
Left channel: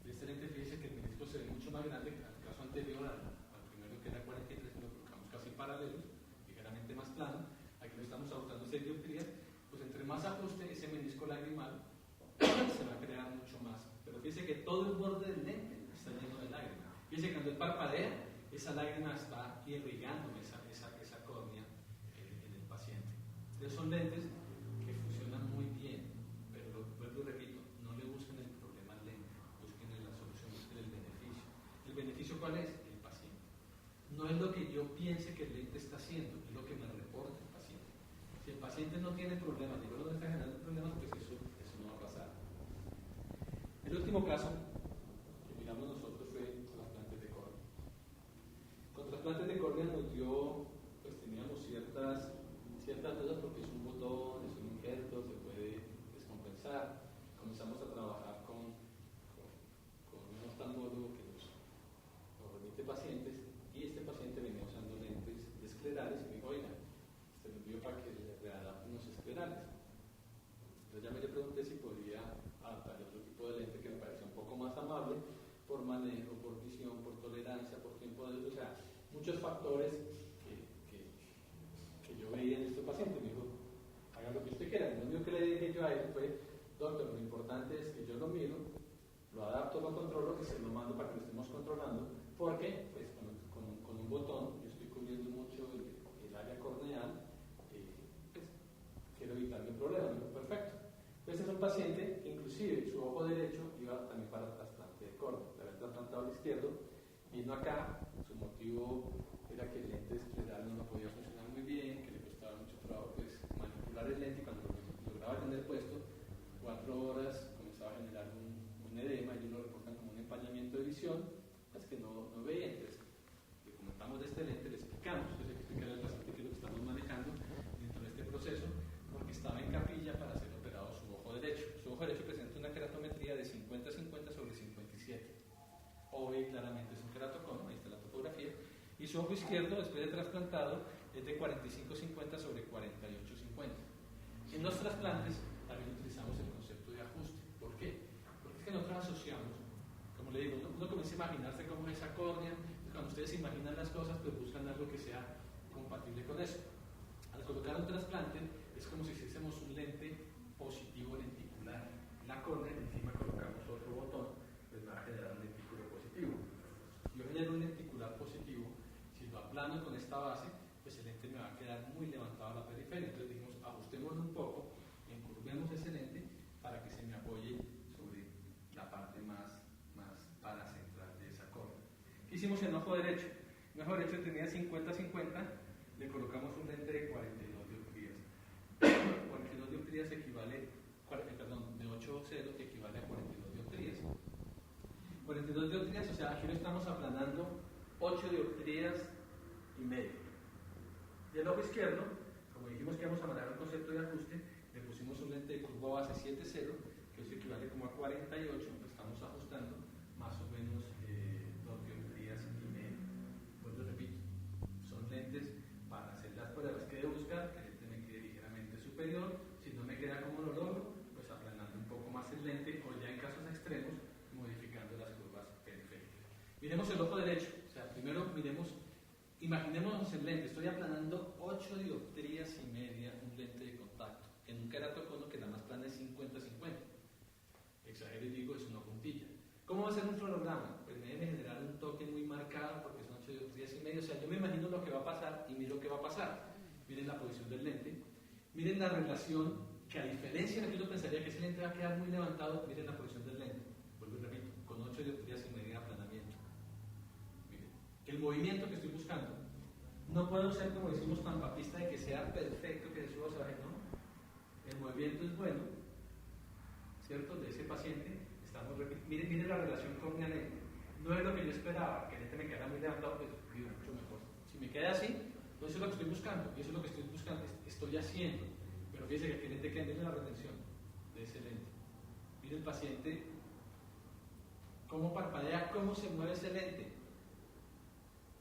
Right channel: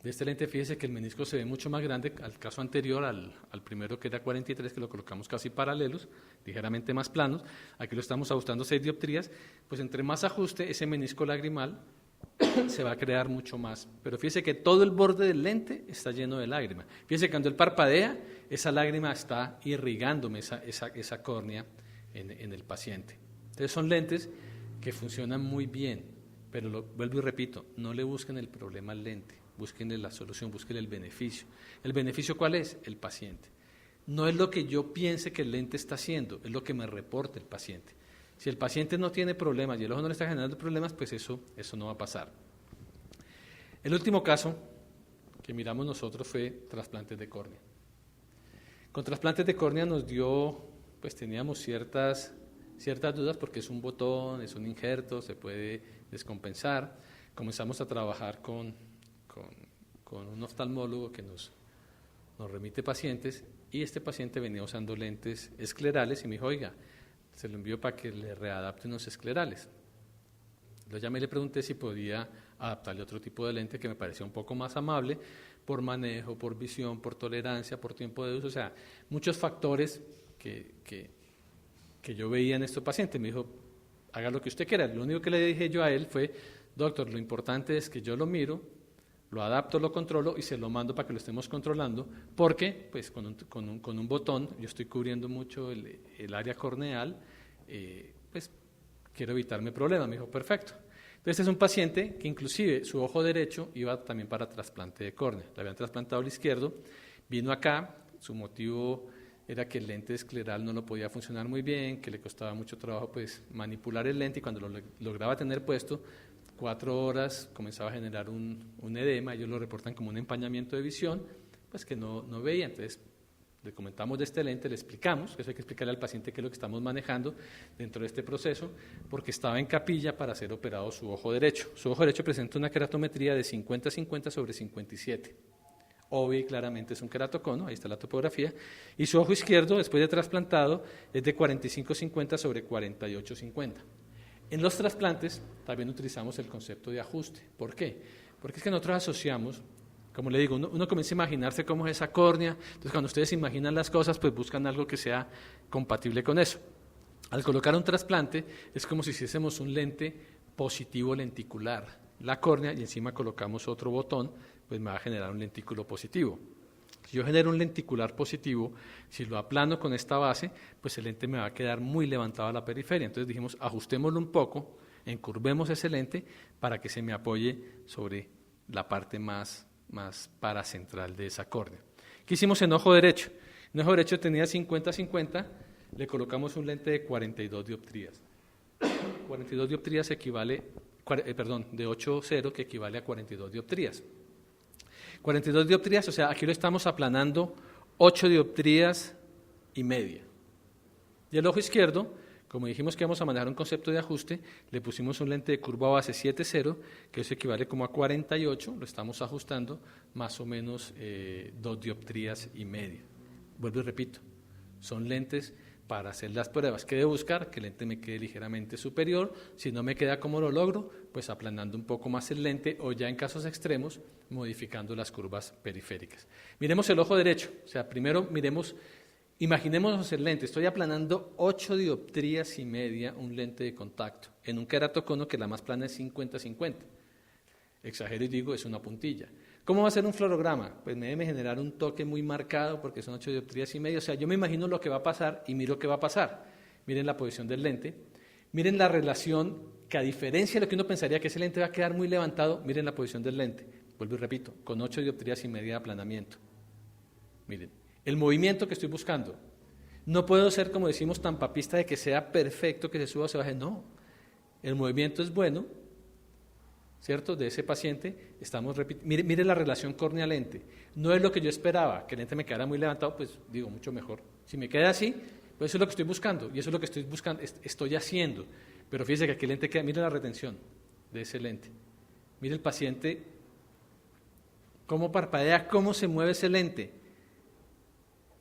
De este lente, fíjese que el menisco se ve mucho más grande al caso anterior, al primero que era 43, que lo colocamos casi paralelos, ligeramente más planos. Aquí lo estamos ajustando 6 dioptrías, pues entre más ajuste ese menisco lagrimal se va a crear mucho más. Pero fíjese que todo el borde del lente está lleno de lágrima. Fíjese que cuando él parpadea, esa lágrima está irrigándome esa córnea en el paciente. Entonces son lentes que funcionan muy bien, pero vuelvo y repito, no le busquen el problema al lente. Búsquenle la solución, búsquenle el beneficio. ¿El beneficio cuál es? El paciente. No es lo que yo piense que el lente está haciendo, es lo que me reporta el paciente. Si el paciente no tiene problemas y el ojo no le está generando problemas, pues eso no va a pasar. El último caso que miramos nosotros fue trasplantes de córnea. Con trasplantes de córnea nos dio, pues teníamos ciertas dudas porque es un botón, es un injerto, se puede descompensar. Comenzamos a trabajar con un oftalmólogo que nos remite pacientes, y este paciente venía usando lentes esclerales y me dijo, oiga, se lo envío para que le readapte unos esclerales. Lo llamé y le pregunté si podía adaptarle otro tipo de lente que me parecía un poco más amable por manejo, por visión, por tolerancia, por tiempo de uso, o sea, muchos factores que que yo veía en estos pacientes. Me dijo, haga lo que usted quiera. Lo único que le dije yo a él fue, doctor, lo importante es que yo lo miro, lo adapto, lo controlo y se lo mando para que lo estemos controlando, porque pues con un botón yo estoy cubriendo mucho el área corneal, pues quiero evitarme problemas. Me dijo, perfecto. Entonces es un paciente que inclusive su ojo derecho iba también para trasplante de córnea. Le habían trasplantado el izquierdo, vino acá, su motivo era que el lente escleral no lo podía funcionar muy bien, que le costaba mucho trabajo pues manipular el lente, y cuando lo lograba tener puesto, 4 horas comenzaba a generar un edema. Ellos lo reportan como un empañamiento de visión, pues que no veía. Entonces le comentamos de este lente, le explicamos, eso hay que explicarle al paciente qué es lo que estamos manejando dentro de este proceso, porque estaba en capilla para ser operado su ojo derecho. Su ojo derecho presenta una queratometría de 50-50 sobre 57. Obvio y claramente es un queratocono, ahí está la topografía, y su ojo izquierdo, después de trasplantado, es de 45-50 sobre 48-50. En los trasplantes también utilizamos el concepto de ajuste. ¿Por qué? Porque es que nosotros asociamos, como le digo, uno comienza a imaginarse cómo es esa córnea, entonces cuando ustedes imaginan las cosas, pues buscan algo que sea compatible con eso. Al colocar un trasplante es como si hiciésemos un lente positivo lenticular, la córnea, y encima colocamos otro botón, pues me va a generar un lentículo positivo. Si yo genero un lenticular positivo, si lo aplano con esta base, pues el lente me va a quedar muy levantado a la periferia. Entonces dijimos, ajustémoslo un poco, encurvemos ese lente para que se me apoye sobre la parte más paracentral de esa córnea. ¿Qué hicimos en ojo derecho? En ojo derecho tenía 50-50, le colocamos un lente de 42 dioptrías. 42 dioptrías equivale, de 8,0 que equivale a 42 dioptrías. 42 dioptrías, o sea, aquí lo estamos aplanando 8 dioptrías y media. Y el ojo izquierdo, como dijimos que íbamos a manejar un concepto de ajuste, le pusimos un lente de curva base 7,0, que eso equivale como a 48, lo estamos ajustando más o menos 2 dioptrías y media. Vuelvo y repito, son lentes para hacer las pruebas. ¿Qué debo buscar? Que el lente me quede ligeramente superior. Si no me queda, ¿cómo lo logro? Pues aplanando un poco más el lente, o ya en casos extremos, modificando las curvas periféricas. Miremos el ojo derecho. O sea, primero imaginémonos el lente. Estoy aplanando 8 dioptrías y media un lente de contacto en un queratocono que la más plana es 50-50. Exagero y digo, es una puntilla. ¿Cómo va a ser un fluorograma? Pues me debe generar un toque muy marcado porque son 8 dioptrías y media. O sea, yo me imagino lo que va a pasar y miro qué va a pasar. Miren la posición del lente. Miren la relación que, a diferencia de lo que uno pensaría que ese lente va a quedar muy levantado, miren la posición del lente. Vuelvo y repito, con 8 dioptrías y media de aplanamiento. Miren, el movimiento que estoy buscando. No puedo ser, como decimos, tan papista de que sea perfecto, que se suba o se baje. No, el movimiento es bueno, ¿cierto? De ese paciente. Mire la relación córnea-lente. No es lo que yo esperaba, que el lente me quedara muy levantado, pues digo, mucho mejor. Si me queda así, pues eso es lo que estoy buscando, y eso es lo que estoy haciendo. Pero fíjense que aquí el lente queda, mire la retención de ese lente. Mire el paciente, cómo parpadea, cómo se mueve ese lente.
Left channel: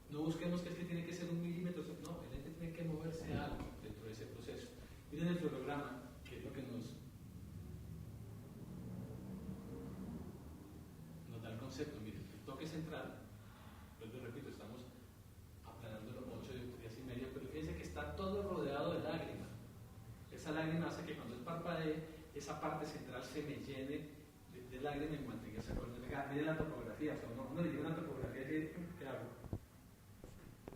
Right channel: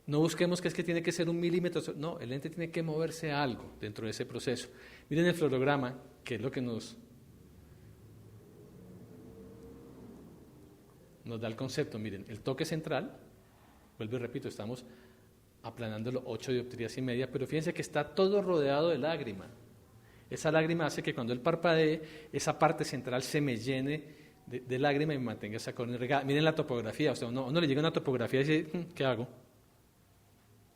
No busquemos que es que tiene que ser 1 milímetro, no, el lente tiene que moverse algo dentro de ese proceso. Miren el fluorograma, que es lo que nos da el concepto. Miren, el toque central, vuelvo y repito, estamos aplanándolo 8 dioptrías y media, pero fíjense que está todo rodeado de lágrima. Esa lágrima hace que cuando él parpadee, esa parte central se me llene de lágrima y me mantenga esa córnea regada. Miren la topografía, o sea, uno le llega una topografía y dice, ¿qué hago?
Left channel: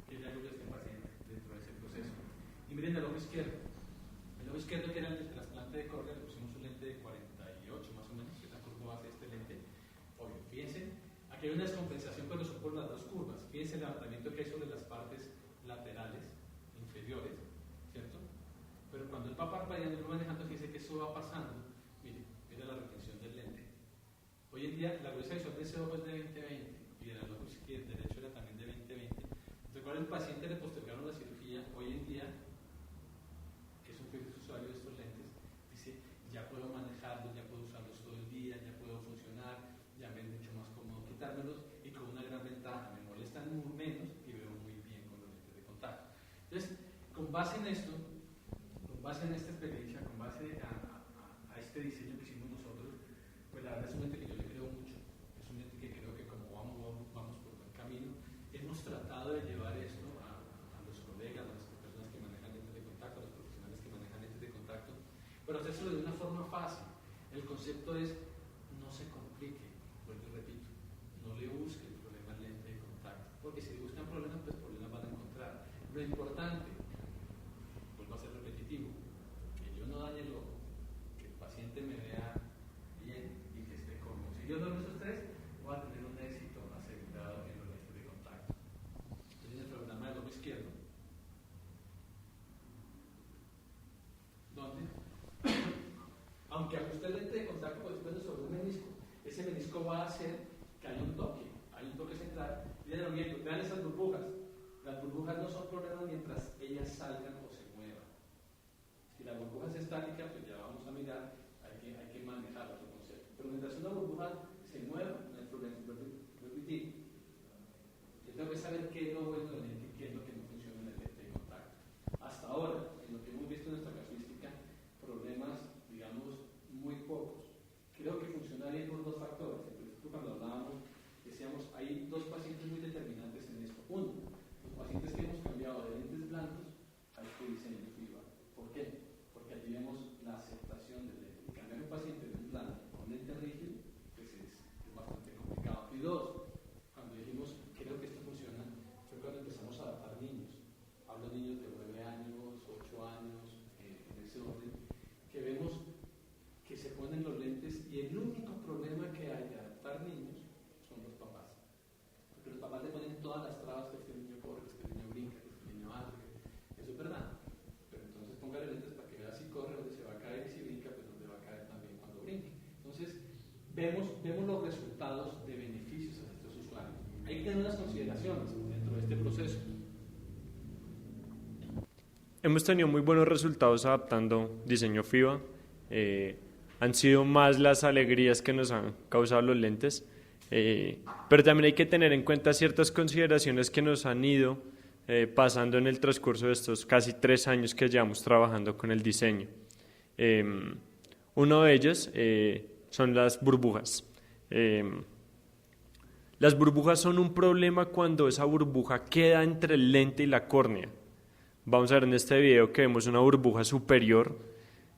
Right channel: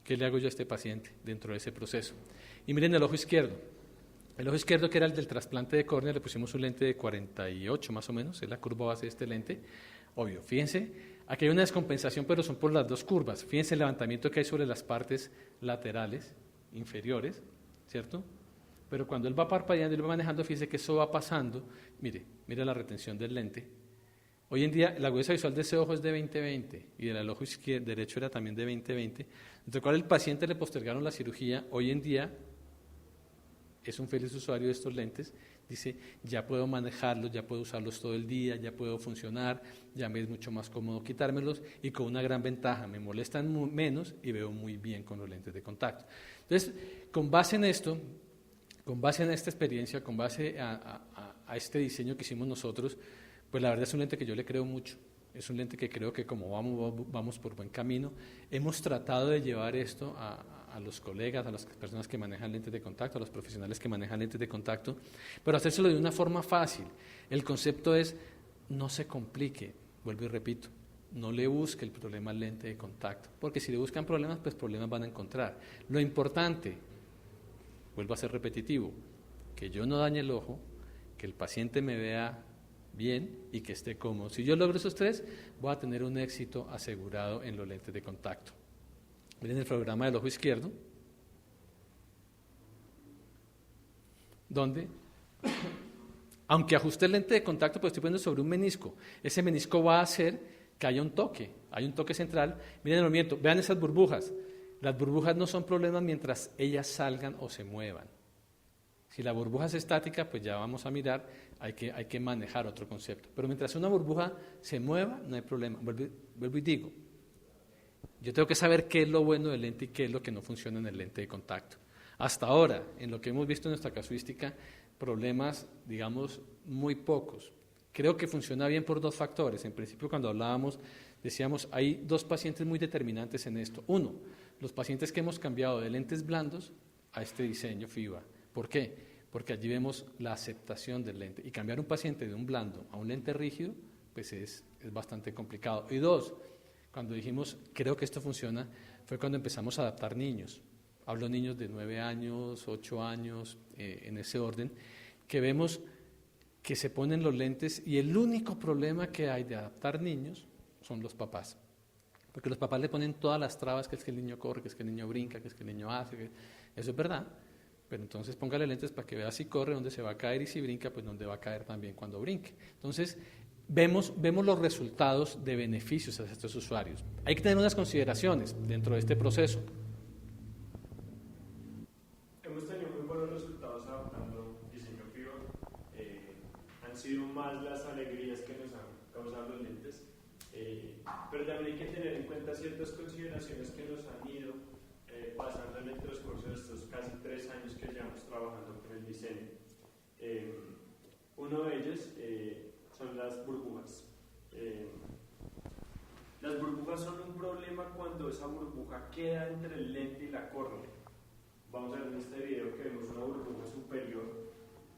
¿Qué le hago yo a este paciente dentro de ese proceso? Y miren el ojo izquierdo. El ojo izquierdo, que era el del trasplante de córnea, le pusimos un lente de 48 más o menos, es la curva base de este lente. Obvio, fíjense, aquí hay una descompensación, pero son por las dos curvas. Fíjense el levantamiento que hay sobre las partes laterales, inferiores, ¿cierto? Pero cuando él va parpadeando y lo va manejando, fíjense que eso va pasando. Mire la retención del lente. Hoy en día la agudeza visual de ese ojo es de 20/20 y del ojo izquierdo, derecho era también de 20/20, entre el cual el paciente le postergaron la cirugía. Hoy en día es un feliz usuario de estos lentes. Dice, ya puedo manejarlos, ya puedo usarlos todo el día, ya puedo funcionar, ya me es mucho más cómodo quitármelos, y con una gran ventaja, me molestan menos y veo muy bien con los lentes de contacto. Entonces, con base en esto, con base en esta experiencia, con base a este diseño que hicimos nosotros, pues la verdad es un lente que yo le creo mucho. Es un lente que creo que como vamos por buen camino. Hemos tratado de llevar esto a los colegas, a las personas que manejan lentes de contacto, a los profesionales que manejan lentes de contacto, pero hacérselo de una forma fácil. El concepto es, no se complique, vuelvo y repito, no le busque el problema al lente de contacto, porque si le buscan problemas, pues problemas van a encontrar. Lo importante, vuelvo a ser repetitivo, que yo no dañe el ojo, que el paciente me vea bien y que esté cómodo. Si yo logro esos tres, voy a tener un éxito asegurado en los lentes de contacto. Miren el programa del ojo izquierdo, donde, aunque ajuste el lente de contacto, pues estoy poniendo sobre un menisco. Ese menisco va a hacer que haya un toque central. Miren el movimiento, vean esas burbujas. Las burbujas no son problemas mientras ellas salgan o se muevan. Si la burbuja es estática, pues ya vamos a mirar, hay que manejar otro concepto. Pero mientras una burbuja se mueva, no hay problema. Vuelvo y digo, yo tengo que saber qué es lo bueno del lente y qué es lo que no funciona en el lente de contacto. Hasta ahora, en lo que hemos visto en nuestra casuística, problemas, digamos, muy pocos. Creo que funciona bien por dos factores. En principio, cuando hablábamos, decíamos, hay dos pacientes muy determinantes en esto. Uno, los pacientes que hemos cambiado de lentes blandos a este diseño FIBA. ¿Por qué? Porque allí vemos la aceptación del lente. Y cambiar un paciente de un blando a un lente rígido, pues es bastante complicado. Y dos, cuando dijimos, creo que esto funciona, fue cuando empezamos a adaptar niños. Hablo niños de 9 años, 8 años, en ese orden, que vemos que se ponen los lentes y el único problema que hay de adaptar niños son los papás. Porque los papás le ponen todas las trabas, que es que el niño corre, que es que el niño brinca, que es que el niño hace, eso es verdad. Pero entonces póngale lentes para que vea si corre, dónde se va a caer y si brinca, pues dónde va a caer también cuando brinque. Entonces, vemos los resultados de beneficios a estos usuarios. Hay que tener unas consideraciones dentro de este proceso. Hemos tenido muy buenos resultados adaptando diseño FIBA. Han sido más las alegrías que nos han causado los lentes, pero también hay que tener en cuenta ciertas consideraciones que nos han ido pasando en el transcurso de estos casi 3 años que llevamos trabajando con el diseño. Uno de ellos son las burbujas. Las burbujas son un problema cuando esa burbuja queda entre el lente y la córnea. Vamos a ver en este video que vemos una burbuja superior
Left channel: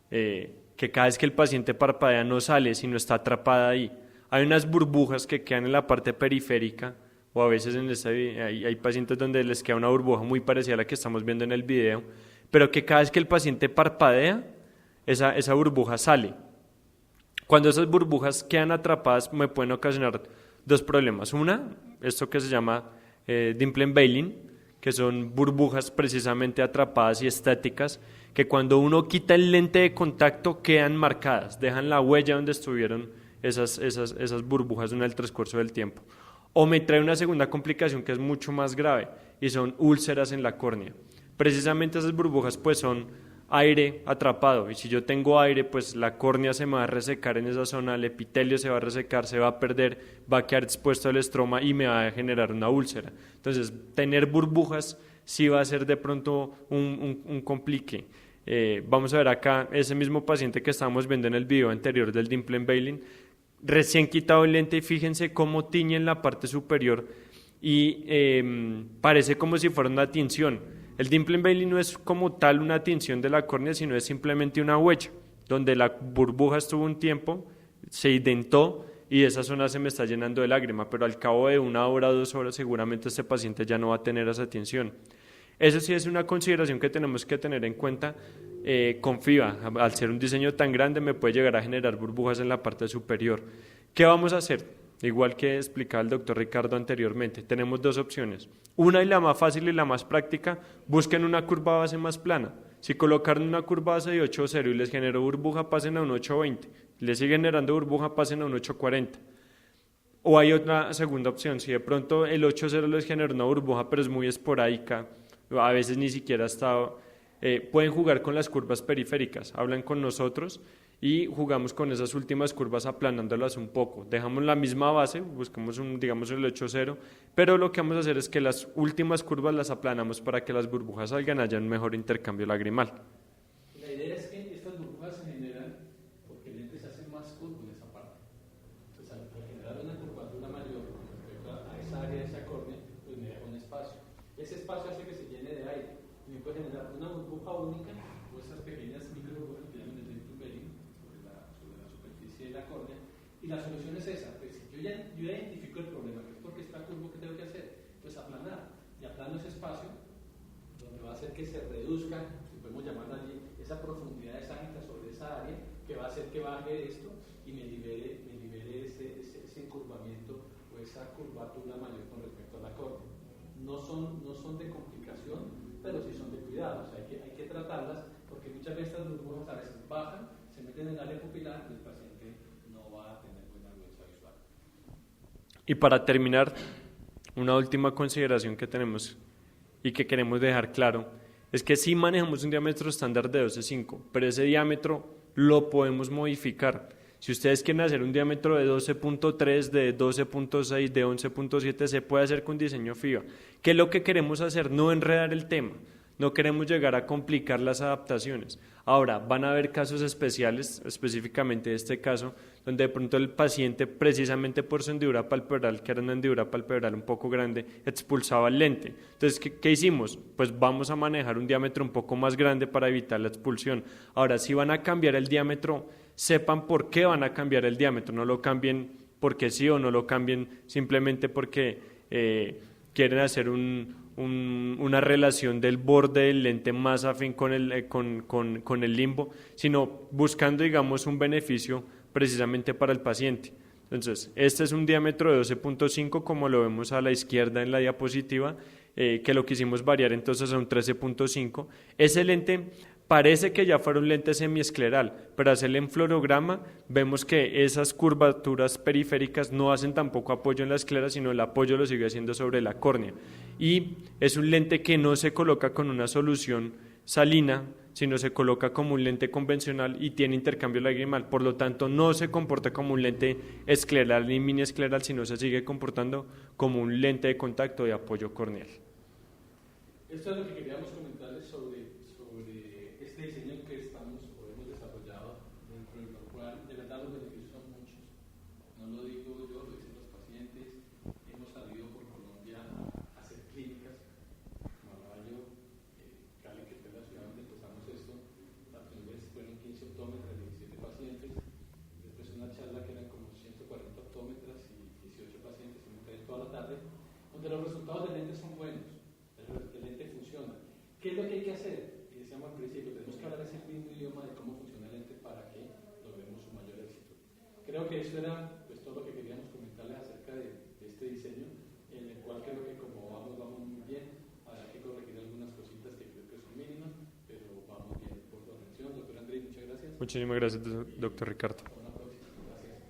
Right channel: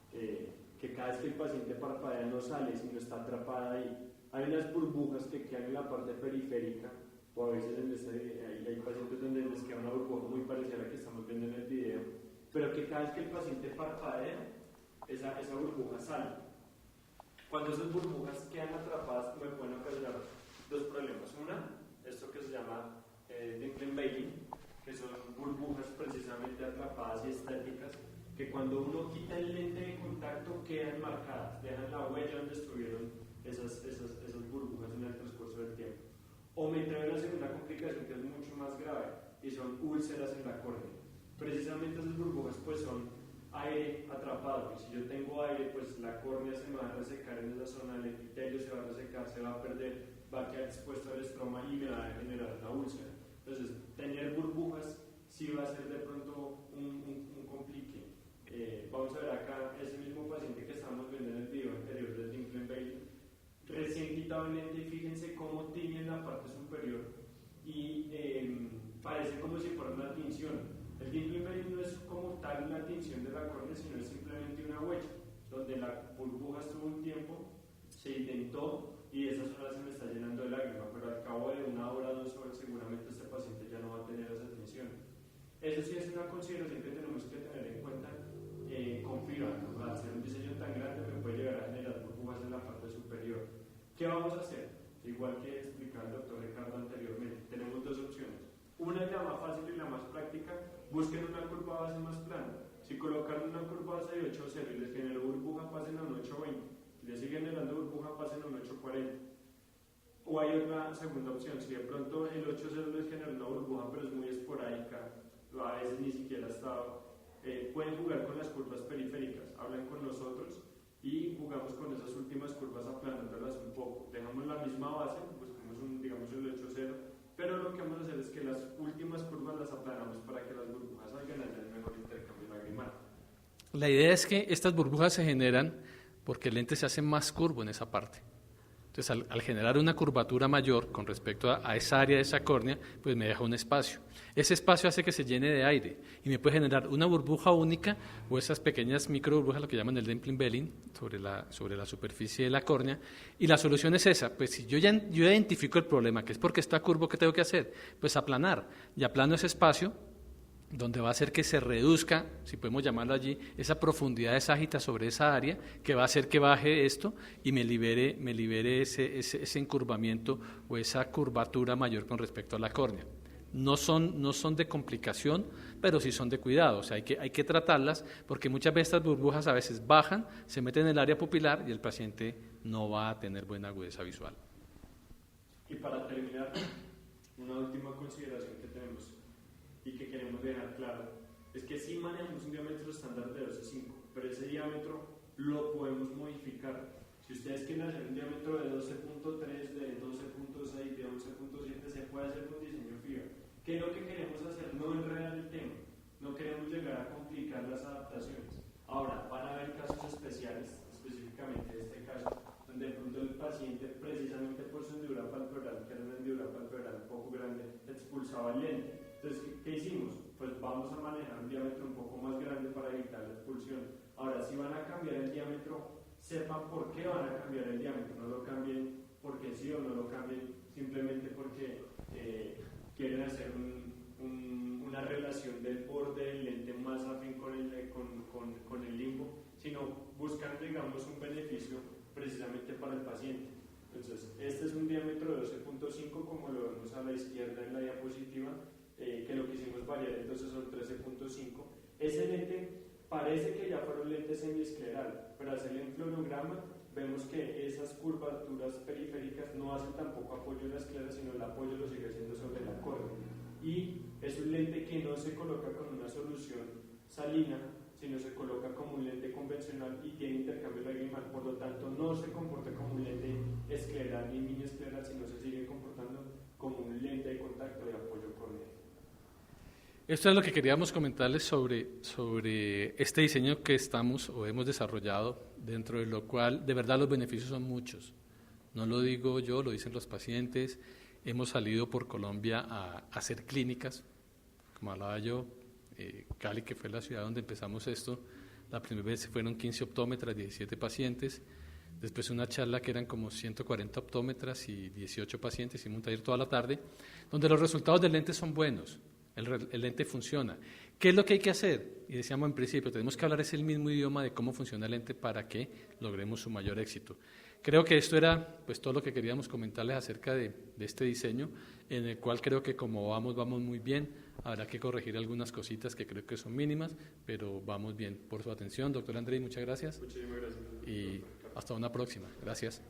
que cada vez que el paciente parpadea no sale, sino está atrapada ahí. Hay unas burbujas que quedan en la parte periférica, o a veces hay pacientes donde les queda una burbuja muy parecida a la que estamos viendo en el video, pero que cada vez que el paciente parpadea, esa burbuja sale. Cuando esas burbujas quedan atrapadas, me pueden ocasionar dos problemas. Una, esto que se llama Dimplen-Bailyn, que son burbujas precisamente atrapadas y estáticas, que cuando uno quita el lente de contacto quedan marcadas, dejan la huella donde estuvieron esas burbujas en el transcurso del tiempo. O me trae una segunda complicación que es mucho más grave y son úlceras en la córnea. Precisamente esas burbujas pues son aire atrapado y si yo tengo aire pues la córnea se me va a resecar en esa zona, el epitelio se va a resecar, se va a perder, va a quedar expuesto al estroma y me va a generar una úlcera. Entonces tener burbujas sí va a ser de pronto un complique. Vamos a ver acá ese mismo paciente que estábamos viendo en el video anterior del Dimplen-Bailyn, recién quitado el lente y fíjense cómo tiñe en la parte superior y parece como si fuera una tinción. El Dimplen-Bailyn no es como tal una tinción de la córnea, sino es simplemente una huella, donde la burbuja estuvo un tiempo, se indentó y esa zona se me está llenando de lágrima, pero al cabo de 1 hora o 2 horas seguramente este paciente ya no va a tener esa tinción. Eso sí es una consideración que tenemos que tener en cuenta con FIBA. Al ser un diseño tan grande me puede llegar a generar burbujas en la parte superior. ¿Qué vamos a hacer? Igual que explicaba el doctor Ricardo anteriormente, tenemos dos opciones. Una y la más fácil y la más práctica, busquen una curva base más plana. Si colocaron una curva base de 8.0 y les generó burbuja, pasen a un 8.20. Les sigue generando burbuja, pasen a un 8.40. O hay otra segunda opción, si de pronto el 8.0 les generó una burbuja pero es muy esporádica, a veces ni siquiera ha estado, pueden jugar con las curvas periféricas, hablan con nosotros y jugamos con esas últimas curvas aplanándolas un poco, dejamos la misma base, buscamos digamos el 8.0, pero lo que vamos a hacer es que las últimas curvas las aplanamos para que las burbujas salgan, haya un mejor intercambio lagrimal. La idea es que estas burbujas se generan porque el lente se hace más curvo en esa parte. Entonces, al generar una curvatura mayor con respecto a esa área de esa córnea, pues me deja un espacio. Ese espacio hace que se llene de aire y me puede generar una burbuja única o esas pequeñas micro burbujas, lo que llaman el Dempling belling, sobre la superficie de la córnea. Y la solución es esa, pues si yo identifico el problema, que es porque está curvo, ¿qué tengo que hacer? Pues aplanar, y aplano ese espacio, donde va a hacer que se reduzca, si podemos llamarlo allí, esa profundidad de ságita sobre esa área, que va a hacer que baje esto y me libere ese encurvamiento o esa curvatura mayor con respecto a la córnea. No son de complicación, pero sí son de cuidado, o sea, hay que tratarlas, porque muchas veces estas burbujas a veces bajan, se meten en el área pupilar y el paciente no va a tener buena agudeza visual. Y para terminar, una última consideración que tenemos y que queremos dejar claro, es que sí manejamos un diámetro estándar de 12.5, pero ese diámetro lo podemos modificar. Si ustedes quieren hacer un diámetro de 12.3, de 12.6, de 11.7, se puede hacer con diseño FIBA. ¿Qué es lo que queremos hacer? No enredar el tema, no queremos llegar a complicar las adaptaciones. Ahora, van a haber casos especiales, específicamente este caso, donde de pronto el paciente, precisamente por su hendidura palpebral, que era una hendidura palpebral un poco grande, expulsaba el lente. Entonces, ¿qué hicimos? Pues vamos a manejar un diámetro un poco más grande para evitar la expulsión. Ahora, si van a cambiar el diámetro, sepan por qué van a cambiar el diámetro, no lo cambien porque sí o no lo cambien simplemente porque quieren hacer una relación del borde del lente más afín con el limbo, sino buscando, digamos, un beneficio precisamente para el paciente. Entonces, este es un diámetro de 12.5, como lo vemos a la izquierda en la diapositiva, que lo quisimos variar entonces a un 13.5. Ese lente parece que ya fuera un lente semiescleral, pero al hacer el enfluorograma vemos que esas curvaturas periféricas no hacen tampoco apoyo en la esclera, sino el apoyo lo sigue haciendo sobre la córnea. Y es un lente que no se coloca con una solución salina, sino se coloca como un lente convencional y tiene intercambio lagrimal, por lo tanto no se comporta como un lente escleral ni miniescleral, sino se sigue comportando como un lente de contacto de apoyo corneal. Esto es lo que queríamos comentarles sobre este diseño que estamos o hemos desarrollado, dentro de lo cual de verdad los beneficios son muchos. No lo digo yo, lo dicen los pacientes. Hemos salido por Colombia a hacer clínicas, como hablaba yo, Cali, que fue la ciudad donde empezamos esto, la primera vez fueron 15 optómetras, 17 pacientes, después una charla que eran como 140 optómetras y 18 pacientes, hicimos un taller toda la tarde, donde los resultados del lente son buenos. El lente funciona. ¿Qué es lo que hay que hacer? Y decíamos en principio, tenemos que hablar ese mismo idioma de cómo funciona el lente para que logremos su mayor éxito. Creo que esto era pues todo lo que queríamos comentarles acerca de este diseño, en el cual creo que como vamos muy bien. Habrá que corregir algunas cositas que creo que son mínimas, pero vamos bien. Por su atención, doctor Andrés, muchas gracias. Muchísimas gracias, doctor Ricardo. Hasta una próxima. Gracias.